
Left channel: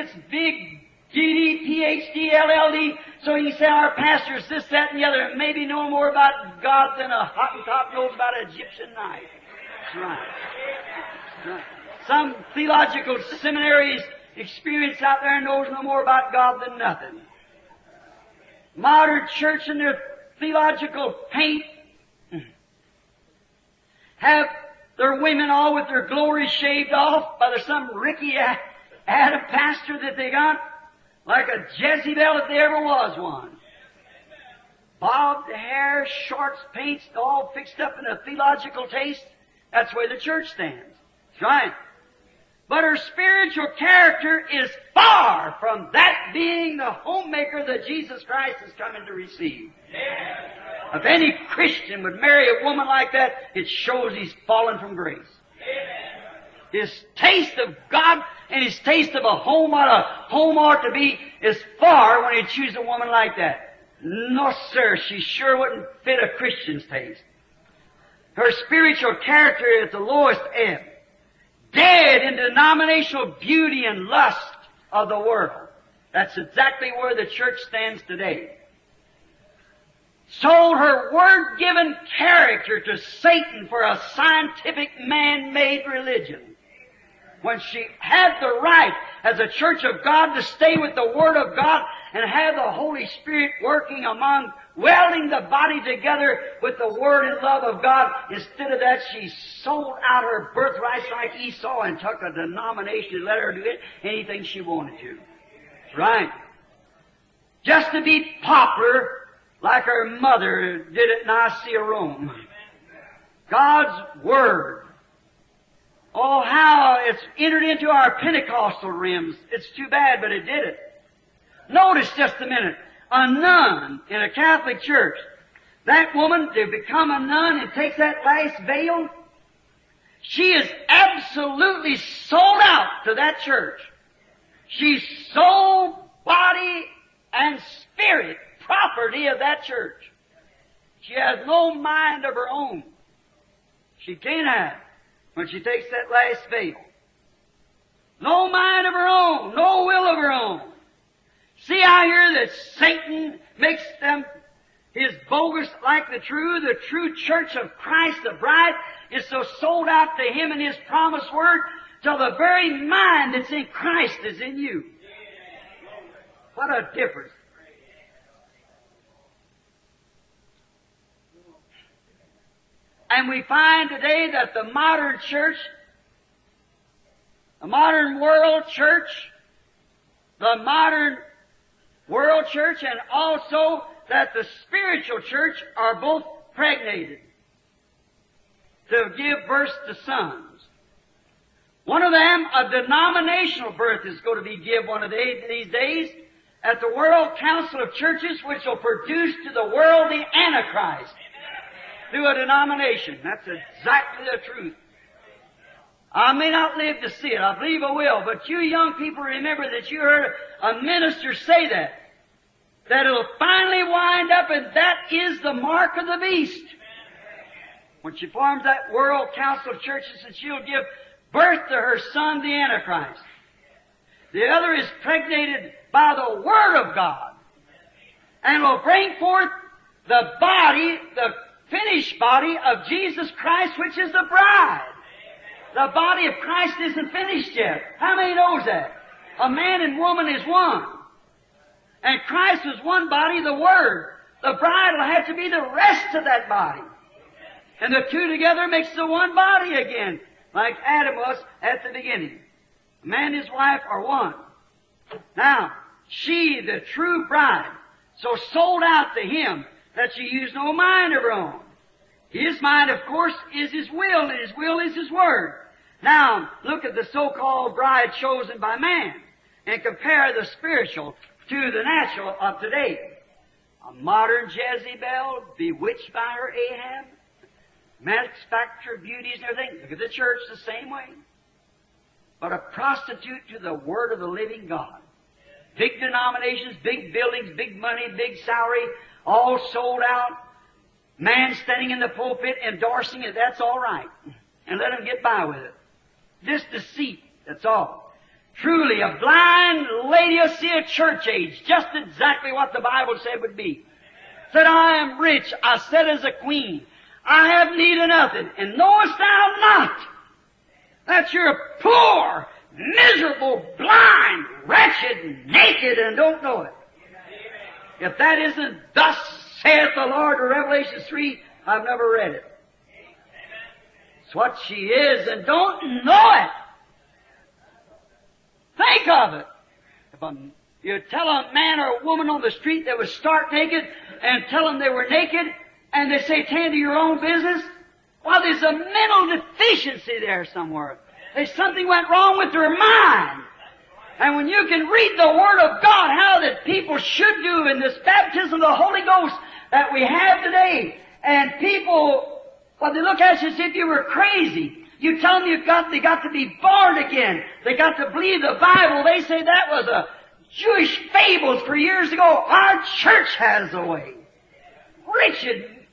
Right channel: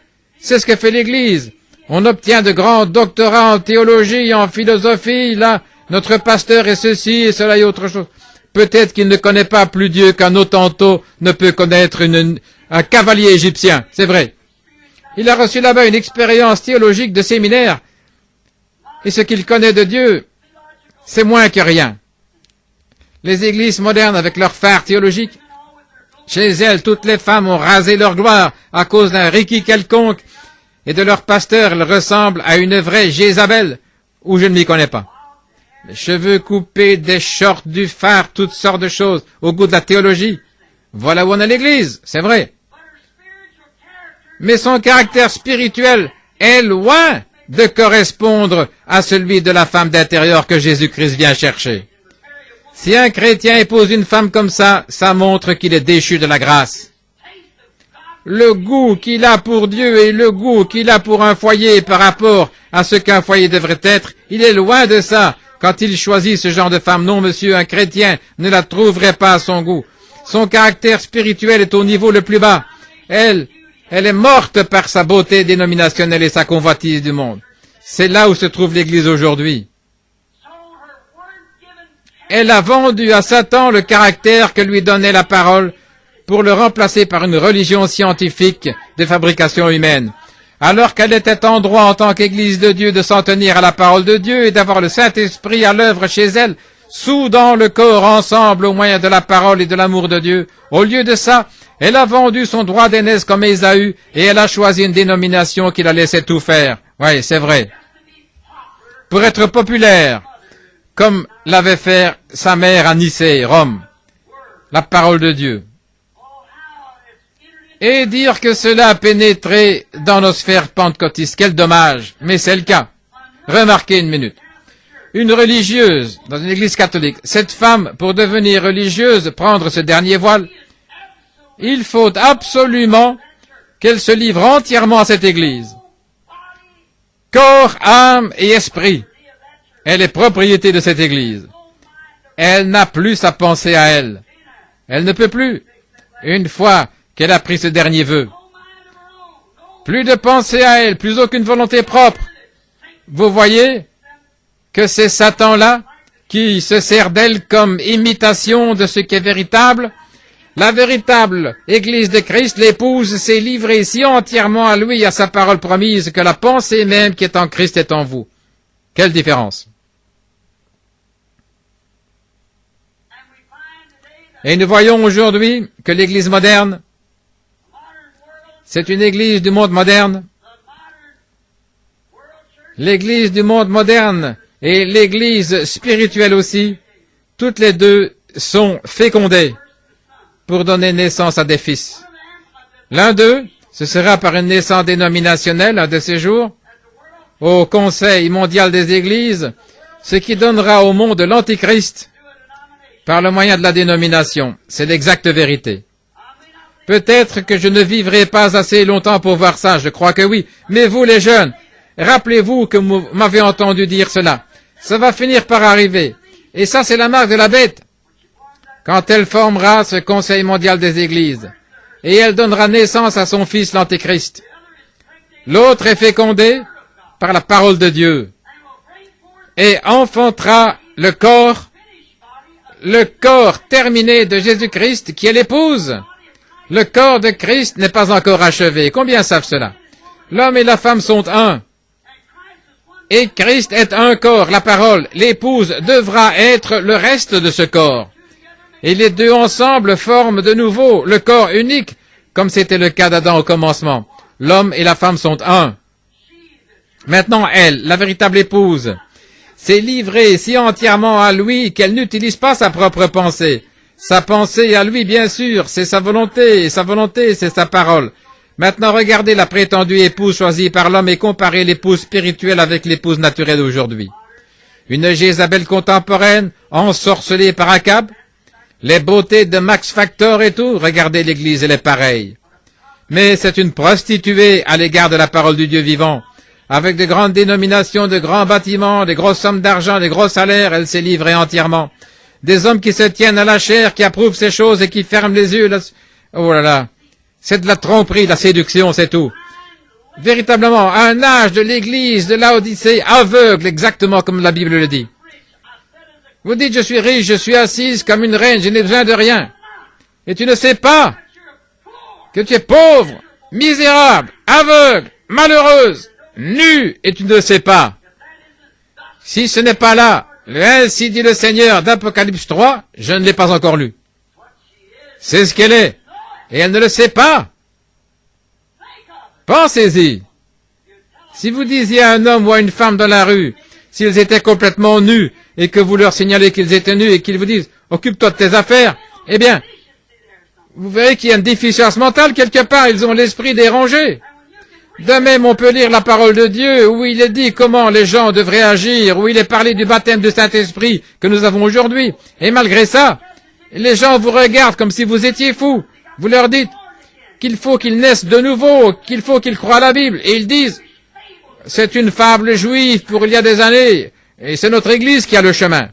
C'est ce que fait l'Église. On obtient de grands doctorats en théologie, en philosophie, là. Notre pasteur est ceci et cela et autre chose. Peut-être qu'il ne connaît pas plus Dieu qu'un Hottentot ne peut connaître un cavalier égyptien. C'est vrai. Il a reçu là-bas une expérience théologique de séminaire. Et ce qu'il connaît de Dieu, c'est moins que rien. Les églises modernes avec leurs phares théologiques, chez elles, toutes les femmes ont rasé leur gloire à cause d'un Ricky quelconque et de leur pasteur, elles ressemblent à une vraie Jézabel, où je ne m'y connais pas. Les cheveux coupés, des shorts, du phare, toutes sortes de choses, au goût de la théologie. Voilà où on est l'église, c'est vrai. Mais son caractère spirituel est loin de correspondre à celui de la femme d'intérieur que Jésus-Christ vient chercher. Si un chrétien épouse une femme comme ça, ça montre qu'il est déchu de la grâce. le goût qu'il a pour Dieu et le goût qu'il a pour un foyer par rapport à ce qu'un foyer devrait être, il est loin de ça quand il choisit ce genre de femme. Non, monsieur, un chrétien ne la trouverait pas à son goût. Son caractère spirituel est au niveau le plus bas. Elle est morte par sa beauté dénominationnelle et sa convoitise du monde. C'est là où se trouve l'Église aujourd'hui. Elle a vendu à Satan le caractère que lui donnait la parole pour le remplacer par une religion scientifique de fabrication humaine. Alors qu'elle était en droit en tant qu'Église de Dieu de s'en tenir à la parole de Dieu et d'avoir le Saint-Esprit à l'œuvre chez elle, soudant le corps ensemble au moyen de la parole et de l'amour de Dieu. Au lieu de ça, elle a vendu son droit d'aînesse comme Ésaü et elle a choisi une dénomination qui la laissait tout faire. Oui, c'est vrai. Pour être populaire, comme l'avait fait sa mère à Nicée, Rome, la parole de Dieu. Et dire que cela a pénétré dans nos sphères pentecôtistes, quel dommage, mais c'est le cas. Remarquez une minute. Une religieuse dans une église catholique, cette femme, pour devenir religieuse, prendre ce dernier voile, il faut absolument qu'elle se livre entièrement à cette église. Corps, âme et esprit. Elle est propriété de cette église. Elle n'a plus sa pensée à elle. Elle ne peut plus. Une fois qu'elle a pris ce dernier vœu. Plus de pensée à elle, plus aucune volonté propre. Vous voyez que c'est Satan-là qui se sert d'elle comme imitation de ce qui est véritable. La véritable Église de Christ, l'épouse, s'est livrée si entièrement à lui et à sa parole promise que la pensée même qui est en Christ est en vous. Quelle différence! Et nous voyons aujourd'hui que l'Église moderne, c'est une Église du monde moderne. L'Église du monde moderne et l'Église spirituelle aussi, toutes les deux sont fécondées pour donner naissance à des fils. L'un d'eux, ce sera par une naissance dénominationnelle un de ces jours, au Conseil mondial des Églises, ce qui donnera au monde l'Antichrist par le moyen de la dénomination. C'est l'exacte vérité. Peut-être que je ne vivrai pas assez longtemps pour voir ça, je crois que oui. Mais vous les jeunes, rappelez-vous que vous m'avez entendu dire cela. Ça va finir par arriver. Et ça, c'est la marque de la bête. Quand elle formera ce Conseil mondial des Églises, et elle donnera naissance à son fils l'Antéchrist. L'autre est fécondé par la parole de Dieu et enfantera le corps terminé de Jésus-Christ qui est l'épouse. Le corps de Christ n'est pas encore achevé. Combien savent cela? L'homme et la femme sont un. Et Christ est un corps, la parole. L'épouse devra être le reste de ce corps. Et les deux ensemble forment de nouveau le corps unique, comme c'était le cas d'Adam au commencement. L'homme et la femme sont un. Maintenant, elle, la véritable épouse, s'est livrée si entièrement à lui qu'elle n'utilise pas sa propre pensée. Sa pensée à lui, bien sûr, c'est sa volonté, et sa volonté, c'est sa parole. Maintenant, regardez la prétendue épouse choisie par l'homme et comparez l'épouse spirituelle avec l'épouse naturelle d'aujourd'hui. Une Jézabel contemporaine, ensorcelée par Akab, les beautés de Max Factor et tout, regardez l'Église, elle est pareille. Mais c'est une prostituée à l'égard de la parole du Dieu vivant. Avec de grandes dénominations, de grands bâtiments, des grosses sommes d'argent, des gros salaires, elle s'est livrée entièrement. Des hommes qui se tiennent à la chair, qui approuvent ces choses et qui ferment les yeux. Oh là là, c'est de la tromperie, de la séduction, c'est tout. Véritablement, un âge de l'Église de Laodicée aveugle, exactement comme la Bible le dit. Vous dites, je suis riche, je suis assise comme une reine, je n'ai besoin de rien. Et tu ne sais pas que tu es pauvre, misérable, aveugle, malheureuse, nue, et tu ne le sais pas. Si ce n'est pas là, ainsi dit le Seigneur d'Apocalypse 3, je ne l'ai pas encore lu. C'est ce qu'elle est, et elle ne le sait pas. Pensez-y. Si vous disiez à un homme ou à une femme dans la rue, s'ils étaient complètement nus, et que vous leur signalez qu'ils étaient nus, et qu'ils vous disent, occupe-toi de tes affaires, eh bien, vous verrez qu'il y a une déficience mentale quelque part, ils ont l'esprit dérangé. De même, on peut lire la parole de Dieu, où il est dit comment les gens devraient agir, où il est parlé du baptême du Saint-Esprit que nous avons aujourd'hui. Et malgré ça, les gens vous regardent comme si vous étiez fous. Vous leur dites, qu'il faut qu'ils naissent de nouveau, qu'il faut qu'ils croient à la Bible. Et ils disent, c'est une fable juive pour il y a des années, et c'est notre Église qui a le chemin.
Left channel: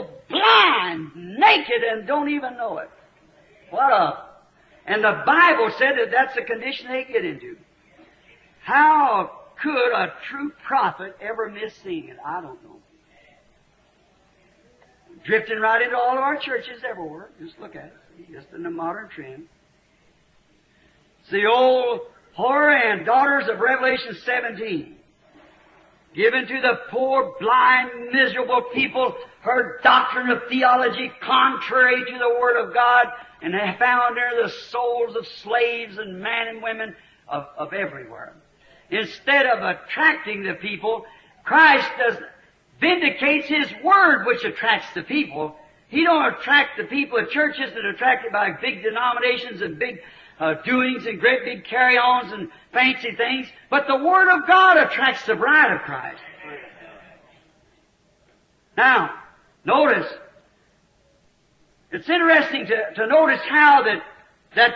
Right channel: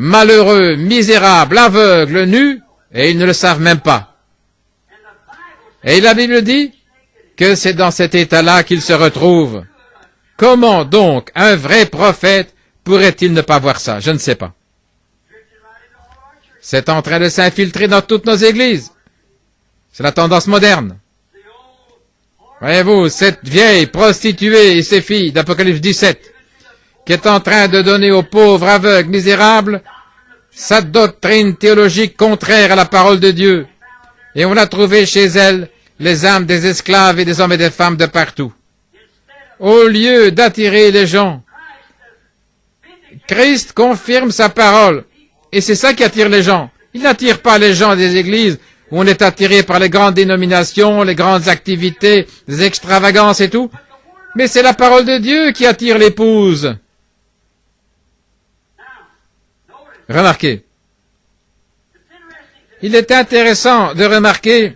Malheureux, misérables, aveugles, nus, et ils ne le savent même pas. Et la Bible dit que c'est dans cet état-là qu'ils se retrouvent. Comment donc un vrai prophète pourrait-il ne pas voir ça? Je ne sais pas. C'est en train de s'infiltrer dans toutes nos églises. C'est la tendance moderne. Voyez-vous, cette vieille prostituée et ses filles d'Apocalypse 17, qui est en train de donner aux pauvres, aveugles, misérables, sa doctrine théologique contraire à la parole de Dieu. Et on l'a trouvé chez elle, les âmes des esclaves et des hommes et des femmes de partout. Au lieu d'attirer les gens, Christ confirme sa parole. Et c'est ça qui attire les gens. Il n'attire pas les gens des églises où on est attiré par les grandes dénominations, les grandes activités, les extravagances et tout. Mais c'est la parole de Dieu qui attire l'épouse. Remarquez. Il est intéressant de remarquer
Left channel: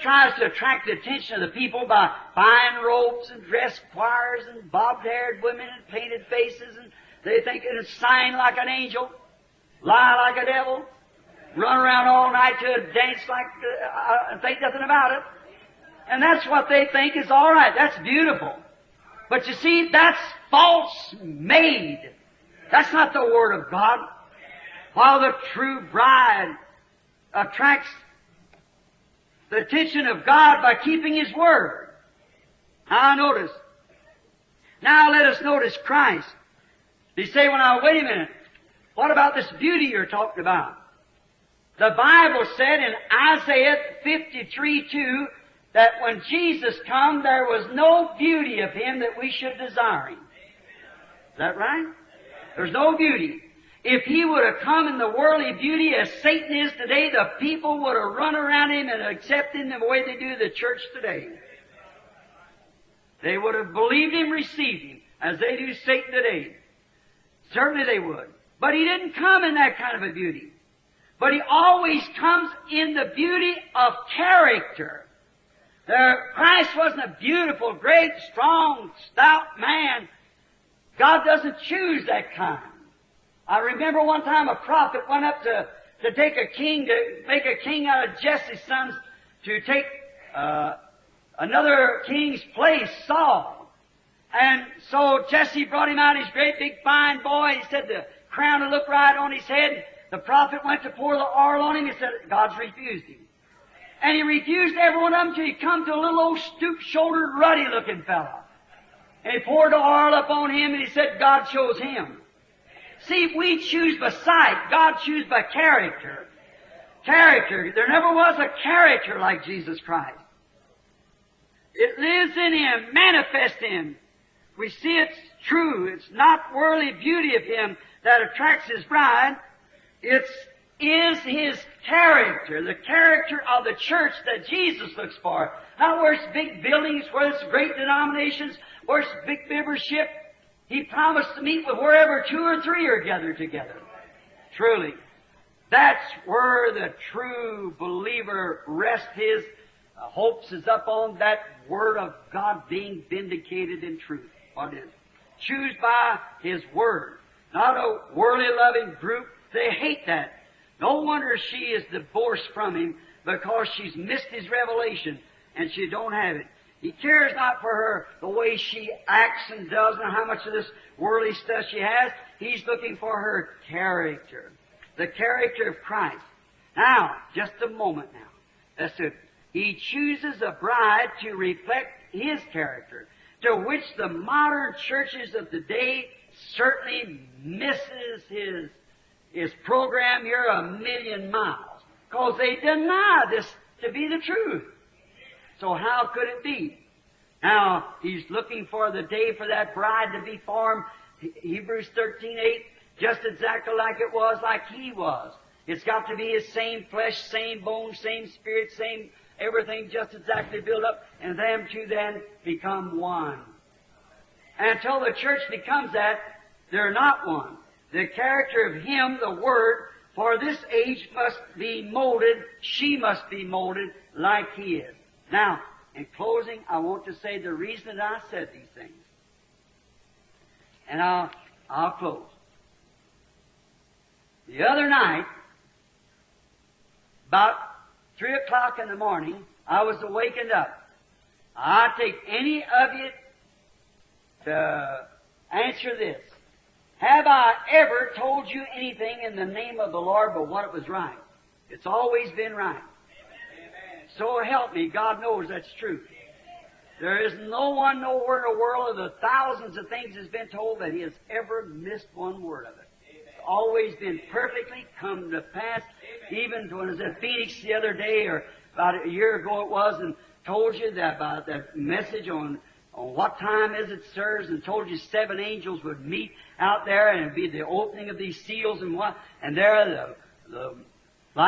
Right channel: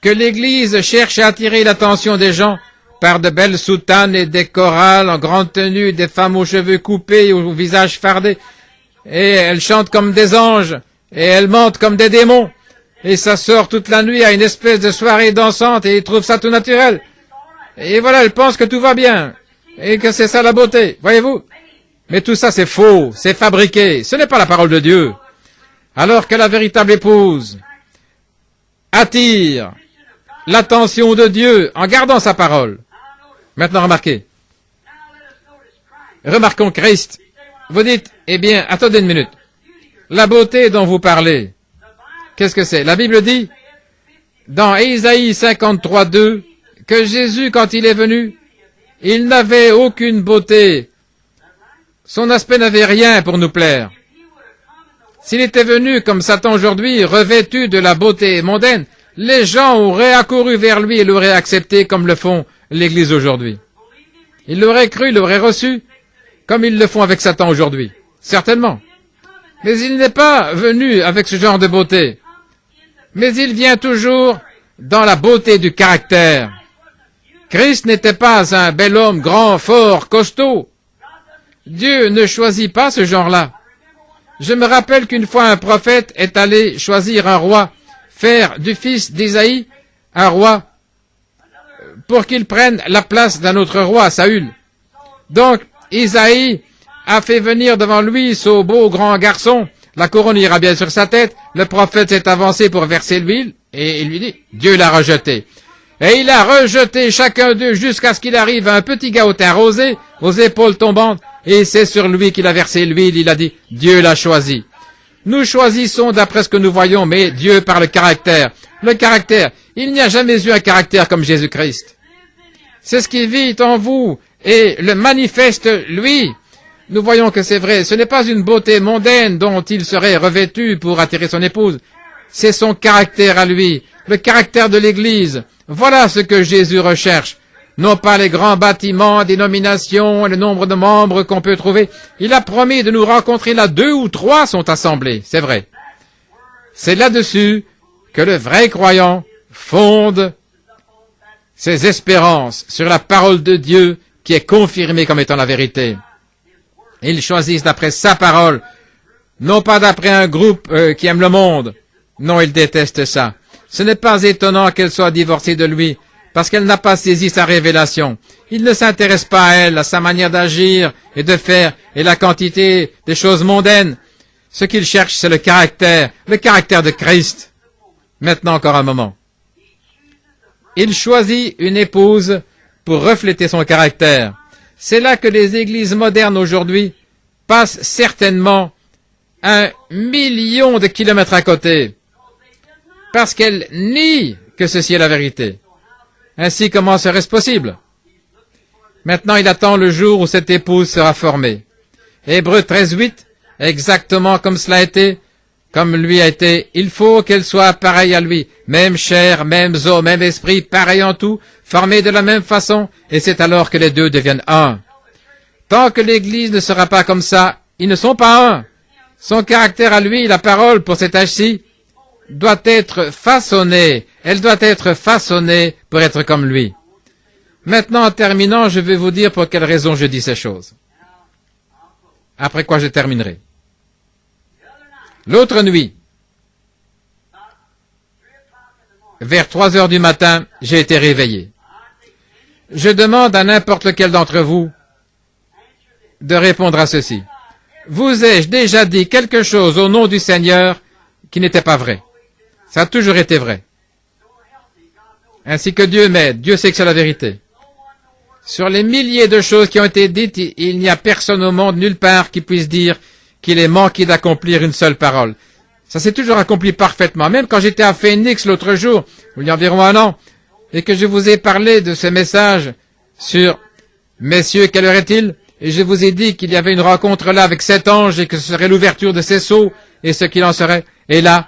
que l'Église cherche à attirer l'attention des gens par de belles soutanes et des chorales en grande tenue, des femmes aux cheveux coupés et au visage fardé. Et elles chantent comme des anges, et elles mentent comme des démons. Et ça sort toute la nuit à une espèce de soirée dansante et ils trouvent ça tout naturel. Et voilà, elles pensent que tout va bien, et que c'est ça la beauté, voyez-vous. Mais tout ça c'est faux, c'est fabriqué, ce n'est pas la parole de Dieu. Alors que la véritable épouse attire l'attention de Dieu en gardant sa parole. Maintenant, remarquez. Remarquons Christ. Vous dites, eh bien, attendez une minute. La beauté dont vous parlez, qu'est-ce que c'est? La Bible dit, dans Ésaïe 53:2, que Jésus, quand il est venu, il n'avait aucune beauté. Son aspect n'avait rien pour nous plaire. S'il était venu comme Satan aujourd'hui, revêtu de la beauté mondaine, les gens auraient accouru vers lui et l'auraient accepté comme le font l'Église aujourd'hui. Ils l'auraient cru, l'auraient reçu, comme ils le font avec Satan aujourd'hui. Certainement. Mais il n'est pas venu avec ce genre de beauté. Mais il vient toujours dans la beauté du caractère. Christ n'était pas un bel homme grand, fort, costaud. Dieu ne choisit pas ce genre-là. Je me rappelle qu'une fois un prophète est allé choisir un roi, faire du fils d'Ésaïe un roi, pour qu'il prenne la place d'un autre roi, Saül. Donc, Isaïe a fait venir devant lui ce beau grand garçon, la couronne ira bien sur sa tête, le prophète s'est avancé pour verser l'huile, et il lui dit, Dieu l'a rejeté. Et il a rejeté chacun d'eux jusqu'à ce qu'il arrive à un petit gars au teint rosé, aux épaules tombantes, et c'est sur lui qu'il a versé l'huile, il a dit, Dieu l'a choisi. Nous choisissons d'après ce que nous voyons, mais Dieu par le caractère. Le caractère, il n'y a jamais eu un caractère comme Jésus-Christ. C'est ce qui vit en vous, et le manifeste, lui. Nous voyons que c'est vrai, ce n'est pas une beauté mondaine dont il serait revêtu pour attirer son épouse. C'est son caractère à lui, le caractère de l'Église. Voilà ce que Jésus recherche. Non pas les grands bâtiments, dénominations, et le nombre de membres qu'on peut trouver. Il a promis de nous rencontrer là 2 ou 3 sont assemblés, c'est vrai. C'est là-dessus que le vrai croyant fonde ses espérances sur la parole de Dieu qui est confirmée comme étant la vérité. Ils choisissent d'après sa parole, non pas d'après un groupe qui aime le monde. Non, ils détestent ça. Ce n'est pas étonnant qu'elle soit divorcée de lui, parce qu'elle n'a pas saisi sa révélation. Il ne s'intéresse pas à elle, à sa manière d'agir et de faire, et la quantité des choses mondaines. Ce qu'il cherche, c'est le caractère de Christ. Maintenant, encore un moment. Il choisit une épouse pour refléter son caractère. C'est là que les églises modernes aujourd'hui passent certainement 1 million de kilomètres à côté, parce qu'elles nient que ceci est la vérité. Ainsi, comment serait-ce possible? Maintenant, il attend le jour où cette épouse sera formée. Hébreux 13:8, exactement comme cela a été, comme lui a été, il faut qu'elle soit pareille à lui, même chair, même os, même esprit, pareil en tout, formés de la même façon, et c'est alors que les deux deviennent un. Tant que l'Église ne sera pas comme ça, ils ne sont pas un. Son caractère à lui, la parole pour cet âge-ci, doit être façonnée. Elle doit être façonnée pour être comme lui. Maintenant, en terminant, je vais vous dire pour quelle raison je dis ces choses. Après quoi je terminerai. L'autre nuit, vers 3 heures du matin, j'ai été réveillé. Je demande à n'importe lequel d'entre vous de répondre à ceci. Vous ai-je déjà dit quelque chose au nom du Seigneur qui n'était pas vrai? Ça a toujours été vrai. Ainsi que Dieu m'aide. Dieu sait que c'est la vérité. Sur les milliers de choses qui ont été dites, il n'y a personne au monde, nulle part, qui puisse dire qu'il est manqué d'accomplir une seule parole. Ça s'est toujours accompli parfaitement. Même quand j'étais à Phoenix l'autre jour, il y a environ 1 an, et que je vous ai parlé de ce message sur « Messieurs, quelle heure est-il ?» Et je vous ai dit qu'il y avait une rencontre là avec 7 anges et que ce serait l'ouverture de ces sceaux et ce qu'il en serait. Et là,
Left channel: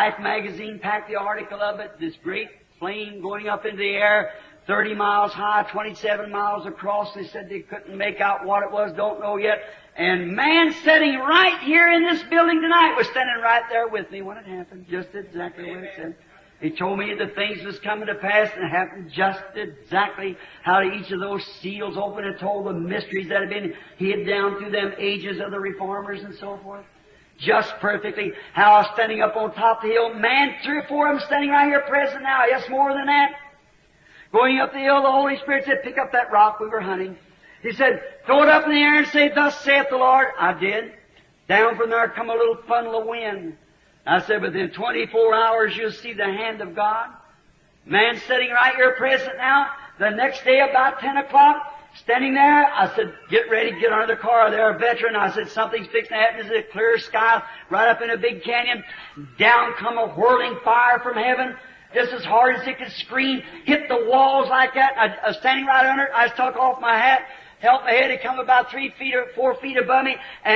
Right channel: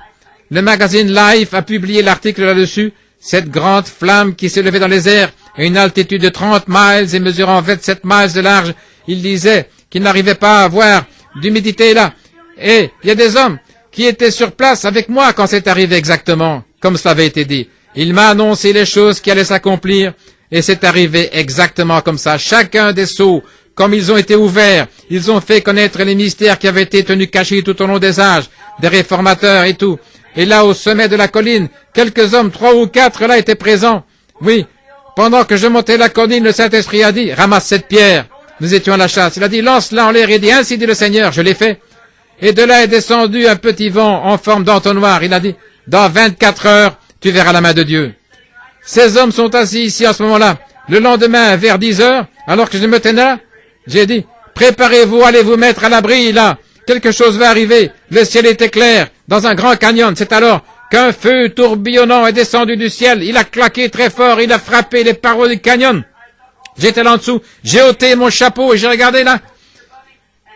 le magazine Life a publié l'article là-dessus. Cette grande flamme qui s'est levée dans les airs à une altitude de 30 miles et mesurant 27 miles de large. Il disait qu'il n'arrivait pas à voir d'humidité là. Et il y a des hommes qui étaient sur place avec moi quand c'est arrivé exactement, comme cela avait été dit. Il m'a annoncé les choses qui allaient s'accomplir, et c'est arrivé exactement comme ça. Chacun des sceaux, comme ils ont été ouverts, ils ont fait connaître les mystères qui avaient été tenus cachés tout au long des âges, des réformateurs et tout. Et là, au sommet de la colline, quelques hommes, 3 ou 4 là, étaient présents. Oui, pendant que je montais la colline, le Saint-Esprit a dit, ramasse cette pierre. Nous étions à la chasse. Il a dit, lance-la en l'air et dit, ainsi dit le Seigneur. Je l'ai fait. Et de là est descendu un petit vent en forme d'entonnoir. Il a dit, dans 24 heures, tu verras la main de Dieu. Ces hommes sont assis ici à ce moment-là. Le lendemain, vers 10 heures, alors que je me tenais là, j'ai dit, préparez-vous, allez vous mettre à l'abri, là. Quelque chose va arriver. Le ciel était clair, dans un grand canyon. C'est alors qu'un feu tourbillonnant est descendu du ciel. Il a claqué très fort, il a frappé les parois du canyon. J'étais là en dessous. J'ai ôté mon chapeau et j'ai regardé là.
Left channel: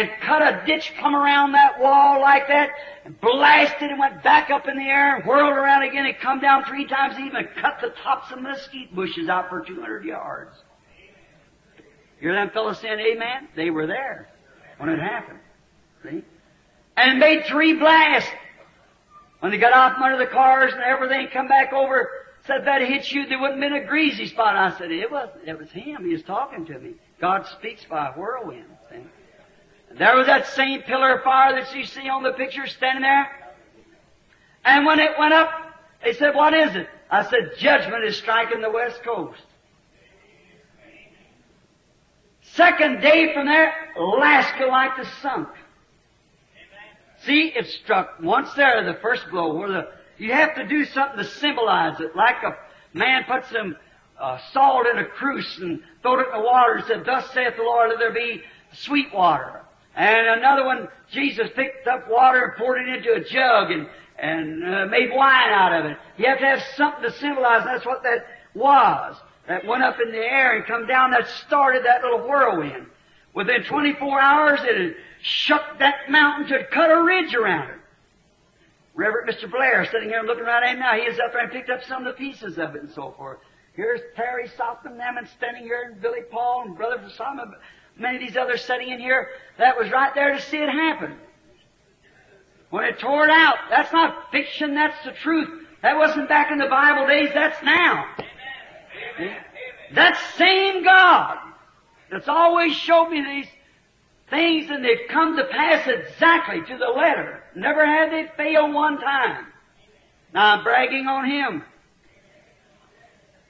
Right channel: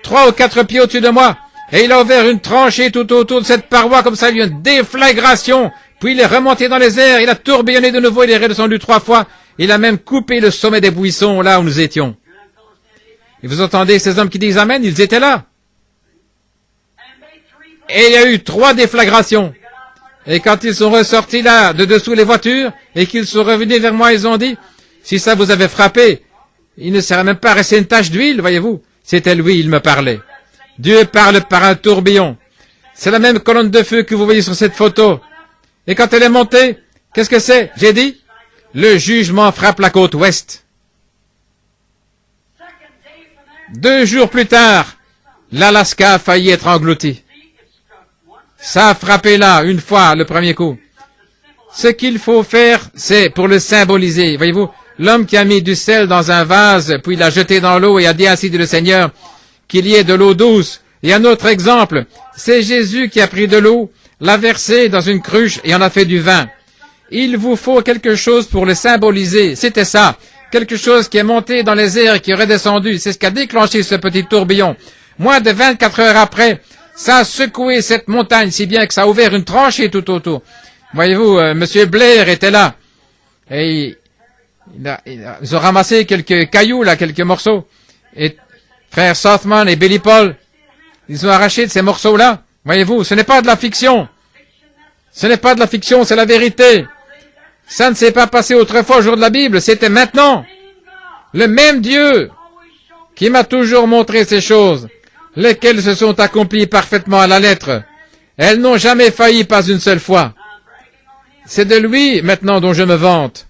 3 ou 4 pieds au-dessus de moi, et il a ouvert une tranchée tout autour de cette paroi, comme ça, il y a eu une déflagration, puis il est remonté dans les airs, il a tourbillonné de nouveau, il est redescendu 3 fois, il a même coupé le sommet des buissons, là où nous étions. Et vous entendez ces hommes qui disent Amen, ils étaient là. Et il y a eu 3 déflagrations. Et quand ils sont ressortis là, de dessous les voitures, et qu'ils sont revenus vers moi, ils ont dit, si ça vous avait frappé, il ne serait même pas resté une tache d'huile, voyez-vous. C'était lui, il me parlait. Dieu parle par un tourbillon. C'est la même colonne de feu que vous voyez sur cette photo. Et quand elle est montée, qu'est-ce que c'est? J'ai dit, le jugement frappe la côte ouest. 2 jours plus tard, l'Alaska a failli être englouti. Ça a frappé là, une fois, le premier coup. Ce qu'il faut faire, c'est pour le symboliser. Voyez-vous, l'homme qui a mis du sel dans un vase, puis l'a jeté dans l'eau et a dit ainsi dit le Seigneur, qu'il y ait de l'eau douce. Et un autre exemple, c'est Jésus qui a pris de l'eau, l'a versé dans une cruche et en a fait du vin. Il vous faut quelque chose pour le symboliser. C'était ça. Quelque chose qui est monté dans les airs et qui est redescendu. C'est ce qui a déclenché ce petit tourbillon. Moins de 24 heures après, ça a secoué cette montagne si bien que ça a ouvert une tranchée tout autour. Voyez-vous, Monsieur Blair était là. Et ils ont ramassé quelques cailloux, là, quelques morceaux. Et frère Sothman et Billy Paul, ils ont arraché de ces morceaux-là. Voyez-vous, ce n'est pas de la fiction. Ce n'est pas de la fiction, c'est la vérité. Ça ne s'est pas passé autrefois au jour de la Bible, c'était maintenant. Le même Dieu qui m'a toujours montré ces choses, lesquelles se sont accomplies parfaitement à la lettre. Elles n'ont jamais failli, pas une seule fois. C'est de lui maintenant dont je me vante.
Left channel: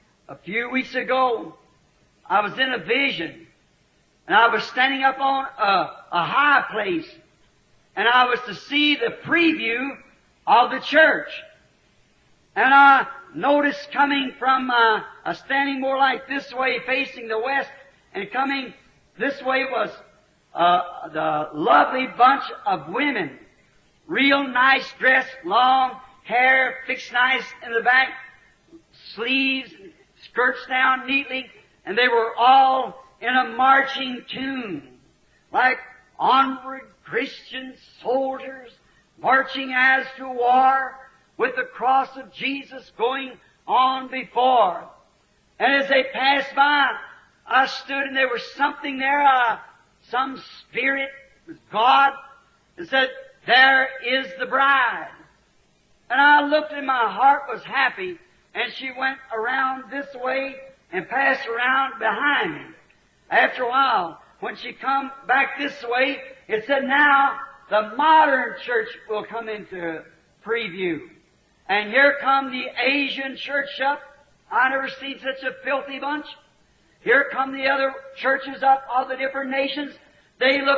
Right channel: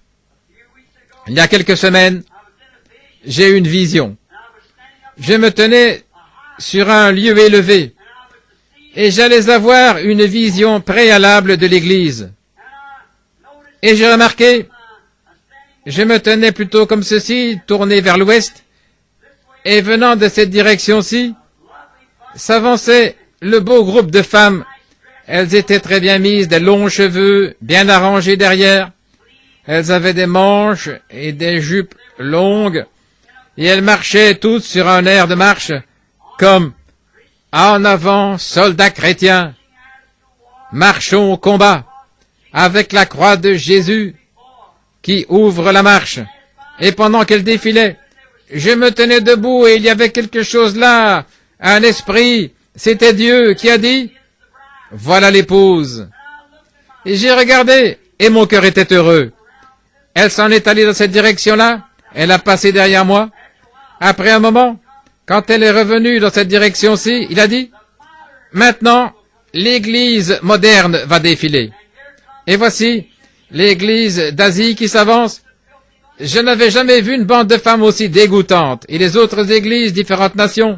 Il y a quelques semaines, j'ai eu une vision. Je me tenais sur un lieu élevé et j'allais avoir une vision préalable de l'Église. Et j'ai remarqué, je me tenais plutôt comme ceci, tourné vers l'ouest, et venant de cette direction-ci, s'avançait le beau groupe de femmes. Elles étaient très bien mises, des longs cheveux, bien arrangés derrière. Elles avaient des manches et des jupes longues, et elles marchaient toutes sur un air de marche, comme « En avant, soldats chrétiens, marchons au combat, avec la croix de Jésus qui ouvre la marche. » Et pendant qu'elles défilaient, je me tenais debout et il y avait quelque chose là, un esprit, c'était Dieu qui a dit « voilà l'épouse. Et j'ai regardé, et mon cœur était heureux. Elle s'en est allée dans cette direction-là, elle a passé derrière moi. Après un moment, quand elle est revenue dans cette direction-ci, il a dit, maintenant, l'église moderne va défiler. Et voici l'église d'Asie qui s'avance. Je n'avais jamais vu une bande de femmes aussi dégoûtantes. Et les autres églises, différentes nations,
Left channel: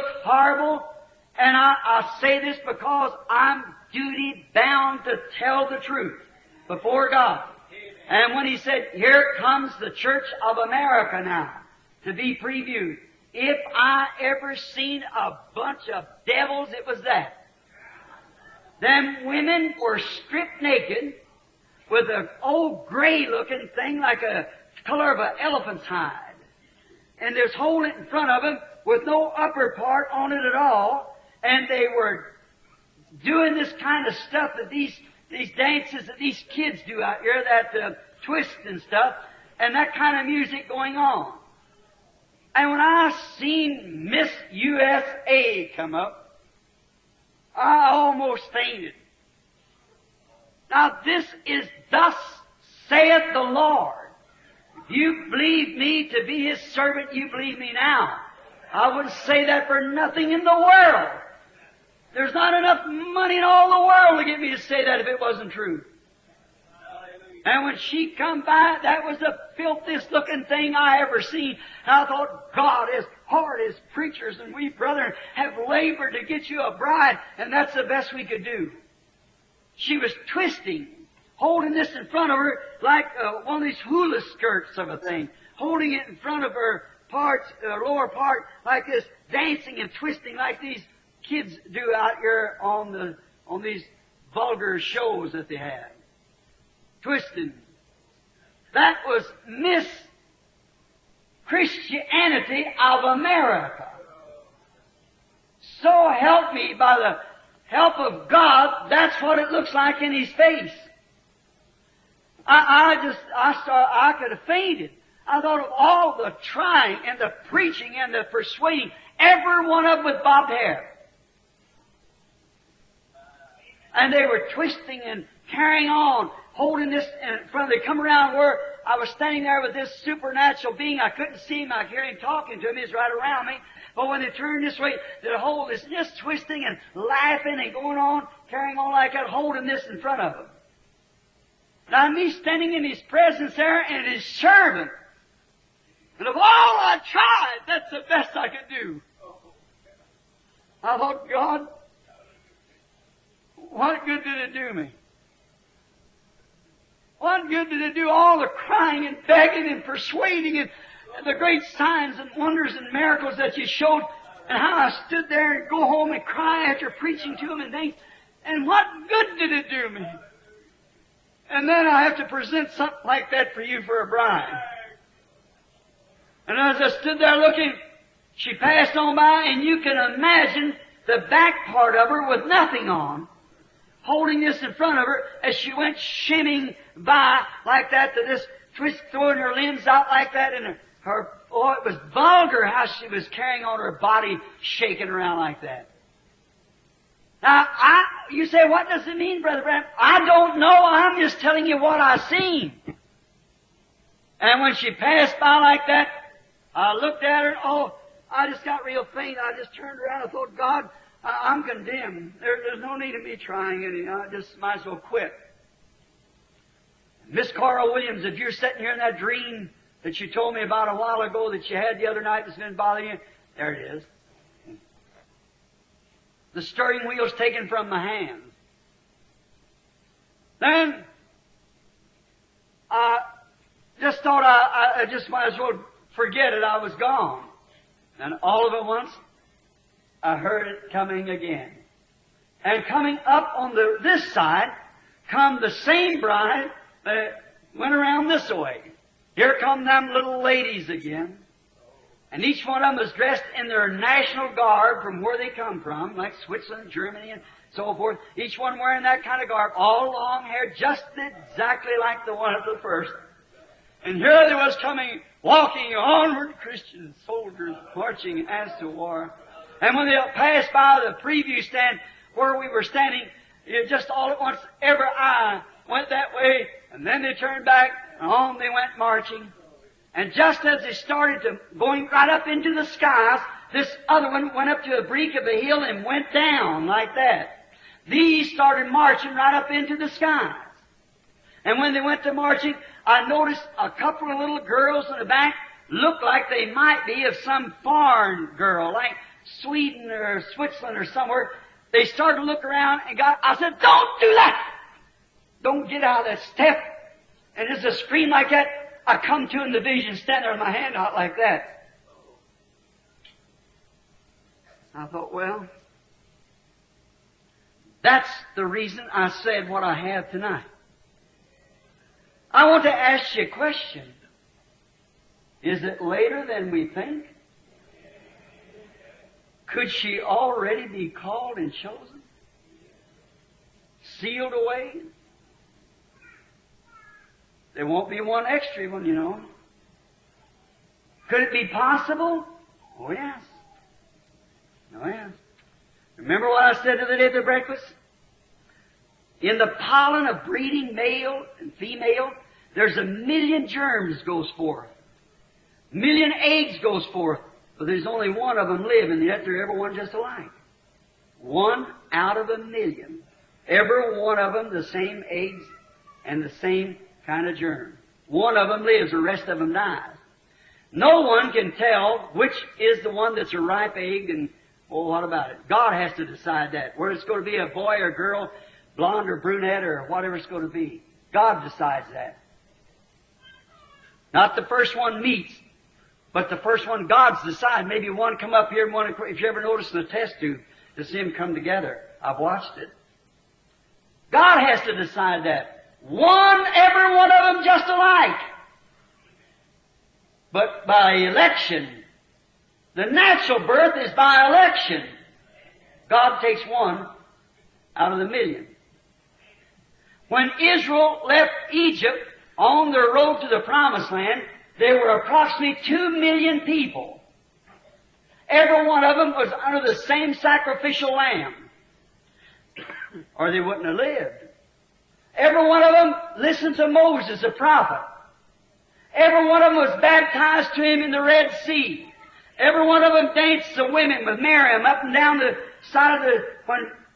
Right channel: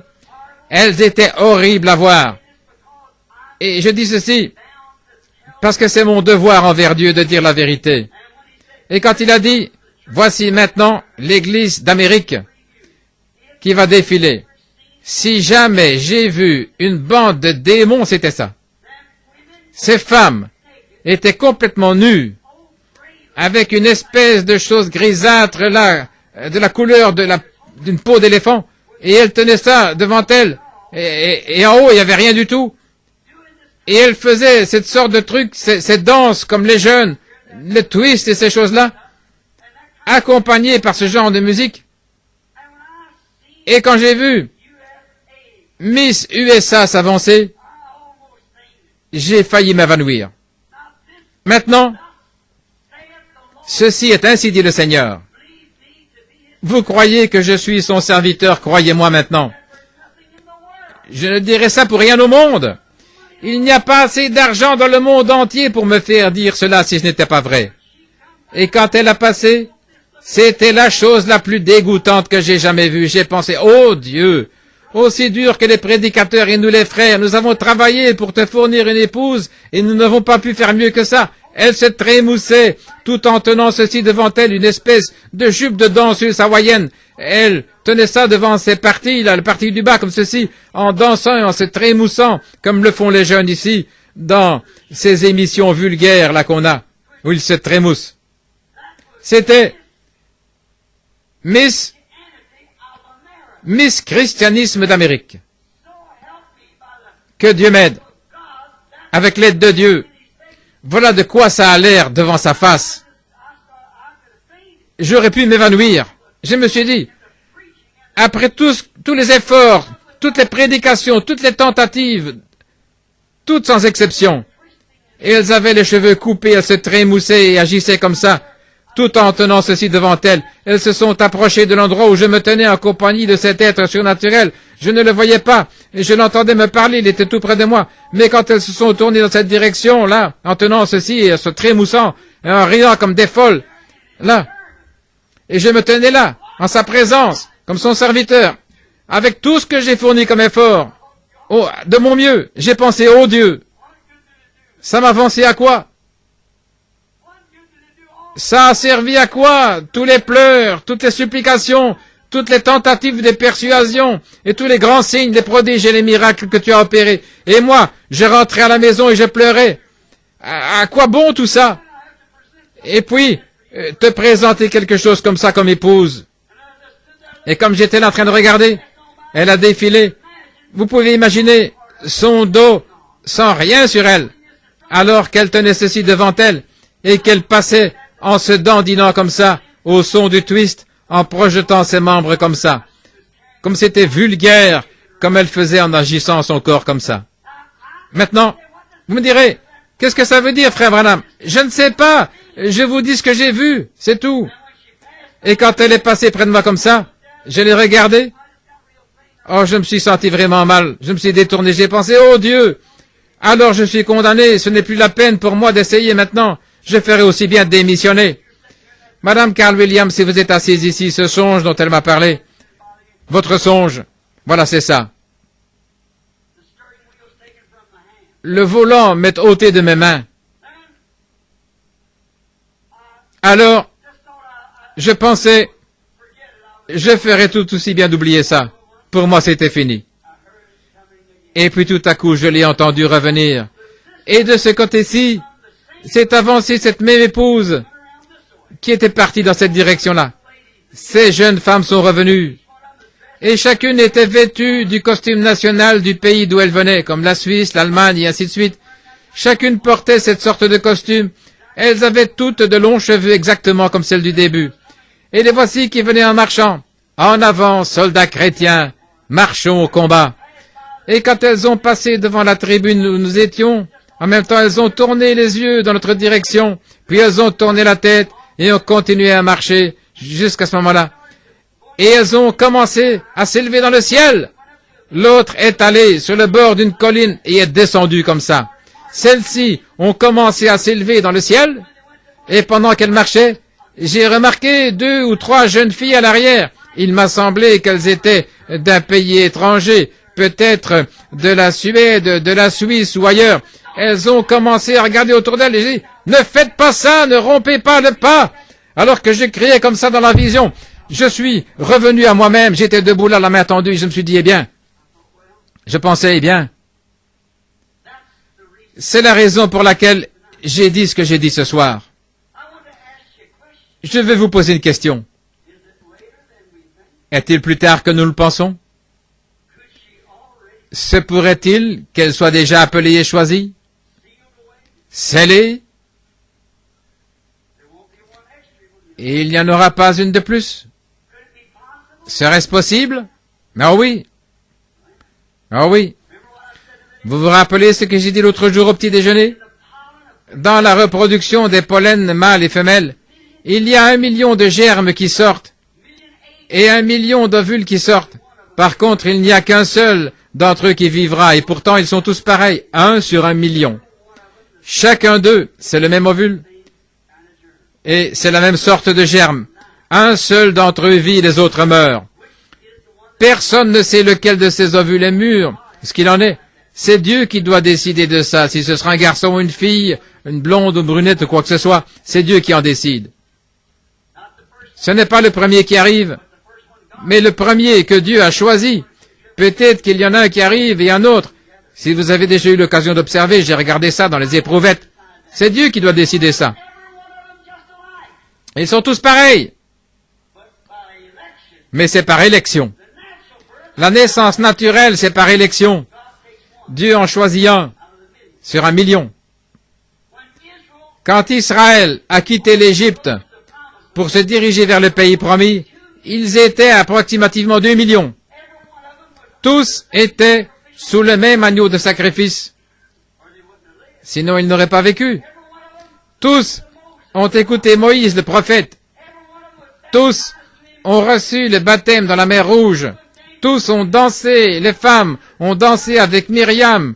elles étaient horribles à voir. Et je dis ceci, parce que c'est mon devoir envers Dieu de dire la vérité. Et quand il a dit, voici maintenant l'église d'Amérique qui va défiler. Si jamais j'ai vu une bande de démons, c'était ça. Ces femmes étaient complètement nues, avec une espèce de chose grisâtre là, de la couleur d'une peau d'éléphant, et elles tenaient ça devant elles, et en haut, il n'y avait rien du tout. Et elles faisaient cette sorte de truc, ces danses comme les jeunes, le twist et ces choses-là, accompagnées par ce genre de musique. Et quand j'ai vu Miss USA s'avancer, j'ai failli m'évanouir. Maintenant, ceci est ainsi dit le Seigneur. Vous croyez que je suis son serviteur, croyez-moi maintenant. Je ne dirai ça pour rien au monde. Il n'y a pas assez d'argent dans le monde entier pour me faire dire cela si ce n'était pas vrai. Et quand elle a passé, c'était la chose la plus dégoûtante que j'ai jamais vue. J'ai pensé, oh Dieu, aussi dur que les prédicateurs et nous les frères, nous avons travaillé pour te fournir une épouse et nous n'avons pas pu faire mieux que ça. Elle se trémoussait tout en tenant ceci devant elle, une espèce de jupe de danseuse hawaïenne. Elle tenait ça devant ses parties, là, le parti du bas comme ceci, en dansant et en se trémoussant, comme le font les jeunes ici, dans ces émissions vulgaires là qu'on a, où ils se trémoussent. C'était Miss Christianisme d'Amérique. Que Dieu m'aide. Avec l'aide de Dieu. Voilà de quoi ça a l'air devant sa face. J'aurais pu m'évanouir. Je me suis dit, après tous les efforts, toutes les prédications, toutes les tentatives, toutes sans exception, et elles avaient les cheveux coupés, elles se trémoussaient et agissaient comme ça, tout en tenant ceci devant elles. Elles se sont approchées de l'endroit où je me tenais en compagnie de cet être surnaturel. Je ne le voyais pas, et je l'entendais me parler, il était tout près de moi. Mais quand elles se sont tournées dans cette direction, là, en tenant ceci et en se trémoussant, et en riant comme des folles, là, et je me tenais là, en sa présence, comme son serviteur, avec tout ce que j'ai fourni comme effort, oh, de mon mieux, j'ai pensé, oh Dieu, ça m'a avancé à quoi? Ça a servi à quoi? Tous les pleurs, toutes les supplications, toutes les tentatives de persuasion, et tous les grands signes, les prodiges et les miracles que tu as opérés. Et moi, je rentrais à la maison et je pleurais. À quoi bon tout ça? Et puis, te présenter quelque chose comme ça comme épouse. Et comme j'étais là en train de regarder, elle a défilé. Vous pouvez imaginer son dos sans rien sur elle, alors qu'elle tenait ceci devant elle, et qu'elle passait en se dandinant comme ça, au son du twist, en projetant ses membres comme ça. Comme c'était vulgaire, comme elle faisait en agissant son corps comme ça. Maintenant, vous me direz, qu'est-ce que ça veut dire, frère Branham? Je ne sais pas. Je vous dis ce que j'ai vu, c'est tout. Et quand elle est passée près de moi comme ça, je l'ai regardée. Oh, je me suis senti vraiment mal. Je me suis détourné. J'ai pensé, oh Dieu, alors je suis condamné. Ce n'est plus la peine pour moi d'essayer maintenant. Je ferai aussi bien démissionner. Madame Carl Williams, si vous êtes assise ici, ce songe dont elle m'a parlé, votre songe, voilà, c'est ça. Le volant m'est ôté de mes mains. Alors, je pensais, je ferais tout aussi bien d'oublier ça. Pour moi, c'était fini. Et puis tout à coup, je l'ai entendu revenir. Et de ce côté-ci, c'est avancé cette même épouse qui était partie dans cette direction-là. Ces jeunes femmes sont revenues. Et chacune était vêtue du costume national du pays d'où elle venait, comme la Suisse, l'Allemagne et ainsi de suite. Chacune portait cette sorte de costume. Elles avaient toutes de longs cheveux exactement comme celles du début. Et les voici qui venaient en marchant. En avant, soldats chrétiens, marchons au combat. Et quand elles ont passé devant la tribune où nous étions, en même temps elles ont tourné les yeux dans notre direction, puis elles ont tourné la tête et ont continué à marcher jusqu'à ce moment-là. Et elles ont commencé à s'élever dans le ciel. L'autre est allée sur le bord d'une colline et est descendue comme ça. Celles-ci ont commencé à s'élever dans le ciel, et pendant qu'elles marchaient, j'ai remarqué 2 ou 3 jeunes filles à l'arrière. Il m'a semblé qu'elles étaient d'un pays étranger, peut-être de la Suède, de la Suisse ou ailleurs. Elles ont commencé à regarder autour d'elles et j'ai dit, « Ne faites pas ça, ne rompez pas le pas !» Alors que je criais comme ça dans la vision, je suis revenu à moi-même, j'étais debout là, la main tendue, je me suis dit, eh bien, je pensais, eh bien, c'est la raison pour laquelle j'ai dit ce que j'ai dit ce soir. Je vais vous poser une question. Est-il plus tard que nous le pensons? Se pourrait-il qu'elle soit déjà appelée et choisie? Scellée? Et il n'y en aura pas une de plus. Serait-ce possible? Ah oui. Ah oui. Vous vous rappelez ce que j'ai dit l'autre jour au petit déjeuner? Dans la reproduction des pollens mâles et femelles, il y a 1 million de germes qui sortent et 1 million d'ovules qui sortent. Par contre, il n'y a qu'un seul d'entre eux qui vivra et pourtant ils sont tous pareils, 1 sur 1 million. Chacun d'eux, c'est le même ovule. Et c'est la même sorte de germe. Un seul d'entre eux vit, les autres meurent. Personne ne sait lequel de ces ovules est mûr, ce qu'il en est. C'est Dieu qui doit décider de ça, si ce sera un garçon ou une fille, une blonde ou brunette ou quoi que ce soit. C'est Dieu qui en décide. Ce n'est pas le premier qui arrive, mais le premier que Dieu a choisi. Peut-être qu'il y en a un qui arrive et un autre. Si vous avez déjà eu l'occasion d'observer, j'ai regardé ça dans les éprouvettes. C'est Dieu qui doit décider ça. Ils sont tous pareils. Mais c'est par élection. La naissance naturelle, c'est par élection. Dieu en choisit un sur 1 million. Quand Israël a quitté l'Égypte pour se diriger vers le pays promis, ils étaient approximativement 2 millions. Tous étaient sous le même agneau de sacrifice. Sinon, ils n'auraient pas vécu. Tous ont écouté Moïse, le prophète. Tous ont reçu le baptême dans la mer Rouge. Tous ont dansé, les femmes ont dansé avec Myriam,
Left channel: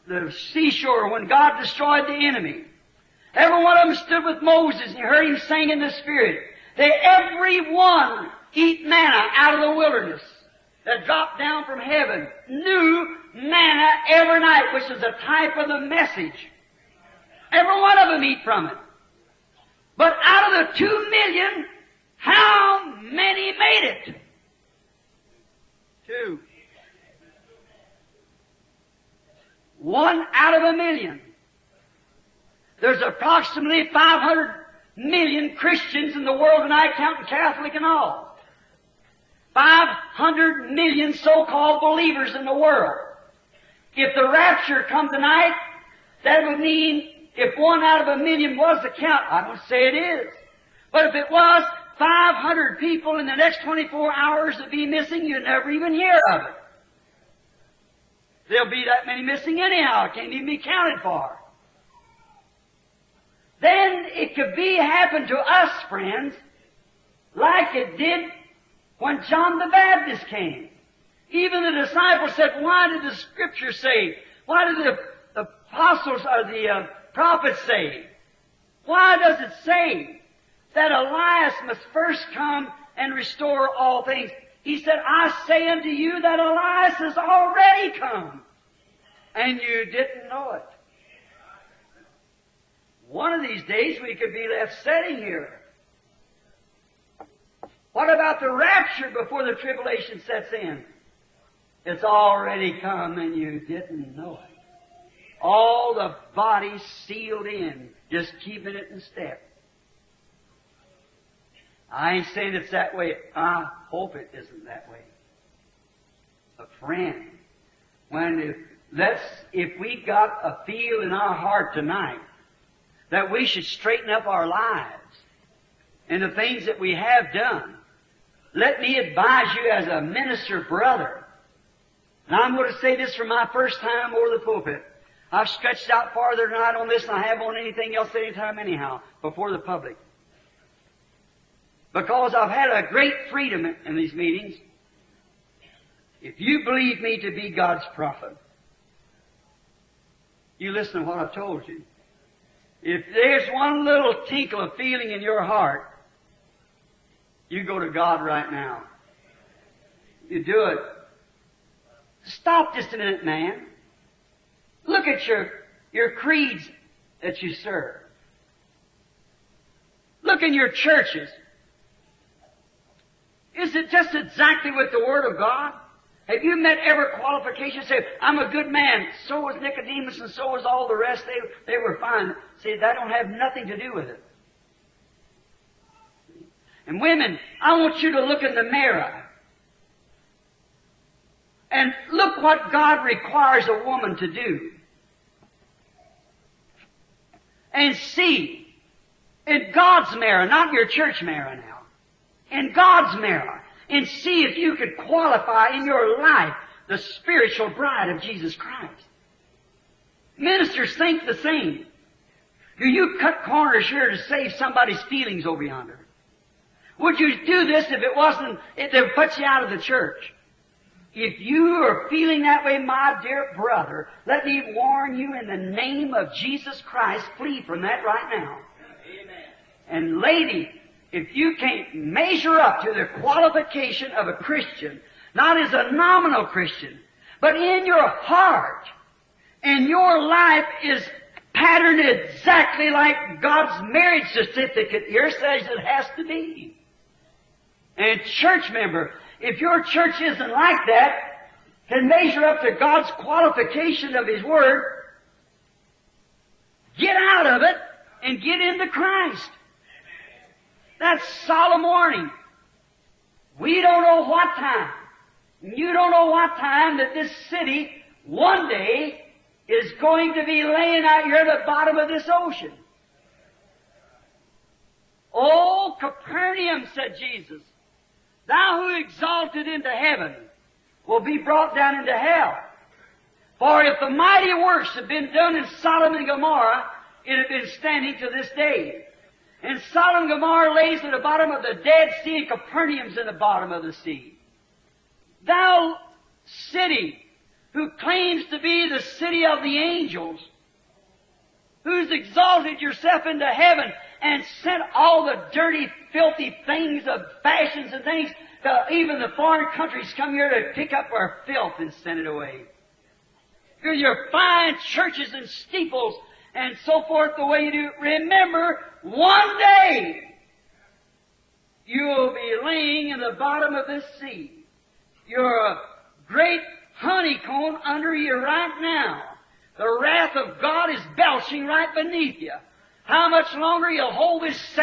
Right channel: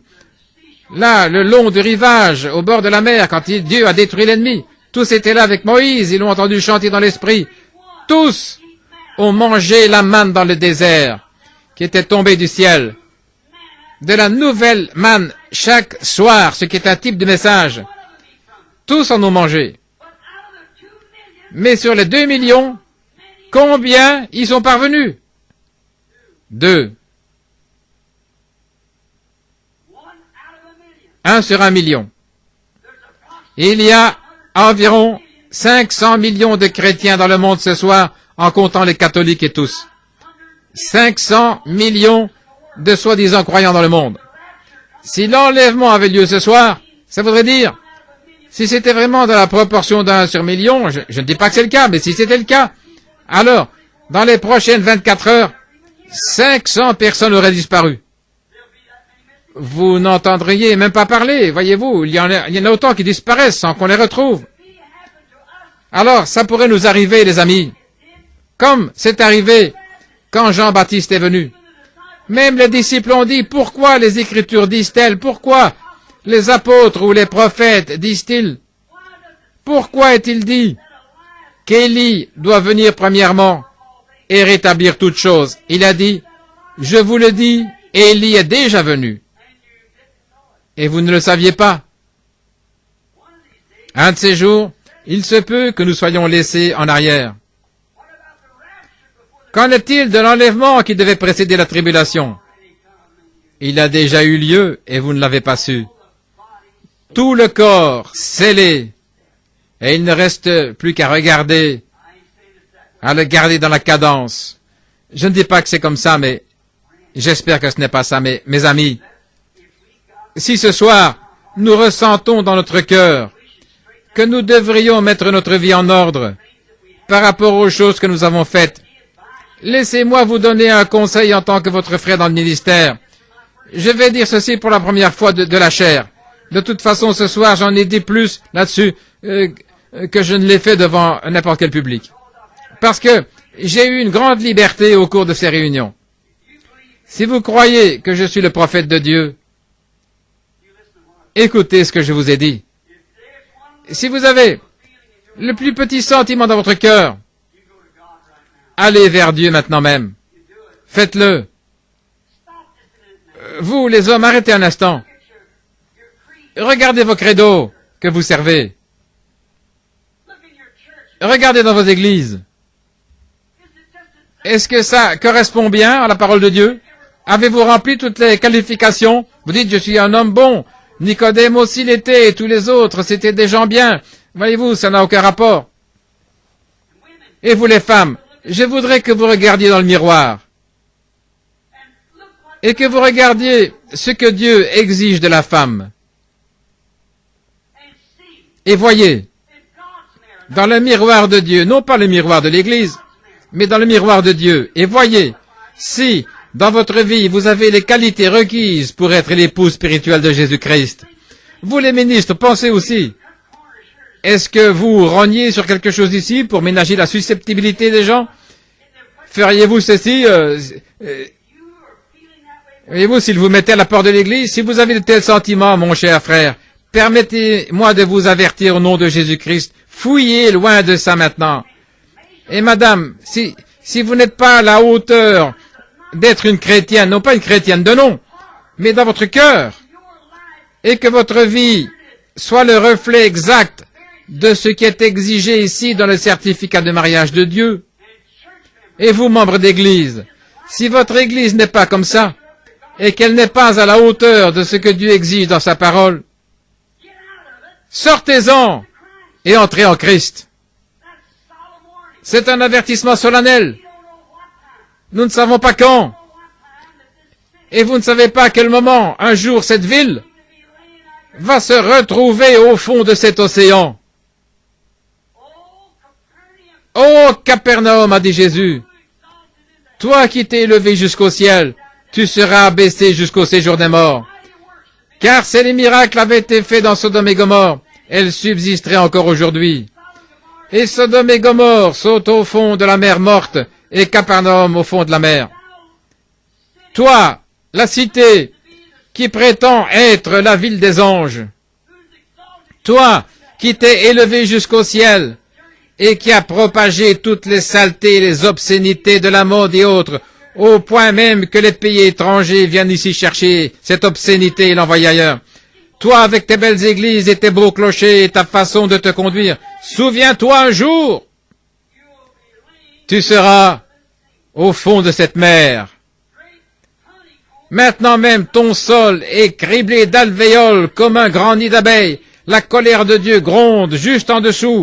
là, le long du rivage, au bord de la mer, quand Dieu a détruit l'ennemi. Tous étaient là avec Moïse, ils l'ont entendu chanter dans l'esprit. Tous ont mangé la manne dans le désert, qui était tombée du ciel. De la nouvelle manne chaque soir, ce qui est un type de message. Tous en ont mangé. Mais sur les 2 millions, combien y sont parvenus? 2. 1 sur 1 million. Il y a environ 500 millions de chrétiens dans le monde ce soir, en comptant les catholiques et tous. 500 millions de soi-disant croyants dans le monde. Si l'enlèvement avait lieu ce soir, ça voudrait dire, si c'était vraiment dans la proportion d'1 sur million, je ne dis pas que c'est le cas, mais si c'était le cas, alors, dans les prochaines 24 heures, 500 personnes auraient disparu. Vous n'entendriez même pas parler, voyez-vous, il y en a autant qui disparaissent sans qu'on les retrouve. Alors, ça pourrait nous arriver, les amis, comme c'est arrivé quand Jean-Baptiste est venu. Même les disciples ont dit, pourquoi les Écritures disent-elles, pourquoi les apôtres ou les prophètes disent-ils, pourquoi est-il dit qu'Élie doit venir premièrement et rétablir toutes choses? Il a dit, je vous le dis, Élie est déjà venu. Et vous ne le saviez pas. Un de ces jours, il se peut que nous soyons laissés en arrière. Qu'en est-il de l'enlèvement qui devait précéder la tribulation? Il a déjà eu lieu et vous ne l'avez pas su. Tout le corps scellé et il ne reste plus qu'à regarder, à le garder dans la cadence. Je ne dis pas que c'est comme ça, mais j'espère que ce n'est pas ça, mais mes amis. Si ce soir, nous ressentons dans notre cœur que nous devrions mettre notre vie en ordre par rapport aux choses que nous avons faites, laissez-moi vous donner un conseil en tant que votre frère dans le ministère. Je vais dire ceci pour la première fois de la chair. De toute façon, ce soir, j'en ai dit plus là-dessus que je ne l'ai fait devant n'importe quel public. Parce que j'ai eu une grande liberté au cours de ces réunions. Si vous croyez que je suis le prophète de Dieu, écoutez ce que je vous ai dit. Si vous avez le plus petit sentiment dans votre cœur, allez vers Dieu maintenant même. Faites-le. Vous, les hommes, arrêtez un instant. Regardez vos credos que vous servez. Regardez dans vos églises. Est-ce que ça correspond bien à la parole de Dieu? Avez-vous rempli toutes les qualifications? Vous dites, je suis un homme bon. Nicodème aussi l'était, et tous les autres, c'était des gens bien. Voyez-vous, ça n'a aucun rapport. Et vous les femmes, je voudrais que vous regardiez dans le miroir. Et que vous regardiez ce que Dieu exige de la femme. Et voyez, dans le miroir de Dieu, non pas le miroir de l'Église, mais dans le miroir de Dieu. Et voyez, si, dans votre vie, vous avez les qualités requises pour être l'épouse spirituelle de Jésus-Christ. Vous, les ministres, pensez aussi. Est-ce que vous rognez sur quelque chose ici pour ménager la susceptibilité des gens? Feriez-vous ceci voyez-vous, s'il vous mettez à la porte de l'Église, si vous avez de tels sentiments, mon cher frère, permettez-moi de vous avertir au nom de Jésus-Christ, fouillez loin de ça maintenant. Et madame, si vous n'êtes pas à la hauteur d'être une chrétienne, non pas une chrétienne de nom, mais dans votre cœur, et que votre vie soit le reflet exact de ce qui est exigé ici dans le certificat de mariage de Dieu, et vous, membres d'église, si votre église n'est pas comme ça, et qu'elle n'est pas à la hauteur de ce que Dieu exige dans sa parole, sortez-en et entrez en Christ. C'est un avertissement solennel. Nous ne savons pas quand. Et vous ne savez pas à quel moment, un jour, cette ville va se retrouver au fond de cet océan. Ô Capernaum, a dit Jésus, toi qui t'es élevé jusqu'au ciel, tu seras abaissé jusqu'au séjour des morts. Car si les miracles avaient été faits dans Sodome et Gomorrhe, elles subsisteraient encore aujourd'hui. Et Sodome et Gomorrhe sont au fond de la mer morte, et Capernaum au fond de la mer. Toi, la cité qui prétend être la ville des anges, toi qui t'es élevé jusqu'au ciel et qui a propagé toutes les saletés et les obscénités de la mode et autres, au point même que les pays étrangers viennent ici chercher cette obscénité et l'envoyer ailleurs. Toi, avec tes belles églises et tes beaux clochers et ta façon de te conduire, souviens-toi un jour, tu seras au fond de cette mer. Maintenant même, ton sol est criblé d'alvéoles comme un grand nid d'abeilles. La colère de Dieu gronde juste en dessous.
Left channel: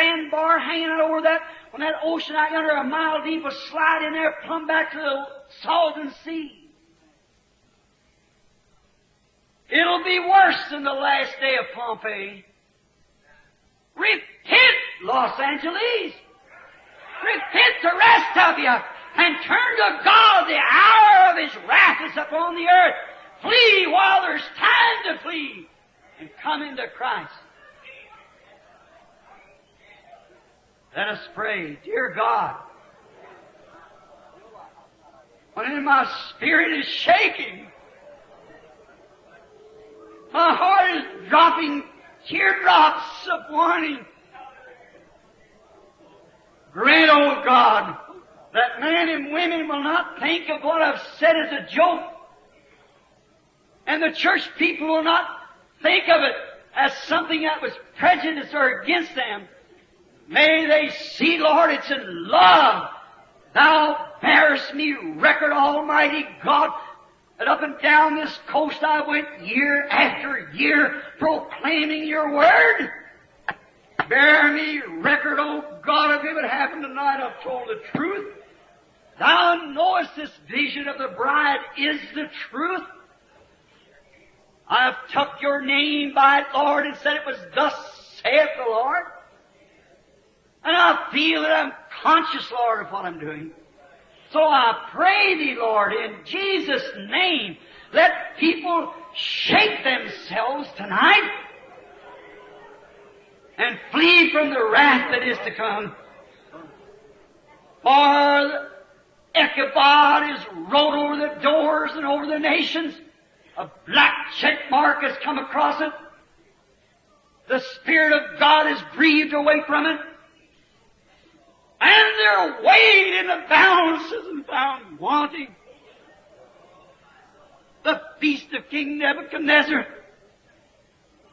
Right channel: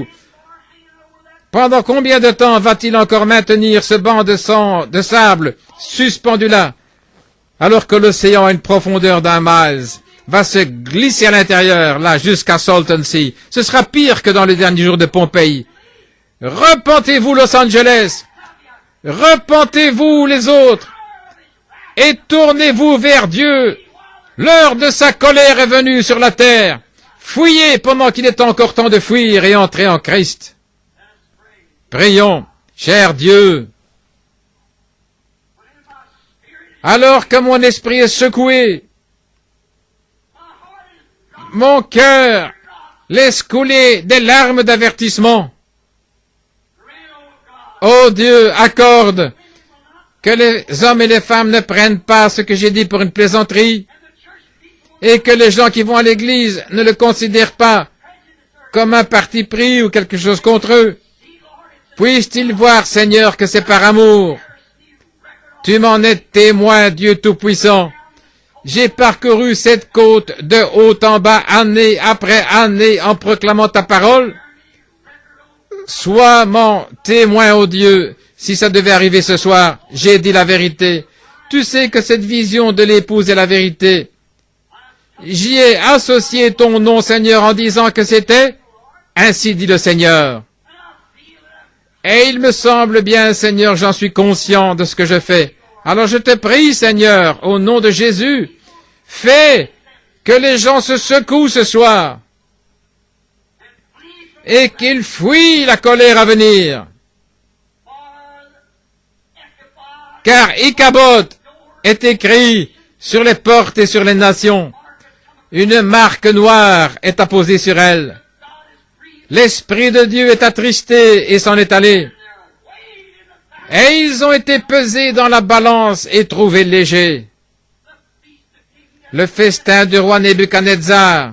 Pendant combien de temps va-t-il encore maintenir ce banc de sable suspendu là, alors que l'océan a une profondeur d'1 mile, va se glisser à l'intérieur, là, jusqu'à Salton Sea. Ce sera pire que dans les derniers jours de Pompéi. Repentez-vous, Los Angeles. Repentez-vous, les autres. Et tournez-vous vers Dieu. L'heure de sa colère est venue sur la terre. Fuyez pendant qu'il est encore temps de fuir et entrez en Christ. Prions, cher Dieu. Alors que mon esprit est secoué, mon cœur laisse couler des larmes d'avertissement. Oh Dieu, accorde que les hommes et les femmes ne prennent pas ce que j'ai dit pour une plaisanterie et que les gens qui vont à l'église ne le considèrent pas comme un parti pris ou quelque chose contre eux. Puissent-ils voir, Seigneur, que c'est par amour. Tu m'en es témoin, Dieu Tout-Puissant. J'ai parcouru cette côte de haut en bas, année après année, en proclamant ta parole. Sois mon témoin, ô Dieu. Si ça devait arriver ce soir, j'ai dit la vérité. Tu sais que cette vision de l'épouse est la vérité. J'y ai associé ton nom, Seigneur, en disant que c'était ainsi dit le Seigneur. Et il me semble bien, Seigneur, j'en suis conscient de ce que je fais. Alors je te prie, Seigneur, au nom de Jésus, fais que les gens se secouent ce soir et qu'ils fuient la colère à venir. Car Ichabod est écrit sur les portes et sur les nations. Une marque noire est apposée sur elles. L'Esprit de Dieu est attristé et s'en est allé. Et ils ont été pesés dans la balance et trouvés légers. Le festin du roi Nebuchadnezzar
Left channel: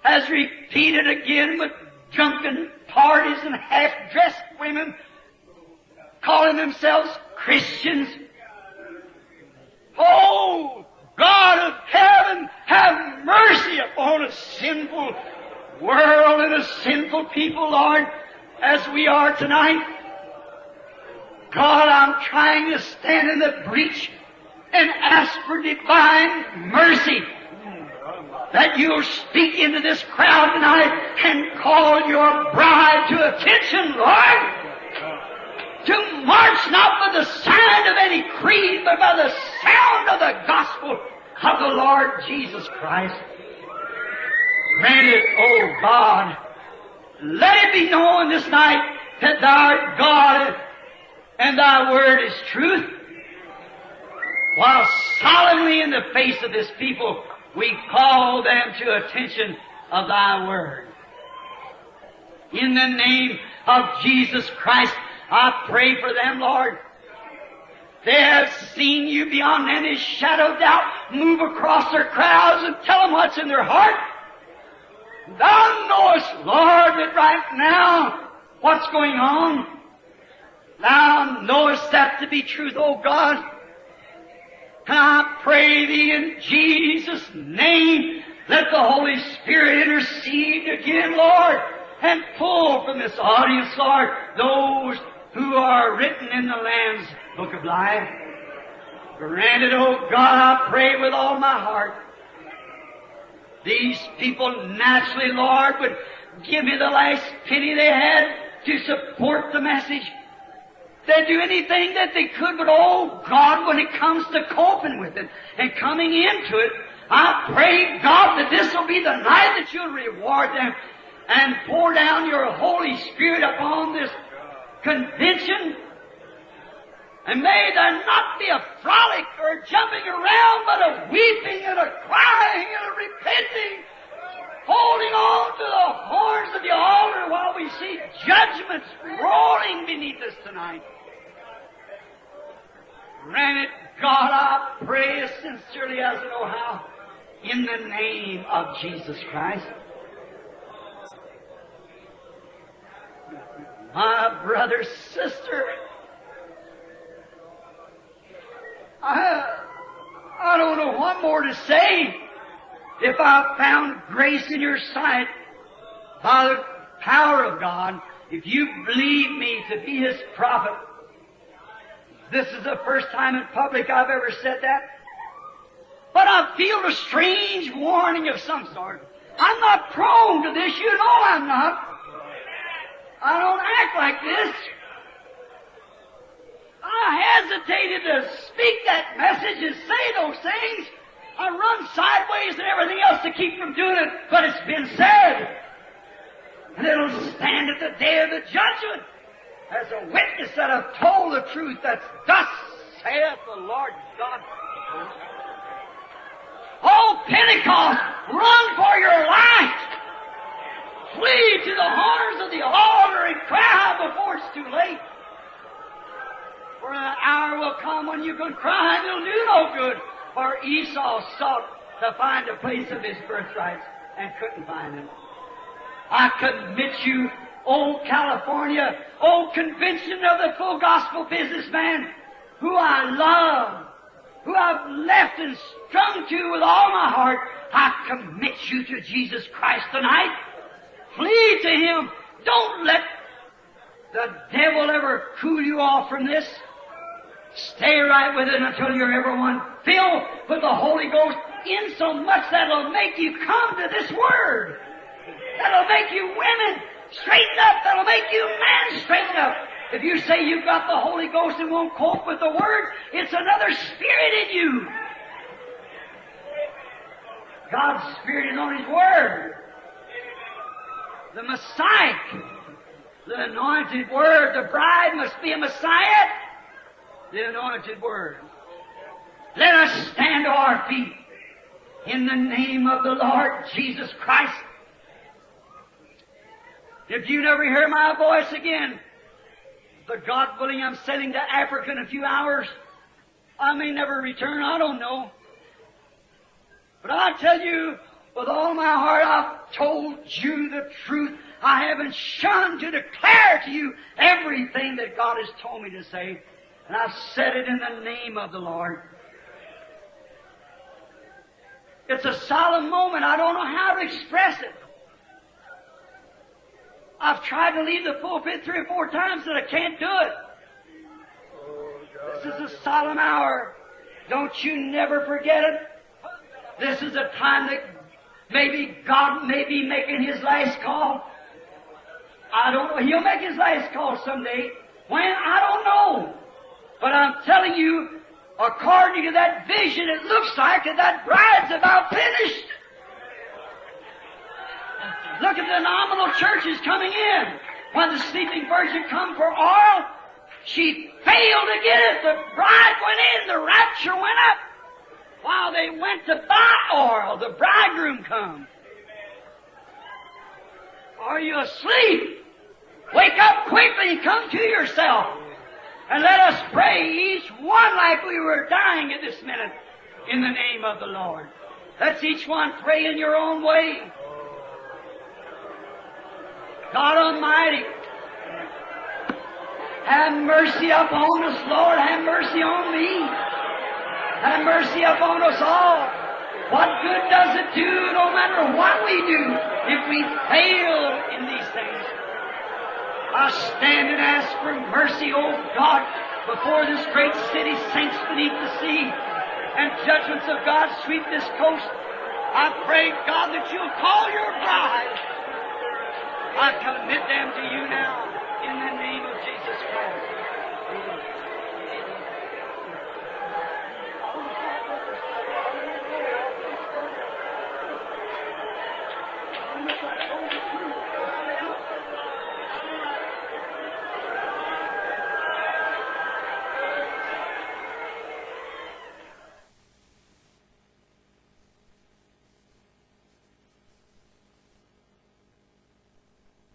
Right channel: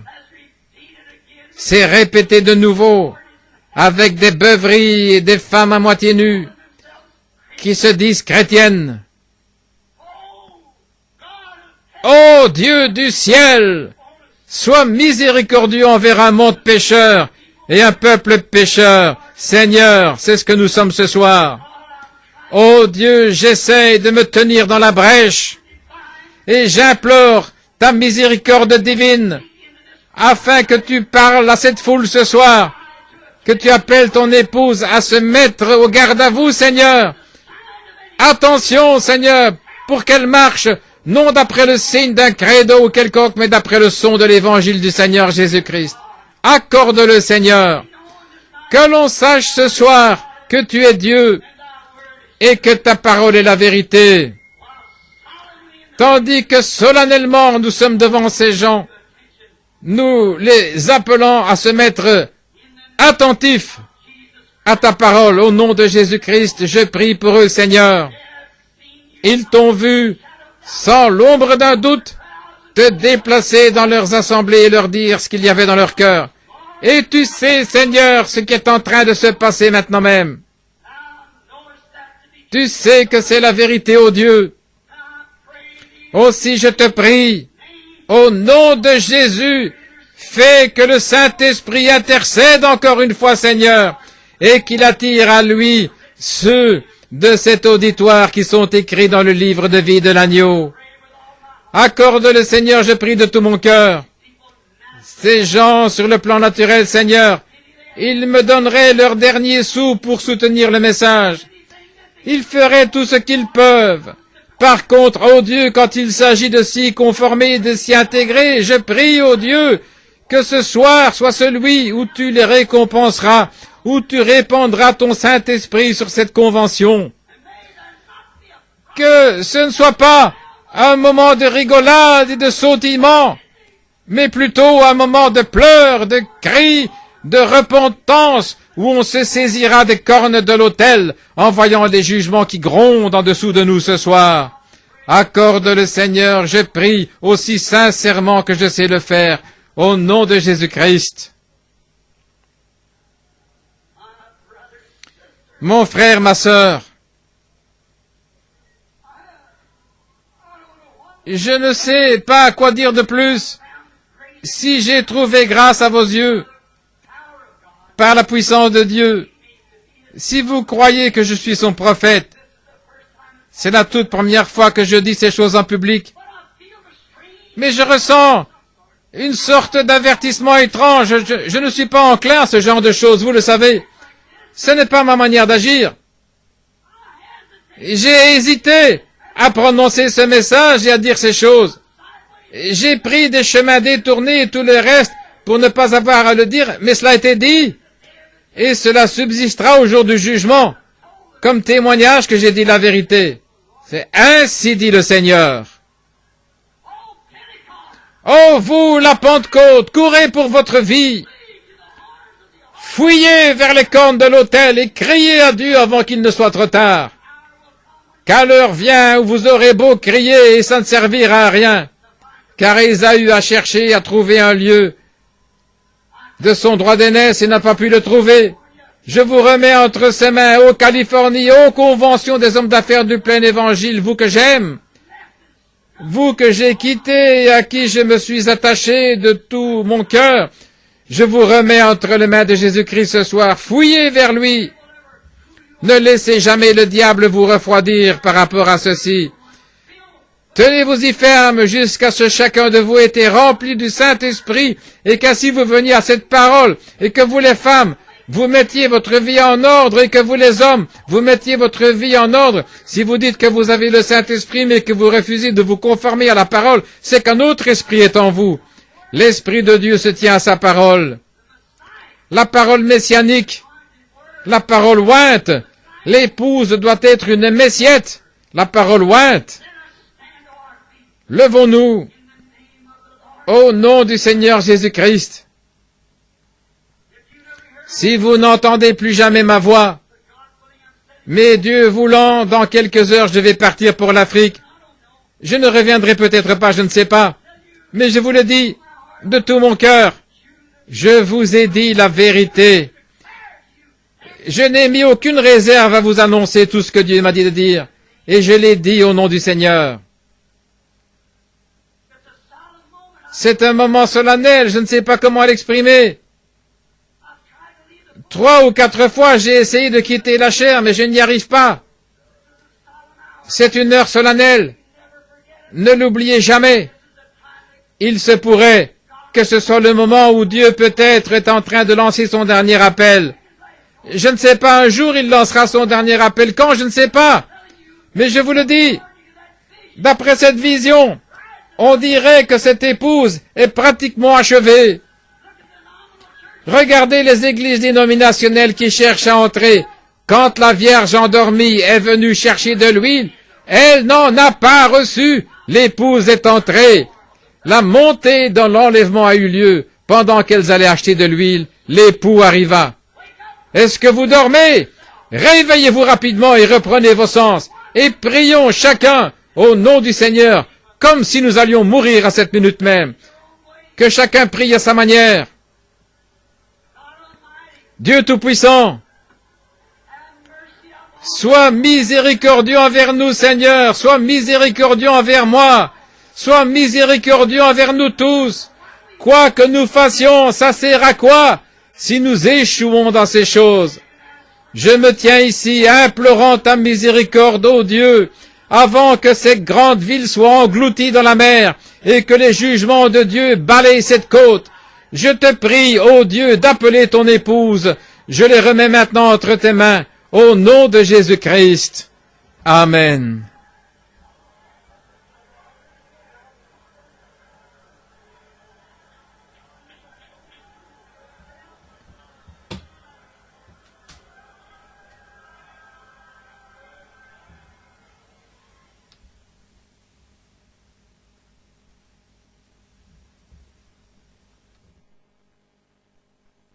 s'est répété de nouveau avec des beuveries et des femmes à moitié nues qui se disent chrétiennes. Ô Dieu du ciel, sois miséricordieux envers un monde pécheur et un peuple pécheur. Seigneur, c'est ce que nous sommes ce soir. Ô Dieu, j'essaie de me tenir dans la brèche et j'implore ta miséricorde divine afin que tu parles à cette foule ce soir, que tu appelles ton épouse à se mettre au garde à vous, Seigneur. Attention, Seigneur, pour qu'elle marche, non d'après le signe d'un credo ou quelconque, mais d'après le son de l'évangile du Seigneur Jésus-Christ. Accorde-le, Seigneur. Que l'on sache ce soir que tu es Dieu et que ta parole est la vérité. Tandis que solennellement nous sommes devant ces gens, nous les appelons à se mettre attentifs à ta parole. Au nom de Jésus-Christ, je prie pour eux, Seigneur. Ils t'ont vu, sans l'ombre d'un doute, te déplacer dans leurs assemblées et leur dire ce qu'il y avait dans leur cœur. Et tu sais, Seigneur, ce qui est en train de se passer maintenant même. Tu sais que c'est la vérité, ô Dieu. Aussi je te prie, au nom de Jésus, fais que le Saint-Esprit intercède encore une fois, Seigneur, et qu'il attire à lui ceux de cet auditoire qui sont écrits dans le livre de vie de l'agneau. Accorde-le, Seigneur, je prie de tout mon cœur. Ces gens, sur le plan naturel, Seigneur, ils me donneraient leur dernier sou pour soutenir le message. Ils feraient tout ce qu'ils peuvent. Par contre, ô Dieu, quand il s'agit de s'y conformer, de s'y intégrer, je prie, ô Dieu, que ce soir soit celui où tu les récompenseras, où tu répandras ton Saint-Esprit sur cette convention. Que ce ne soit pas un moment de rigolade et de sautillement, mais plutôt un moment de pleurs, de cris, de repentance, où on se saisira des cornes de l'autel en voyant des jugements qui grondent en dessous de nous ce soir. Accorde le Seigneur, je prie, aussi sincèrement que je sais le faire, au nom de Jésus-Christ. Mon frère, ma sœur, je ne sais pas quoi dire de plus. Si j'ai trouvé grâce à vos yeux, par la puissance de Dieu, si vous croyez que je suis son prophète, c'est la toute première fois que je dis ces choses en public, mais je ressens une sorte d'avertissement étrange. Je ne suis pas enclin à ce genre de choses, vous le savez. Ce n'est pas ma manière d'agir. J'ai hésité à prononcer ce message et à dire ces choses. J'ai pris des chemins détournés et tout le reste pour ne pas avoir à le dire, mais cela a été dit. Et cela subsistera au jour du jugement, comme témoignage que j'ai dit la vérité. C'est ainsi dit le Seigneur. Oh, vous, la Pentecôte, courez pour votre vie. Fouillez vers les cornes de l'autel et criez à Dieu avant qu'il ne soit trop tard. Car l'heure vient où vous aurez beau crier et ça ne servira à rien. Car Ésaü a cherché à trouver un lieu de son droit d'aînesse et n'a pas pu le trouver. Je vous remets entre ses mains, ô Californie, ô Convention des hommes d'affaires du plein évangile, vous que j'aime, vous que j'ai quitté et à qui je me suis attaché de tout mon cœur. Je vous remets entre les mains de Jésus-Christ ce soir. Fouillez vers lui. Ne laissez jamais le diable vous refroidir par rapport à ceci. Tenez-vous-y ferme jusqu'à ce que chacun de vous ait été rempli du Saint-Esprit et qu'ainsi vous veniez à cette parole et que vous les femmes, vous mettiez votre vie en ordre et que vous les hommes, vous mettiez votre vie en ordre. Si vous dites que vous avez le Saint-Esprit mais que vous refusez de vous conformer à la parole, c'est qu'un autre esprit est en vous. L'Esprit de Dieu se tient à sa parole. La parole messianique, la parole ointe. L'épouse doit être une messiette. La parole ointe. Levons-nous au nom du Seigneur Jésus-Christ. Si vous n'entendez plus jamais ma voix, mais Dieu voulant, dans quelques heures, je vais partir pour l'Afrique. Je ne reviendrai peut-être pas, je ne sais pas. Mais je vous le dis de tout mon cœur. Je vous ai dit la vérité. Je n'ai mis aucune réserve à vous annoncer tout ce que Dieu m'a dit de dire. Et je l'ai dit au nom du Seigneur. C'est un moment solennel, je ne sais pas comment l'exprimer. 3 ou 4 fois, j'ai essayé de quitter la chair, mais je n'y arrive pas. C'est une heure solennelle. Ne l'oubliez jamais. Il se pourrait que ce soit le moment où Dieu peut-être est en train de lancer son dernier appel. Je ne sais pas, un jour il lancera son dernier appel. Quand, je ne sais pas. Mais je vous le dis, d'après cette vision, on dirait que cette épouse est pratiquement achevée. Regardez les églises dénominationnelles qui cherchent à entrer. Quand la Vierge endormie est venue chercher de l'huile, elle n'en a pas reçu. L'épouse est entrée. La montée dans l'enlèvement a eu lieu. Pendant qu'elles allaient acheter de l'huile, l'époux arriva. Est-ce que vous dormez? Réveillez-vous rapidement et reprenez vos sens. Et prions chacun au nom du Seigneur, comme si nous allions mourir à cette minute même. Que chacun prie à sa manière. Dieu Tout-Puissant, sois miséricordieux envers nous, Seigneur. Sois miséricordieux envers moi. Sois miséricordieux envers nous tous. Quoi que nous fassions, ça sert à quoi si nous échouons dans ces choses? Je me tiens ici, implorant ta miséricorde, ô Dieu, avant que cette grande ville soit engloutie dans la mer et que les jugements de Dieu balayent cette côte. Je te prie, ô Dieu, d'appeler ton épouse. Je les remets maintenant entre tes mains, au nom de Jésus-Christ. Amen.